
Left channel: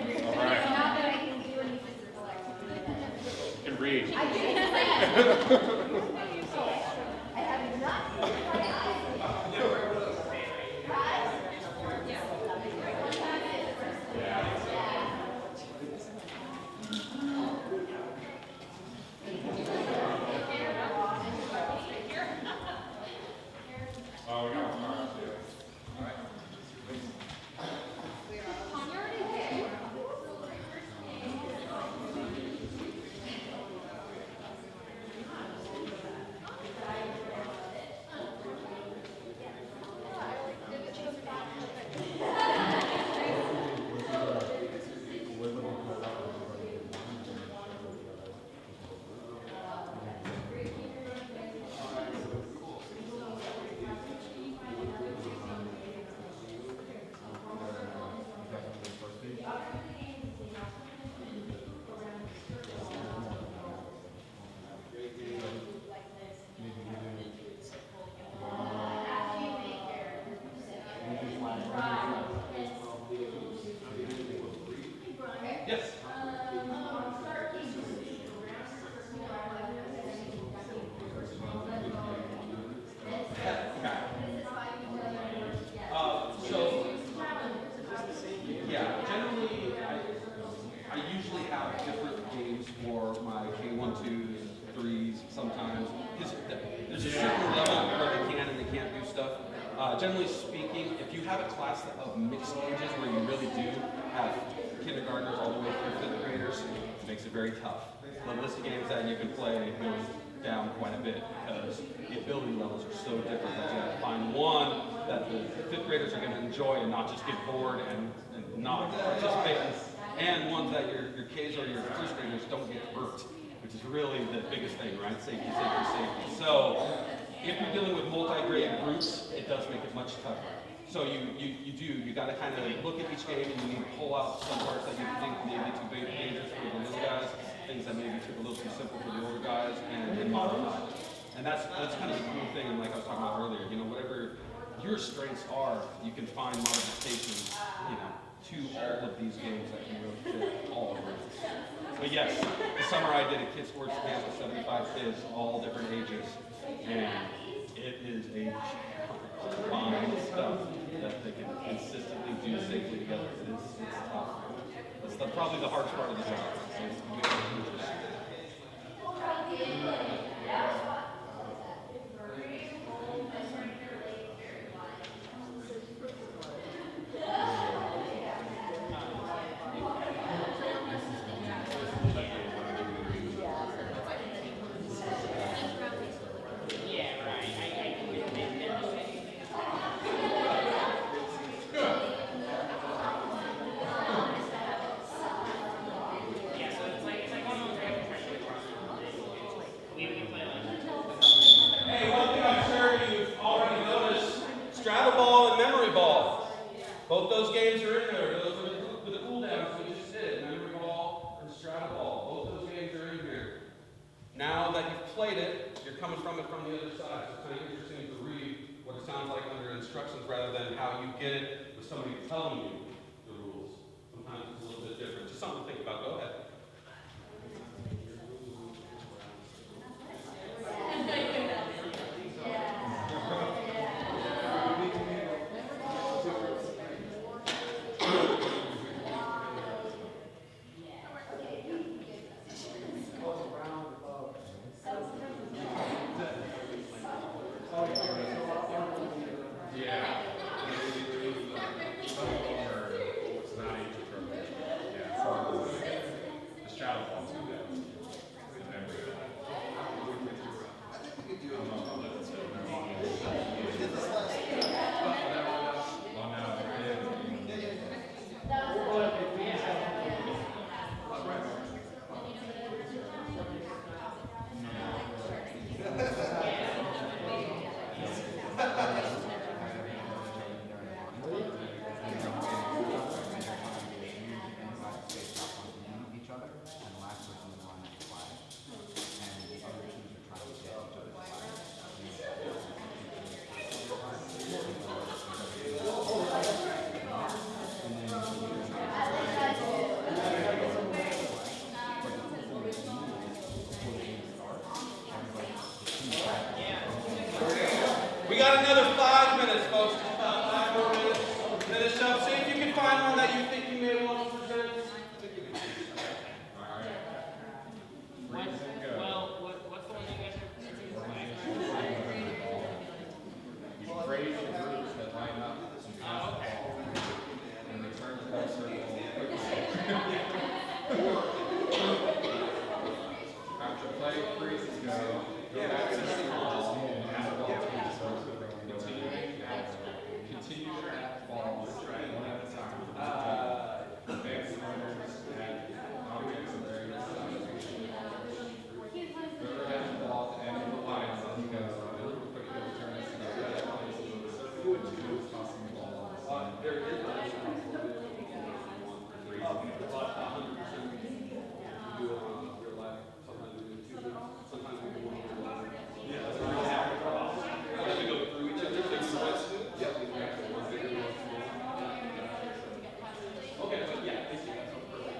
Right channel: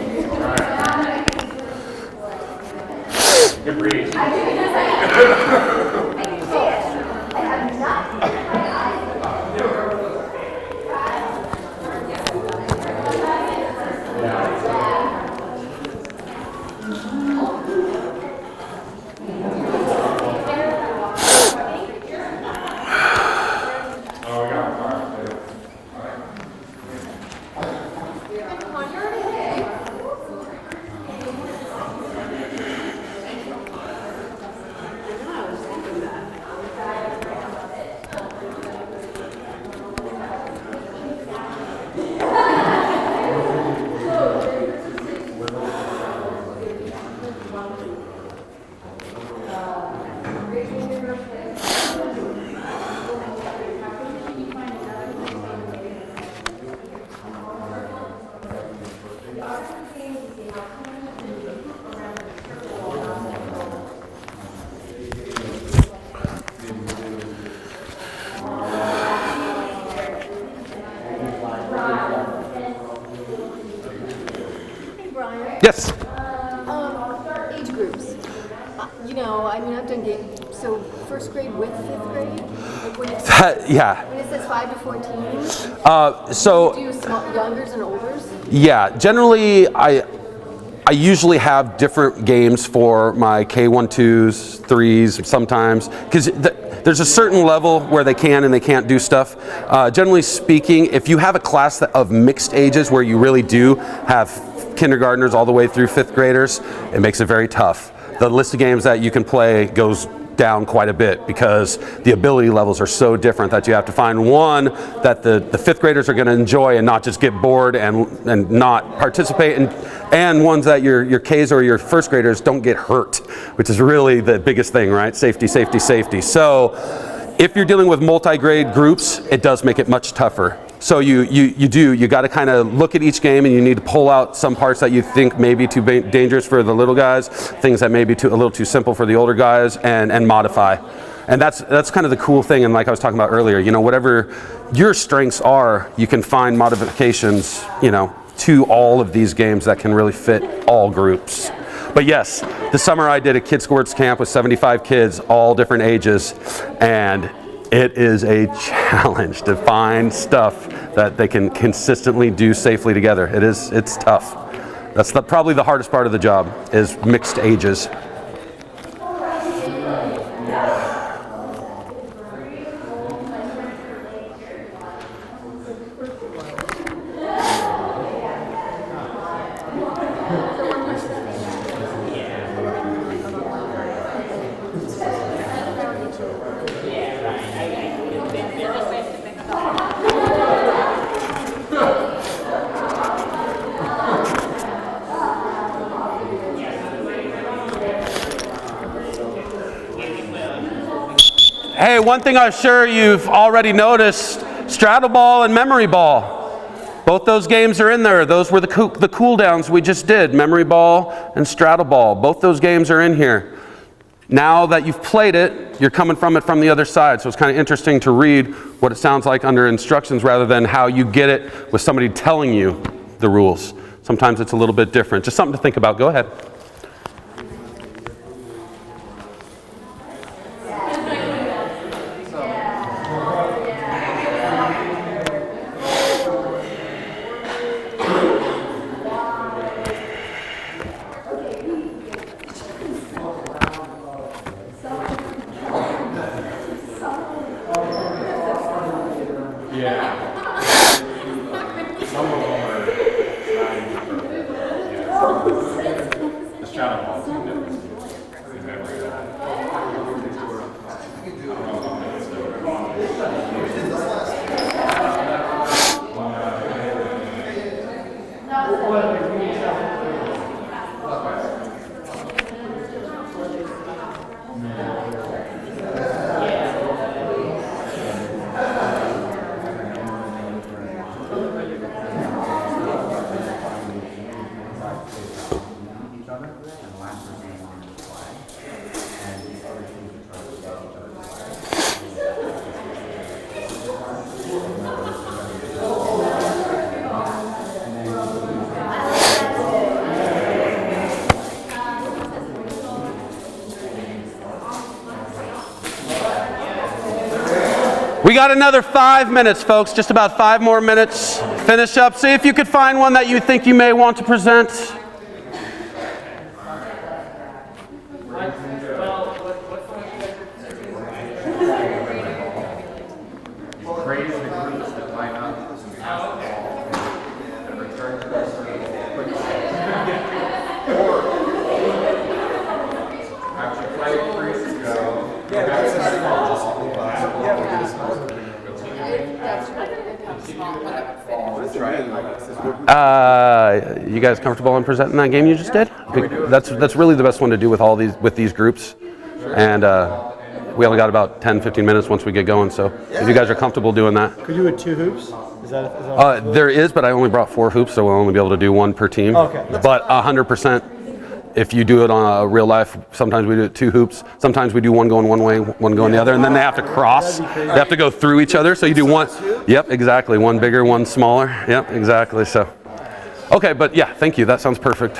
Yes. Age groups. You know, I mean, I've done games. So first grade with fifth grade. Like when Yeah. when it says 5 to 14. So Do you do youngers and olders? yeah, generally I usually have different games for my K1, 2s, 3s sometimes, because there's a certain level where they can and they can't do stuff. Generally speaking, if you have a class of mixed ages where you really do have kindergartners all the way through 5th graders, it makes it very tough. The list of games that you can play goes down quite a bit because the ability levels are so different that you have to find one that the 5th graders are going to enjoy and not just get bored and not participate, and ones that your Ks or your 1st graders don't get hurt, which is really the biggest thing, right? Safety, safety, safety. So if you're dealing with multi-grade groups, it does make it much tougher. So you got to kind of look at each game, and you need to pull out some parts that you think may be too dangerous for the little guys, things that may be a little too simple for the older guys, and modify. And that's kind of the cool thing. And like I was talking about earlier, you know, whatever your strengths are, you can find modifications, you know, to all of these games that can really fit all groups. But yes, this summer I did a Kids Sports Camp with 75 kids, all different ages, and it is a challenge to find stuff that they can consistently do safely together. It's tough. That's probably the hardest part of the job, is mixed ages. Hey, one thing I'm sure you've already noticed, straddle ball and memory ball. Both those games are in there. Those were the cool downs we just did, memory ball and straddle ball. Both those games are in here. Now that you've played it, you're coming from it from the other side. So it's kind of interesting to read what it sounds like under instructions rather than how you get it with somebody telling you the rules. Sometimes it's a little bit different. Just something to think about. Go ahead. We got another 5 minutes, folks, just about 5 more minutes. Finish up. See if you could find one that you think you may want to present. You guys comfortable in presenting that game you just did? That's really the best one to do with these groups, and we only got about 10-15 minutes once we get going. So if you guys are comfortable doing that, Could you do it 2 hoops? Is that there is, but I only brought 4 hoops, so we'll only be able to do 1 per team. Okay. But 100%, if you do it on a real life, sometimes we do it 2 hoops. Sometimes we do one going one way, one going the other, and then they have to cross. They have to go through each other. So you do one. Yep, exactly. One bigger, one smaller. Yep, exactly. So, okay, but yeah, thank you. That sounds perfect.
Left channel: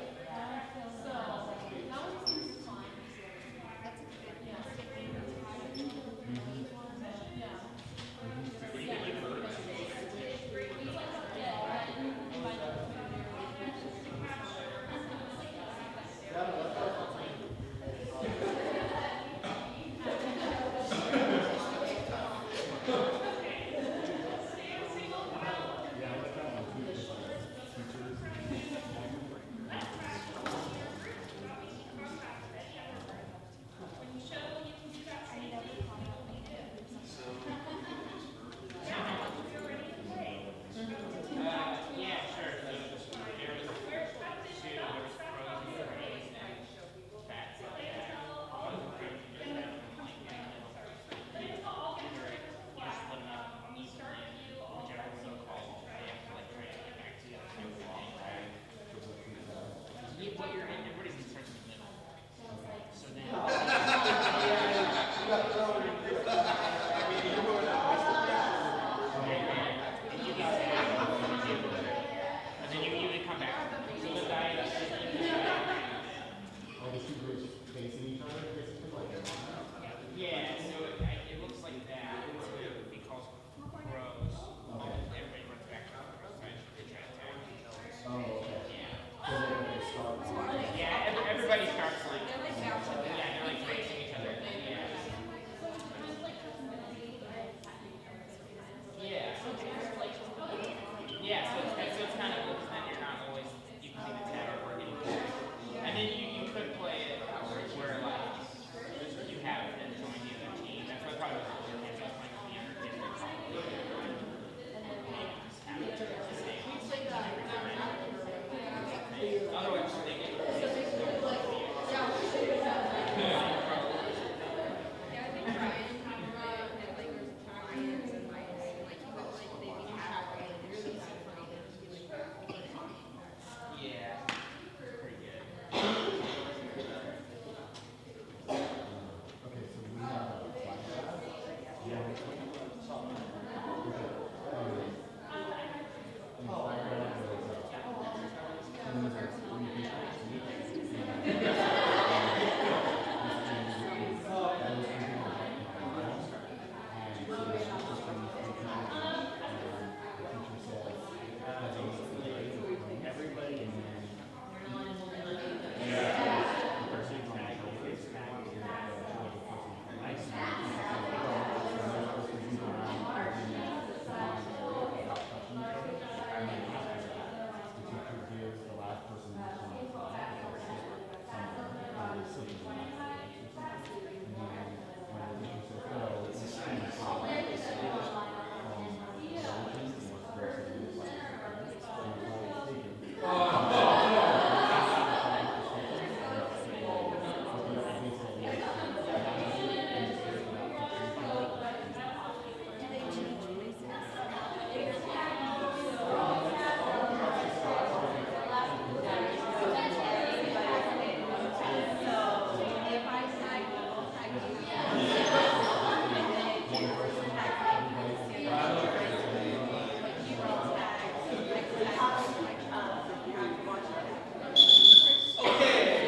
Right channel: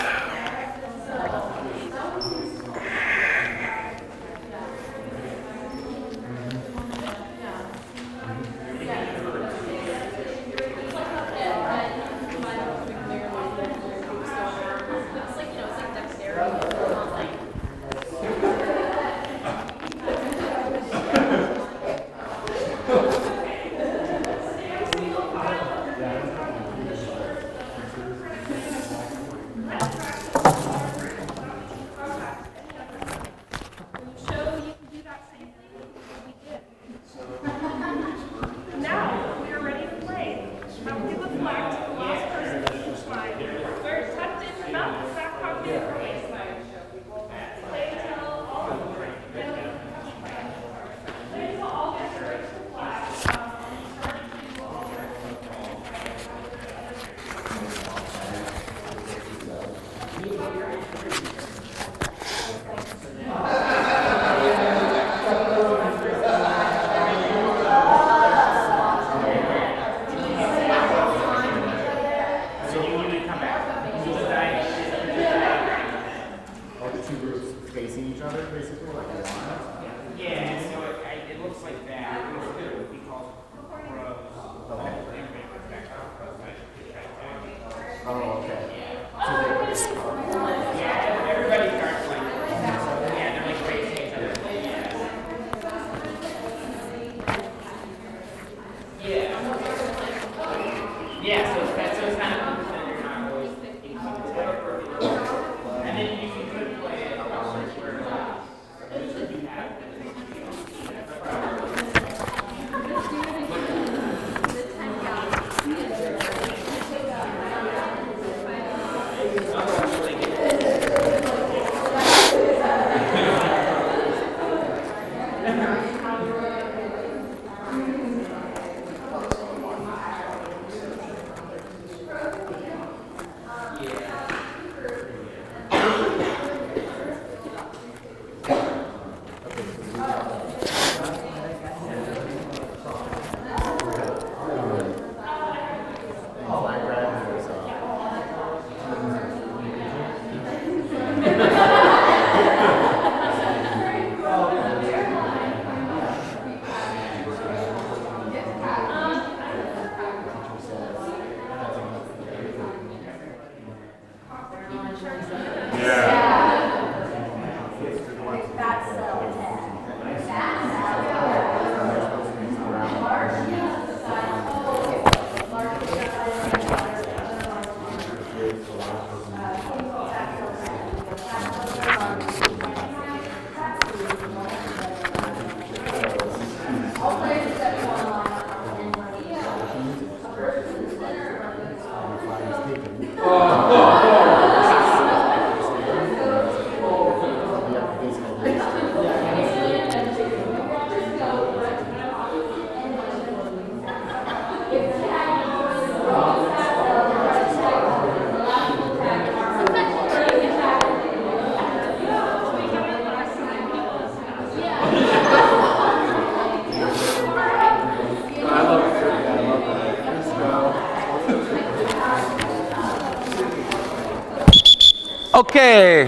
Okay.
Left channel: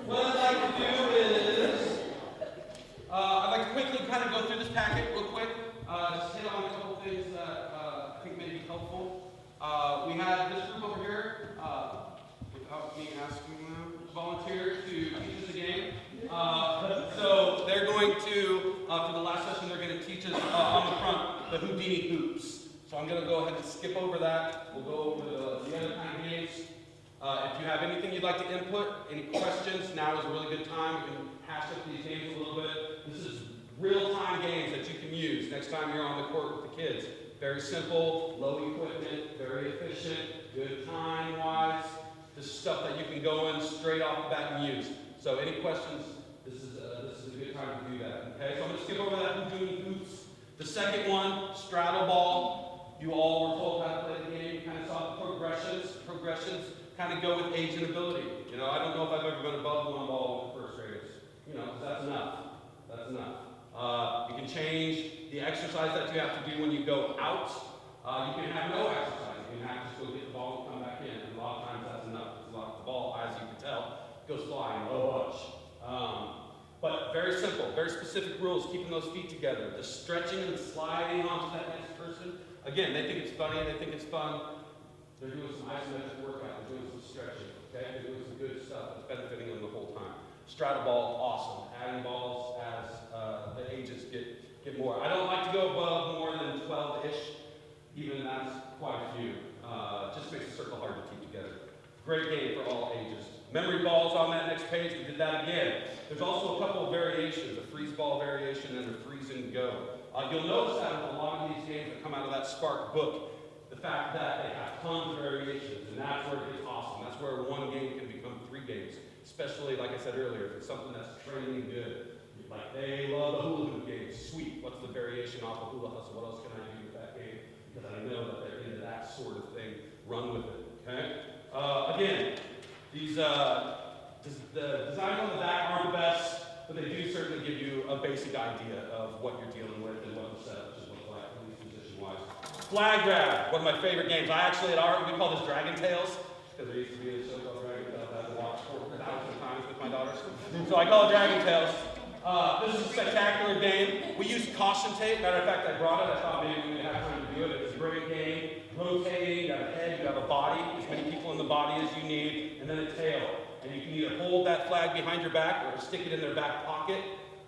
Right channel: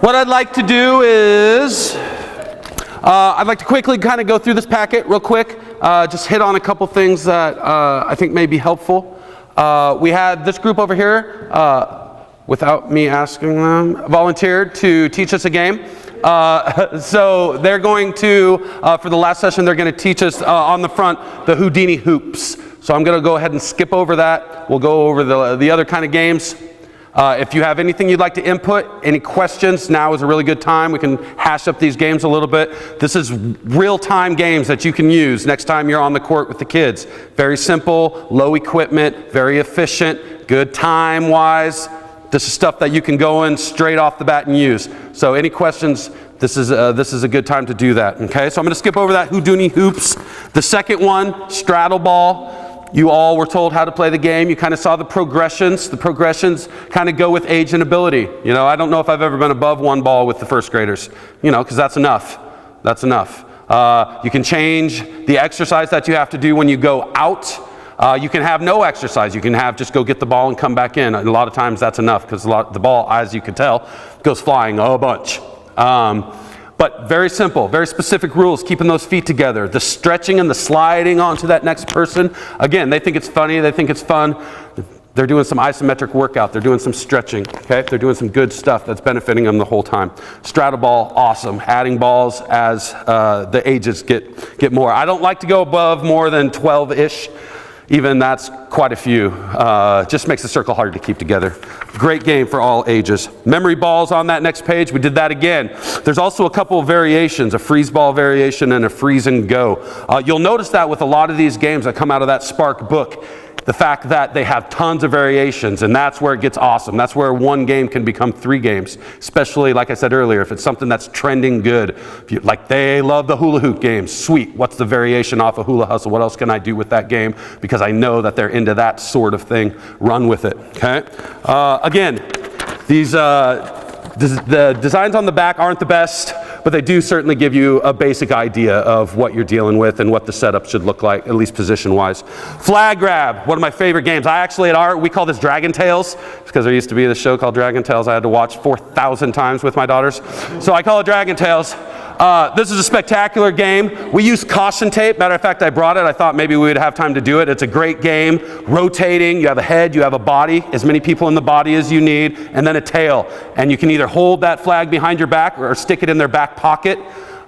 What I'd like to do is I'd like to quickly kind of go through this packet real quick, just hit on a couple things that I think may be helpful. We had this group over here, without me asking them, volunteered to teach us a game. So they're going to, for the last session, they're going to teach us on the front the Houdini hoops. So I'm going to go ahead and skip over that. We'll go over the other kind of games. If you have anything you'd like to input, any questions, now is a really good time. We can hash up these games a little bit. This is real-time games that you can use next time you're on the court with the kids. Very simple, low equipment, very efficient, good time-wise. This is stuff that you can go in straight off the bat and use. So any questions, this is a good time to do that. Okay, so I'm going to skip over that Houdini hoops. The second one, straddle ball. You all were told how to play the game. You kind of saw the progressions. The progressions kind of go with age and ability. You know, I don't know if I've ever been above one ball with the first graders, you know, because that's enough. That's enough. You can change the exercise that you have to do when you go out. You can have no exercise. You can have just go get the ball and come back in. A lot of times that's enough because the ball, as you can tell, goes flying a bunch. But very simple, very specific rules, keeping those feet together. The stretching and the sliding onto that next person. Again, they think it's funny, they think it's fun. They're doing some isometric workout, they're doing some stretching, okay? They're doing some good stuff that's benefiting them the whole time. Straddle ball, awesome. Adding balls as the ages get more. I don't like to go above more than 12-ish. Even that's quite a few. Just makes the circle harder to keep together. Great game for all ages. Memory balls on that next page. We did that again. There's also a couple of variations, a freeze ball variation and a freeze and go. You'll notice that with a lot of these games that come out of that Spark book, the fact that they have tons of variations, and that's where it gets awesome. That's where one game can become 3 games, especially, like I said earlier, if it's something that's trending good. Like they love the hula hoop games. Sweet, what's the variation off of hula hustle? What else can I do with that game? Because I know that they're into that sort of thing. Run with it, okay? Again, the designs on the back aren't the best, but they do certainly give you a basic idea of what you're dealing with and what the setup should look like, at least position-wise. Flag grab, one of my favorite games. I actually, at art, we call this Dragon Tales, because there used to be this show called Dragon Tales I had to watch 4,000 times with my daughters. So I call it Dragon Tales. This is a spectacular game. We use caution tape. Matter of fact, I brought it. I thought maybe we would have time to do it. It's a great game. Rotating. You have a head, you have a body, as many people in the body as you need, and then a tail. And you can either hold that flag behind your back or stick it in their back pocket.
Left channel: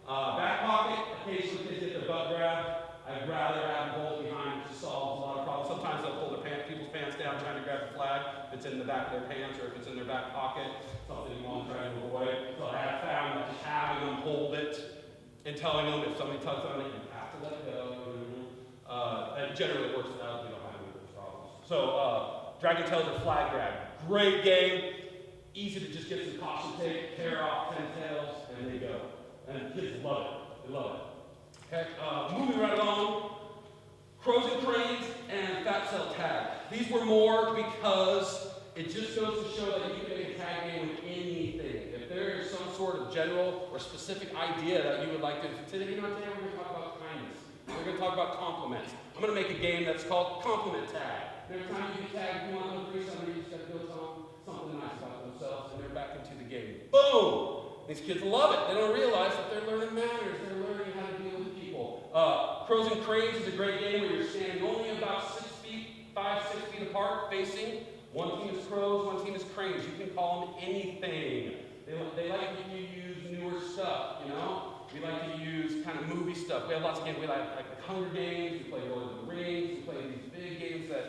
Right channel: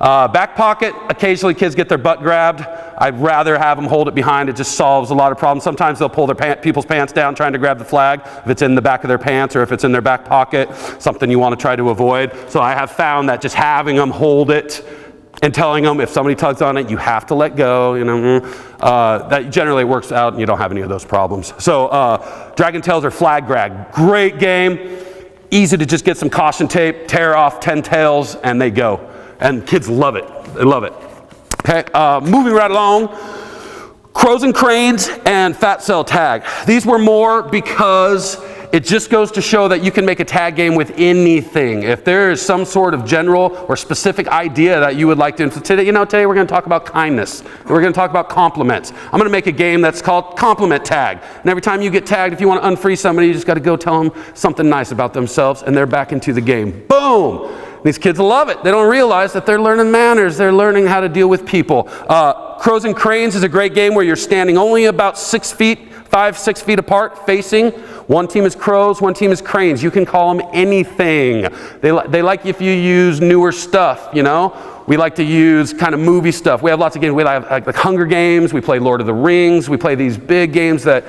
Back pocket, occasionally kids get their butt grabbed. I'd rather have them hold it behind. It just solves a lot of problems. Sometimes they'll pull their people's pants down trying to grab the flag if it's in the back of their pants or if it's in their back pocket, something you want to try to avoid. So I have found that just having them hold it and telling them if somebody tugs on it, you have to let go, you know, that generally works out and you don't have any of those problems. So Dragon Tales or Flag Grab, great game. Easy to just get some caution tape, tear off 10 tails, and they go. And kids love it. They love it. Okay, moving right along, crows and cranes and fat cell tag. These were more because it just goes to show that you can make a tag game with anything. If there is some sort of general or specific idea that you would like to, today we're going to talk about kindness. We're going to talk about compliments. I'm going to make a game that's called compliment tag. And every time you get tagged, if you want to unfreeze somebody, you just got to go tell them something nice about themselves, and they're back into the game. Boom! These kids love it. They don't realize that they're learning manners. They're learning how to deal with people. Crows and Cranes is a great game where you're standing only about 6 feet, 5-6 feet apart, facing. One team is crows, one team is cranes. You can call them anything. They like if you use newer stuff, you know. We like to use kind of movie stuff. We have lots of games. We have like Hunger Games. We play Lord of the Rings. We play these big games that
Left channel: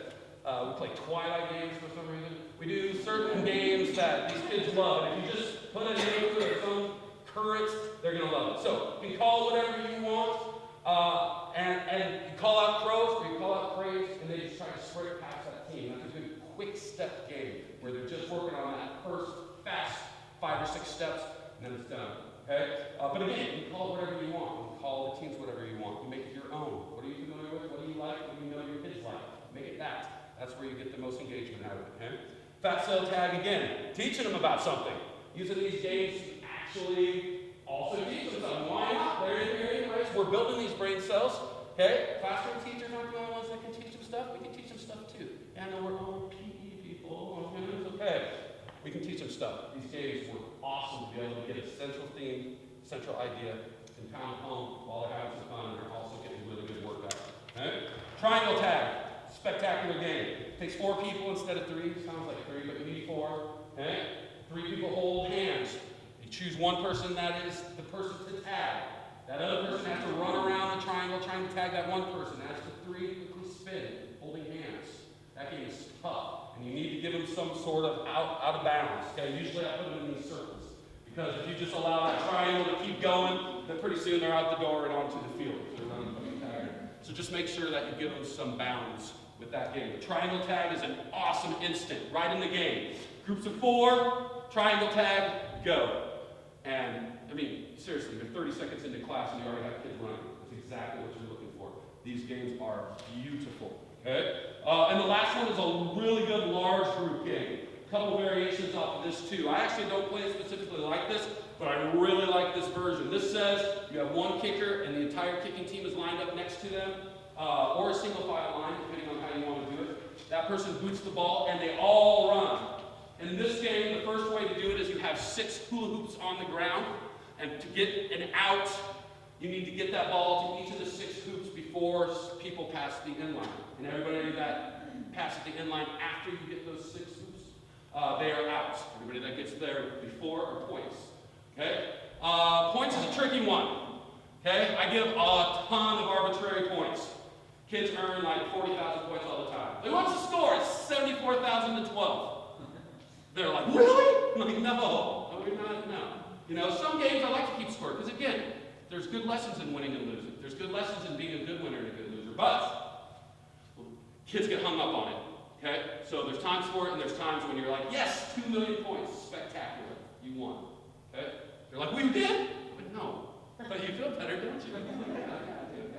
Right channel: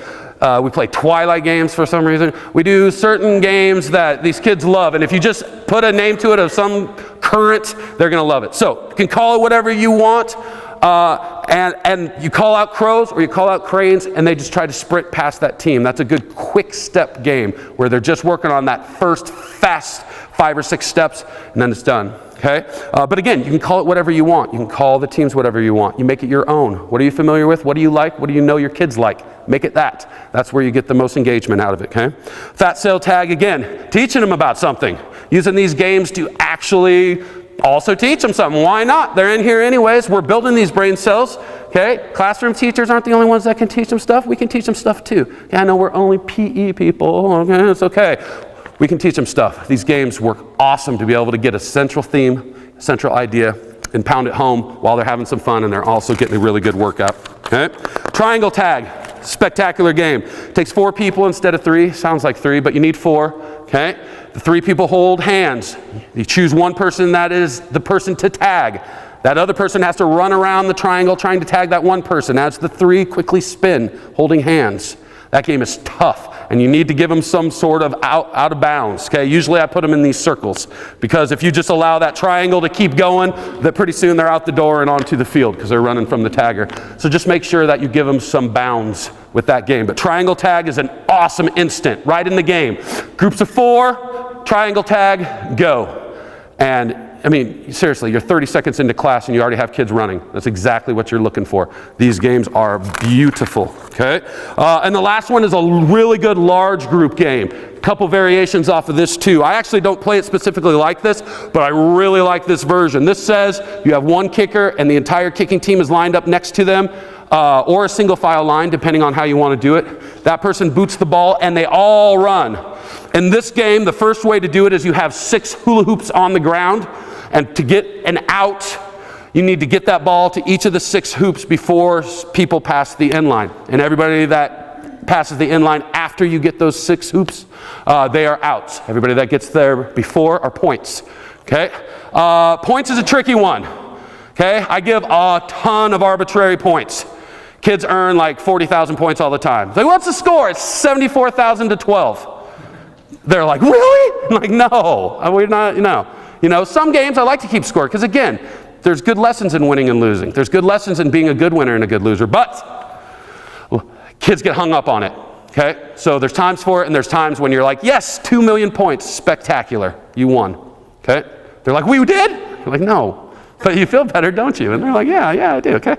we play Twilight games for some reason. We do certain games that these kids love, and if you just put a name to it of some current, they're going to love it. So you can call it whatever you want, and you call out crows or you call out cranes, and they just try to sprint past that team. That's a good quick step game where they're just working on that first fast 5 or 6 steps, and then it's done. Okay? But again, you can call it whatever you want. You can call the teams whatever you want. You make it your own. What are you familiar with? What do you like? What do you know your kids like? Make it that. That's where you get the most engagement out of it, okay? Fat cell tag, again, teaching them about something. Using these games to actually also teach them something. Why not? They're in here anyways. We're building these brain cells, okay? Classroom teachers aren't the only ones that can teach them stuff. We can teach them stuff too. Okay, I know we're only PE people. Okay, it's okay. We can teach them stuff. These games work awesome to be able to get a central theme, central idea, and pound it home while they're having some fun and they're also getting a really good workout. Okay? Triangle tag, spectacular game. Takes 4 people instead of 3. Sounds like 3, but you need 4. Okay? The 3 people hold hands. You choose one person that is the person to tag. That other person has to run around the triangle trying to tag that one person. As the 3 quickly spin, holding hands. That game is tough, and you need to give them some sort of out of bounds. Okay? Usually I put them in these circles, because if you just allow that triangle to keep going, then pretty soon they're out the door and onto the field because they're running from the tagger. So just make sure that you give them some bounds with that game. But triangle tag is an awesome instant right in the game. Groups of 4, triangle tag, go. And I mean, seriously, you're 30 seconds into class and you already have kids running. That's exactly what you're looking for. These games are beautiful, okay? And the last one is a really good large group game. A couple variations off of this too. I actually don't play it specifically like this, but I really like this version. This says you have one kicker and the entire kicking team is lined up next to them, or a single file line, depending on how you want to do it. That person boots the ball and they all run. In this game, the first way to do it is you have 6 hula hoops on the ground. And to get an out, you need to get that ball to each of the 6 hoops before people pass the end line. And everybody that passes the end line after you get those 6 hoops, they are outs. Everybody that gets there before are points. Okay? Points is a tricky one. Okay? I give a ton of arbitrary points. Kids earn like 40,000 points all the time. Like, what's the score? It's 74,000 to 12. They're like, really? I'm like, no, we're not, no. You know, some games I like to keep score because, again, there's good lessons in winning and losing. There's good lessons in being a good winner and a good loser. But kids get hung up on it, okay? So there's times for it and there's times when you're like, yes, 2 million points, spectacular, you won, okay? They're like, we did? You're like, no. But you feel better, don't you? And they're like, yeah, I do, okay?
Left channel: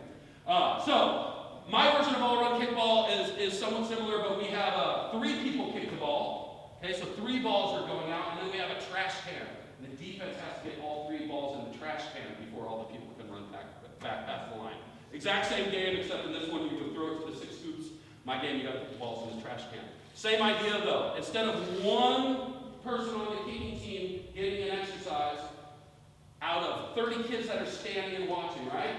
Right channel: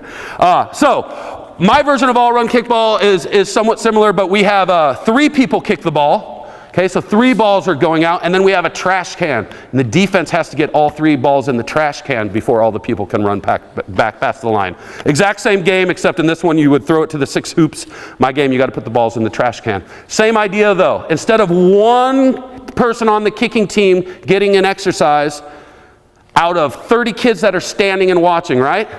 So my version of all-run kickball is somewhat similar, but we have 3 people kick the ball. Okay, so 3 balls are going out, and then we have a trash can. And the defense has to get all 3 balls in the trash can before all the people can run back past the line. Exact same game, except in this one you would throw it to the 6 hoops. My game, you got to put the balls in the trash can. Same idea though. Instead of one person on the kicking team getting an exercise out of 30 kids that are standing and watching, right?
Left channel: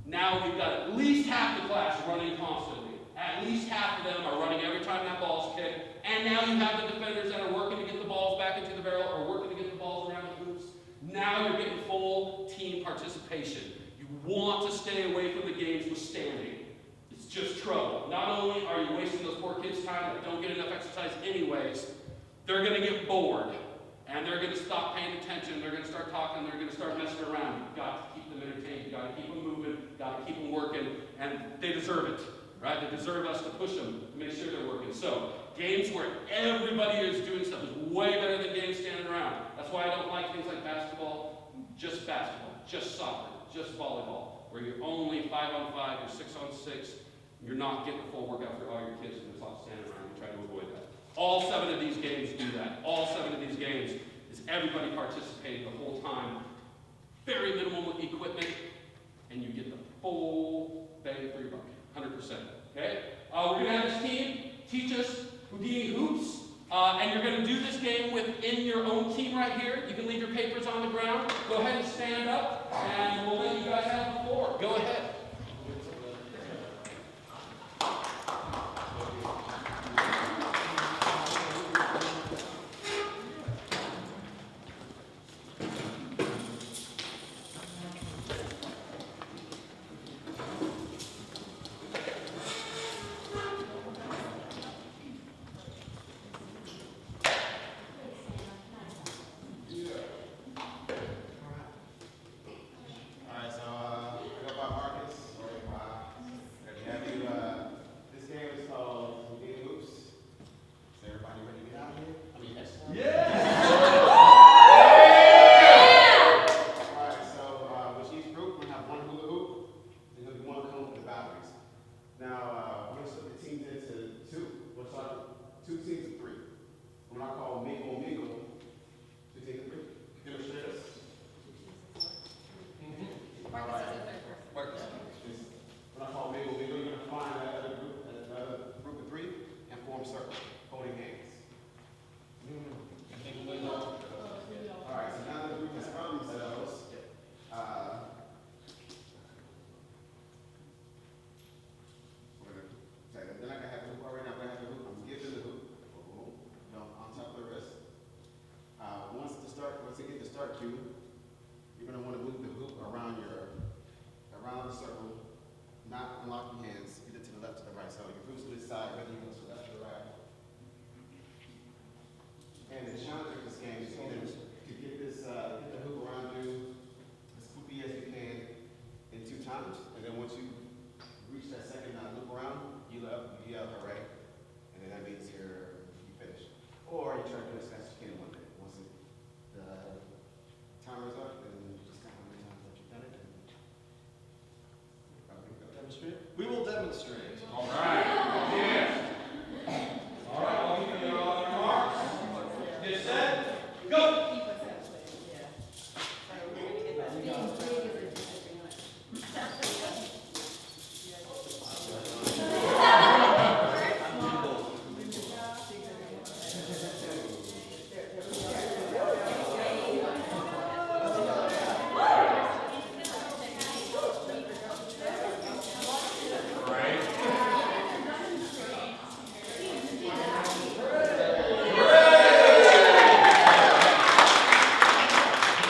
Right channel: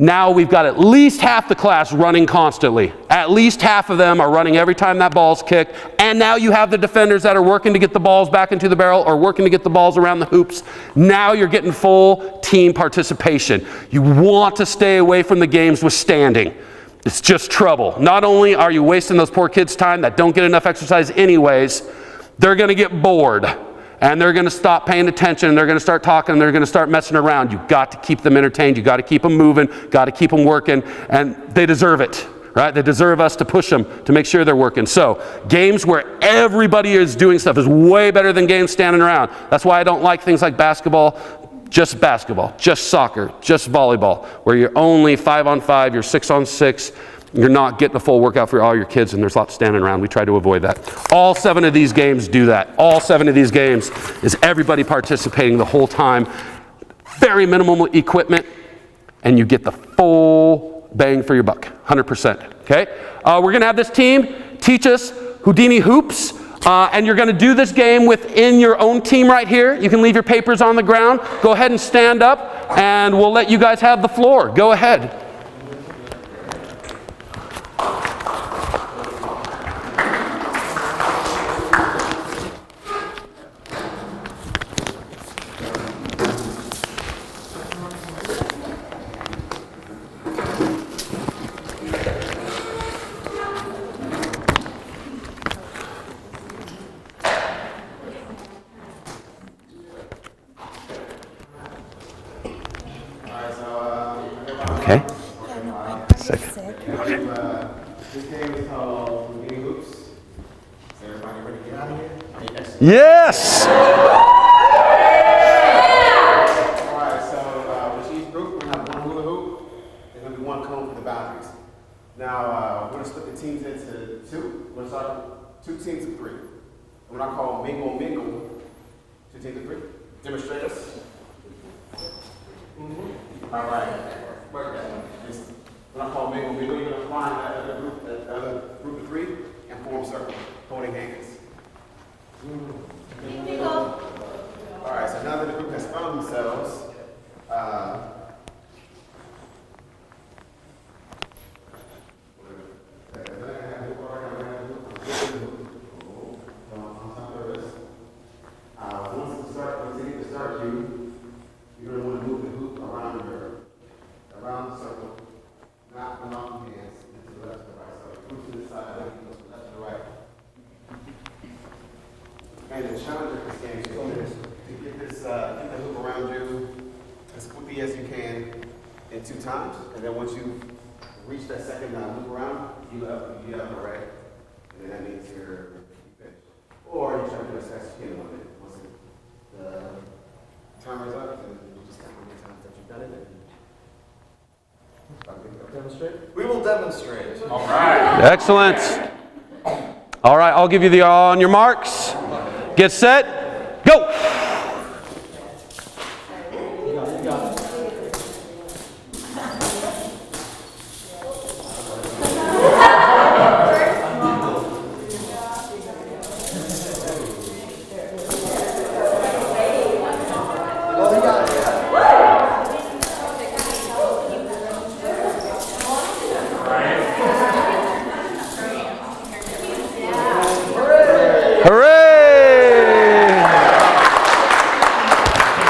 Now we've got at least half the class running constantly. At least half of them are running every time that ball's kicked. And now you have the defenders that are working to get the balls back into the barrel or working to get the balls around the hoops. Now you're getting full team participation. You want to stay away from the games with standing. It's just trouble. Not only are you wasting those poor kids' time that don't get enough exercise anyways, they're going to get bored. And they're going to stop paying attention, and they're going to start talking, and they're going to start messing around. You've got to keep them entertained. You've got to keep them moving, got to keep them working, and they deserve it, right? They deserve us to push them to make sure they're working. So games where everybody is doing stuff is way better than games standing around. That's why I don't like things like basketball, just soccer, just volleyball, where you're only 5-on-5, you're 6-on-6. You're not getting a full workout for all your kids, and there's lots standing around. We try to avoid that. All 7 of these games do that. All 7 of these games is everybody participating the whole time. Very minimal equipment, and you get the full bang for your buck, 100%. Okay? We're going to have this team teach us Houdini hoops, and you're going to do this game within your own team right here. You can leave your papers on the ground. Go ahead and stand up, and we'll let you guys have the floor. Go ahead. Okay. This game is called Houdini Hoops. Is everybody ready to get out of here? Yes! Alright, so with each group, we're going to have 1 hula hoop. There's going to be 1 cone for the boundaries. Now, we're going to split the teams into 2. We're going to start with 2 teams of 3. What I call mingle. 2 teams of 3. Demonstrators. Alright. When I call mingle, you're going to find that other group of 3 and form circle, holding hands. Alright, so now that the group has found themselves, start you, you're going to want to move the hoop around the circle, not off your hands, either to the left or the right. So push to the side, whether you go to the left or the right. And the challenge of this game is to get the hoop around you as quickly as you can in 2 times, and then once you reach that second loop around, you up the right, and then that means you finish. Or you try to do as fast as you can once the timer's up, and you just count how many times that you've done it. Demonstrate? We will demonstrate. All right. Excellent. All right, I'll give you the on your marks. Get set. Go.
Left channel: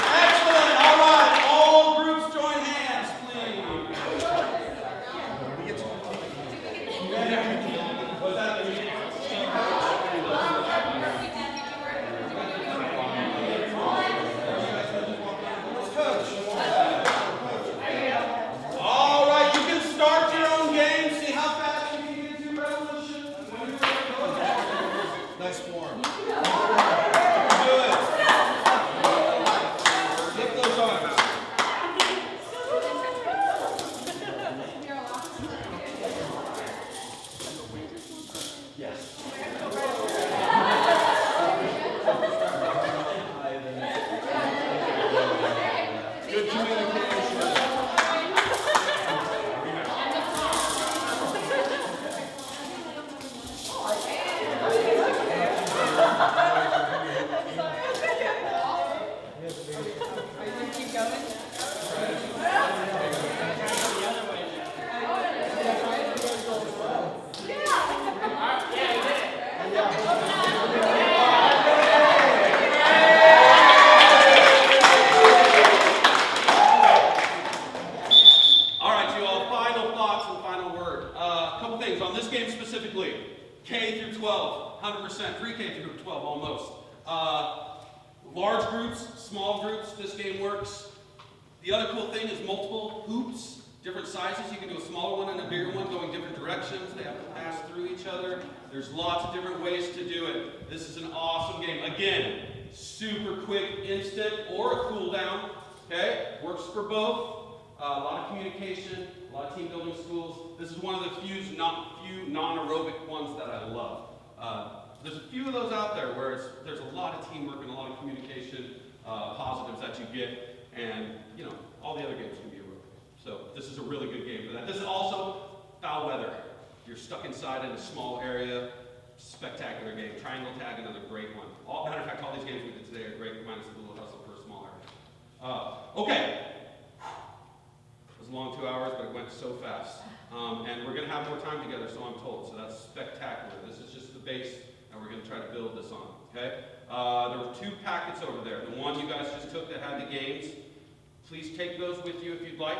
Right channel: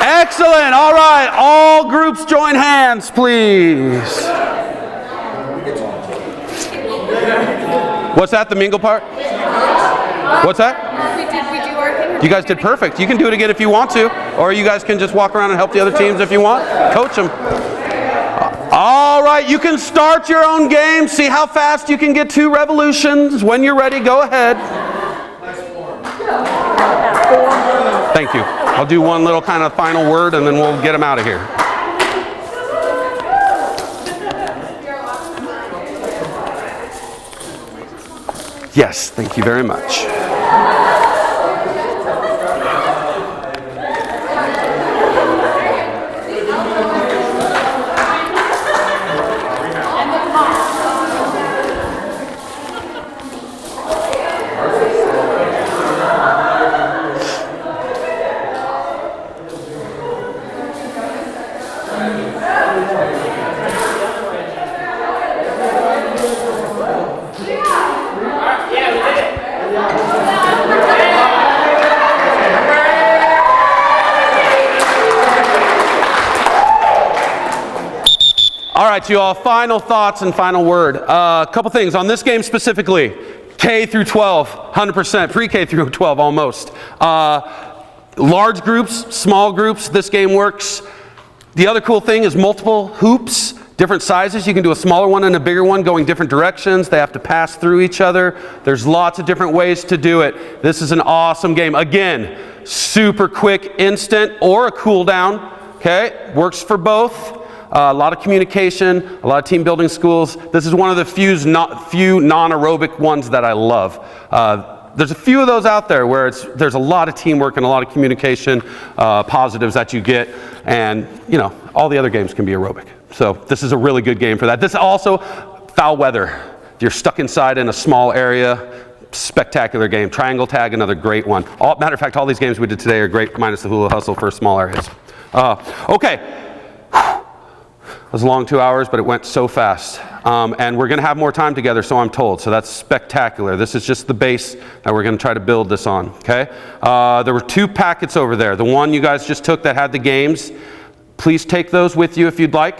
Excellent. All right. All groups join hands, please. What's that, the mingle part? What's that? Did we do our thing? You guys did perfect. You can do it again if you want to, or you guys can just walk around and help the other teams if you want. Coach them. All right, you can start your own game. See how fast you can get 2 revolutions. When you're ready, go ahead. Thank you. I'll do one little kind of final word and then we'll get them out of here. Yes, thank you very much. All right, you all, final thoughts and final word. A couple things on this game specifically. K through 12, 100%. Pre-K through 12, almost. Large groups, small groups, this game works. The other cool thing is multiple hoops, different sizes. You can do a smaller one and a bigger one going different directions. They have to pass through each other. There's lots of different ways to do it. This is an awesome game. Again, super quick, instant, or a cool down. Okay, works for both. A lot of communication, a lot of team building schools. This is one of the few non-aerobic ones that I love. There's a few of those out there where there's a lot of teamwork and a lot of communication positives that you get, and all the other games can be aerobic. So this is a really good game for that. This is also foul weather. You're stuck inside in a small area. Spectacular game. Triangle tag, another great one. Matter of fact, all these games we did today are great, minus the hula hustle for small areas. Okay. It was a long 2 hours, but it went so fast. And we're going to have more time together, so I'm told. So that's spectacular. This is just the base that we're going to try to build this on, okay? There were 2 packets over there. The one you guys just took that had the games, please take those with you if you'd like.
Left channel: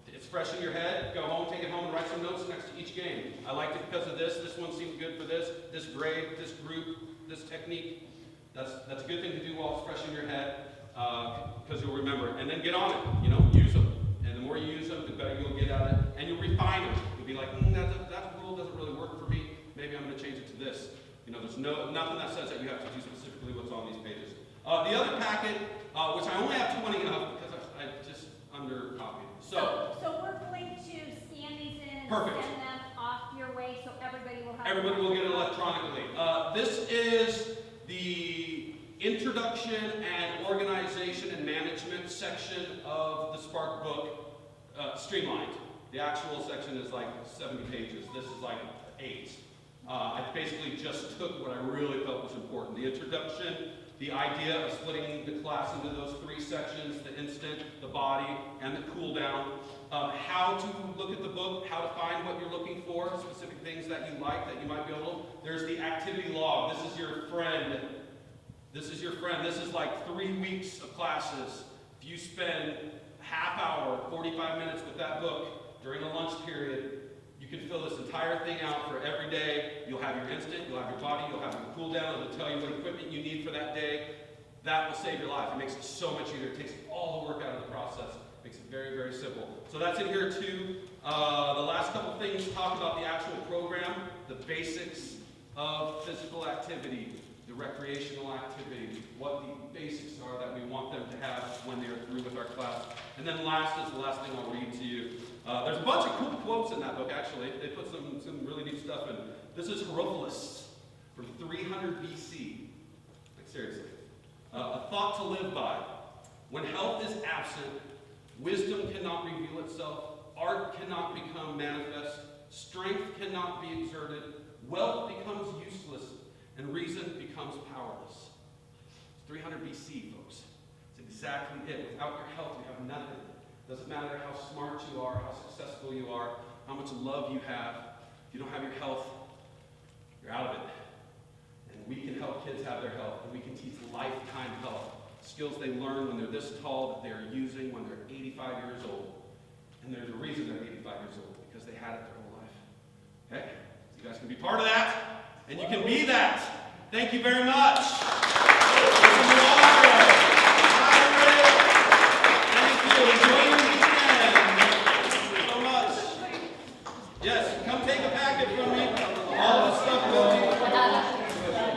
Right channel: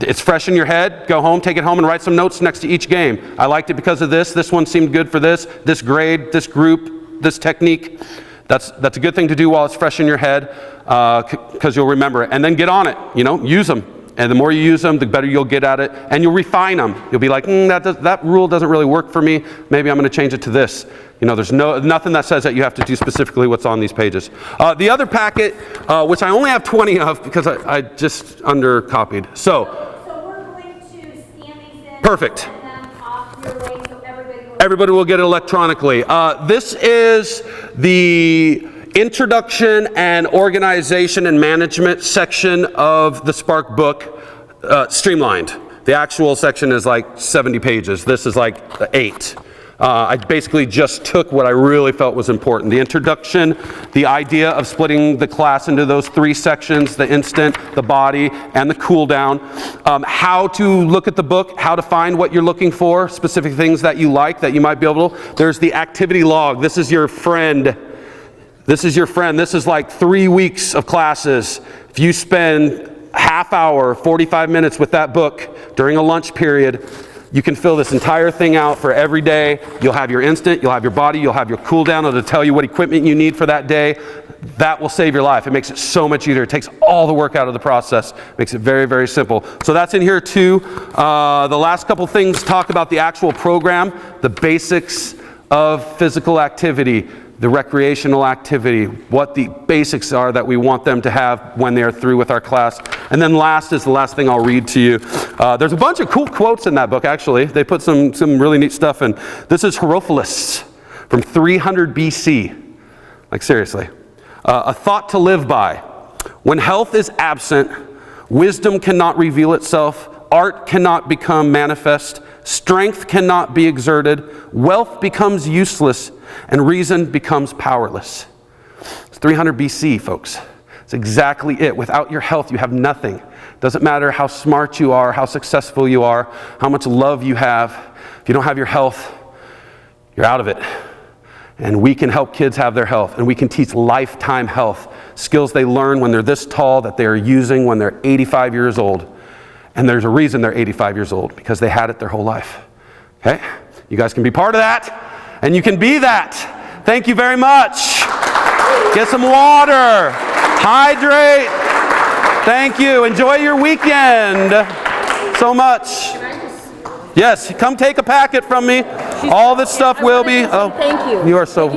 It's fresh in your head. Go home, take it home, and write some notes next to each game. I liked it because of this. This one seemed good for this grade, this group, this technique. That's a good thing to do while it's fresh in your head. Because you'll remember it, and then get on it, use them, and the more you use them, the better you'll get at it, and you'll refine them. You'll be like, that rule doesn't really work for me, maybe I'm going to change it to this. There's nothing that says that you have to do specifically what's on these pages. The other packet, which I only have 20 of because I just undercopied. So we're going to scan these in. Perfect. And then off your way so Everybody will get it electronically. This is the Introduction and Organization and Management section of the Spark book, streamlined. The actual section is like 70 pages. This is like 8. I basically just took what I really felt was important. The introduction, the idea of splitting the class into those 3 sections, the instant, the body, and the cool down. How to look at the book, how to find what you're looking for, specific things that you like that you might be able to. There's the activity log. This is your friend. This is your friend. This is like 3 weeks of classes. If you spend half hour, 45 minutes with that book during a lunch period, you can fill this entire thing out for every day. You'll have your instant, you'll have your body, you'll have your cool down. It'll tell you what equipment you need for that day. That will save your life. It makes it so much easier. It takes all the work out of the process. Makes it very, very simple. So that's in here too. The last couple things talk about the actual program, the basics of physical activity, the recreational activity, what the basics are that we want them to have when they're through with our class. And then last is the last thing I'll read to you. There's a bunch of cool quotes in that book, actually. They put some really neat stuff in. This is Herophilus from 300 BC. Like, seriously. A thought to live by. When health is absent, wisdom cannot reveal itself, art cannot become manifest, strength cannot be exerted, wealth becomes useless, and reason becomes powerless. It's 300 BC, folks. It's exactly it. Without your health, you have nothing. Doesn't matter how smart you are, how successful you are, how much love you have. If you don't have your health, you're out of it. And we can help kids have their health, and we can teach lifetime health, skills they learn when they're this tall that they are using when they're 85 years old. And there's a reason they're 85 years old, because they had it their whole life. Okay? You guys can be part of that, and you can be that. Thank you very much. Get some water. Hydrate. Thank you. Enjoy your weekend so much. Yes, come take a packet from me. All this stuff will be. Oh, Thank you. You are so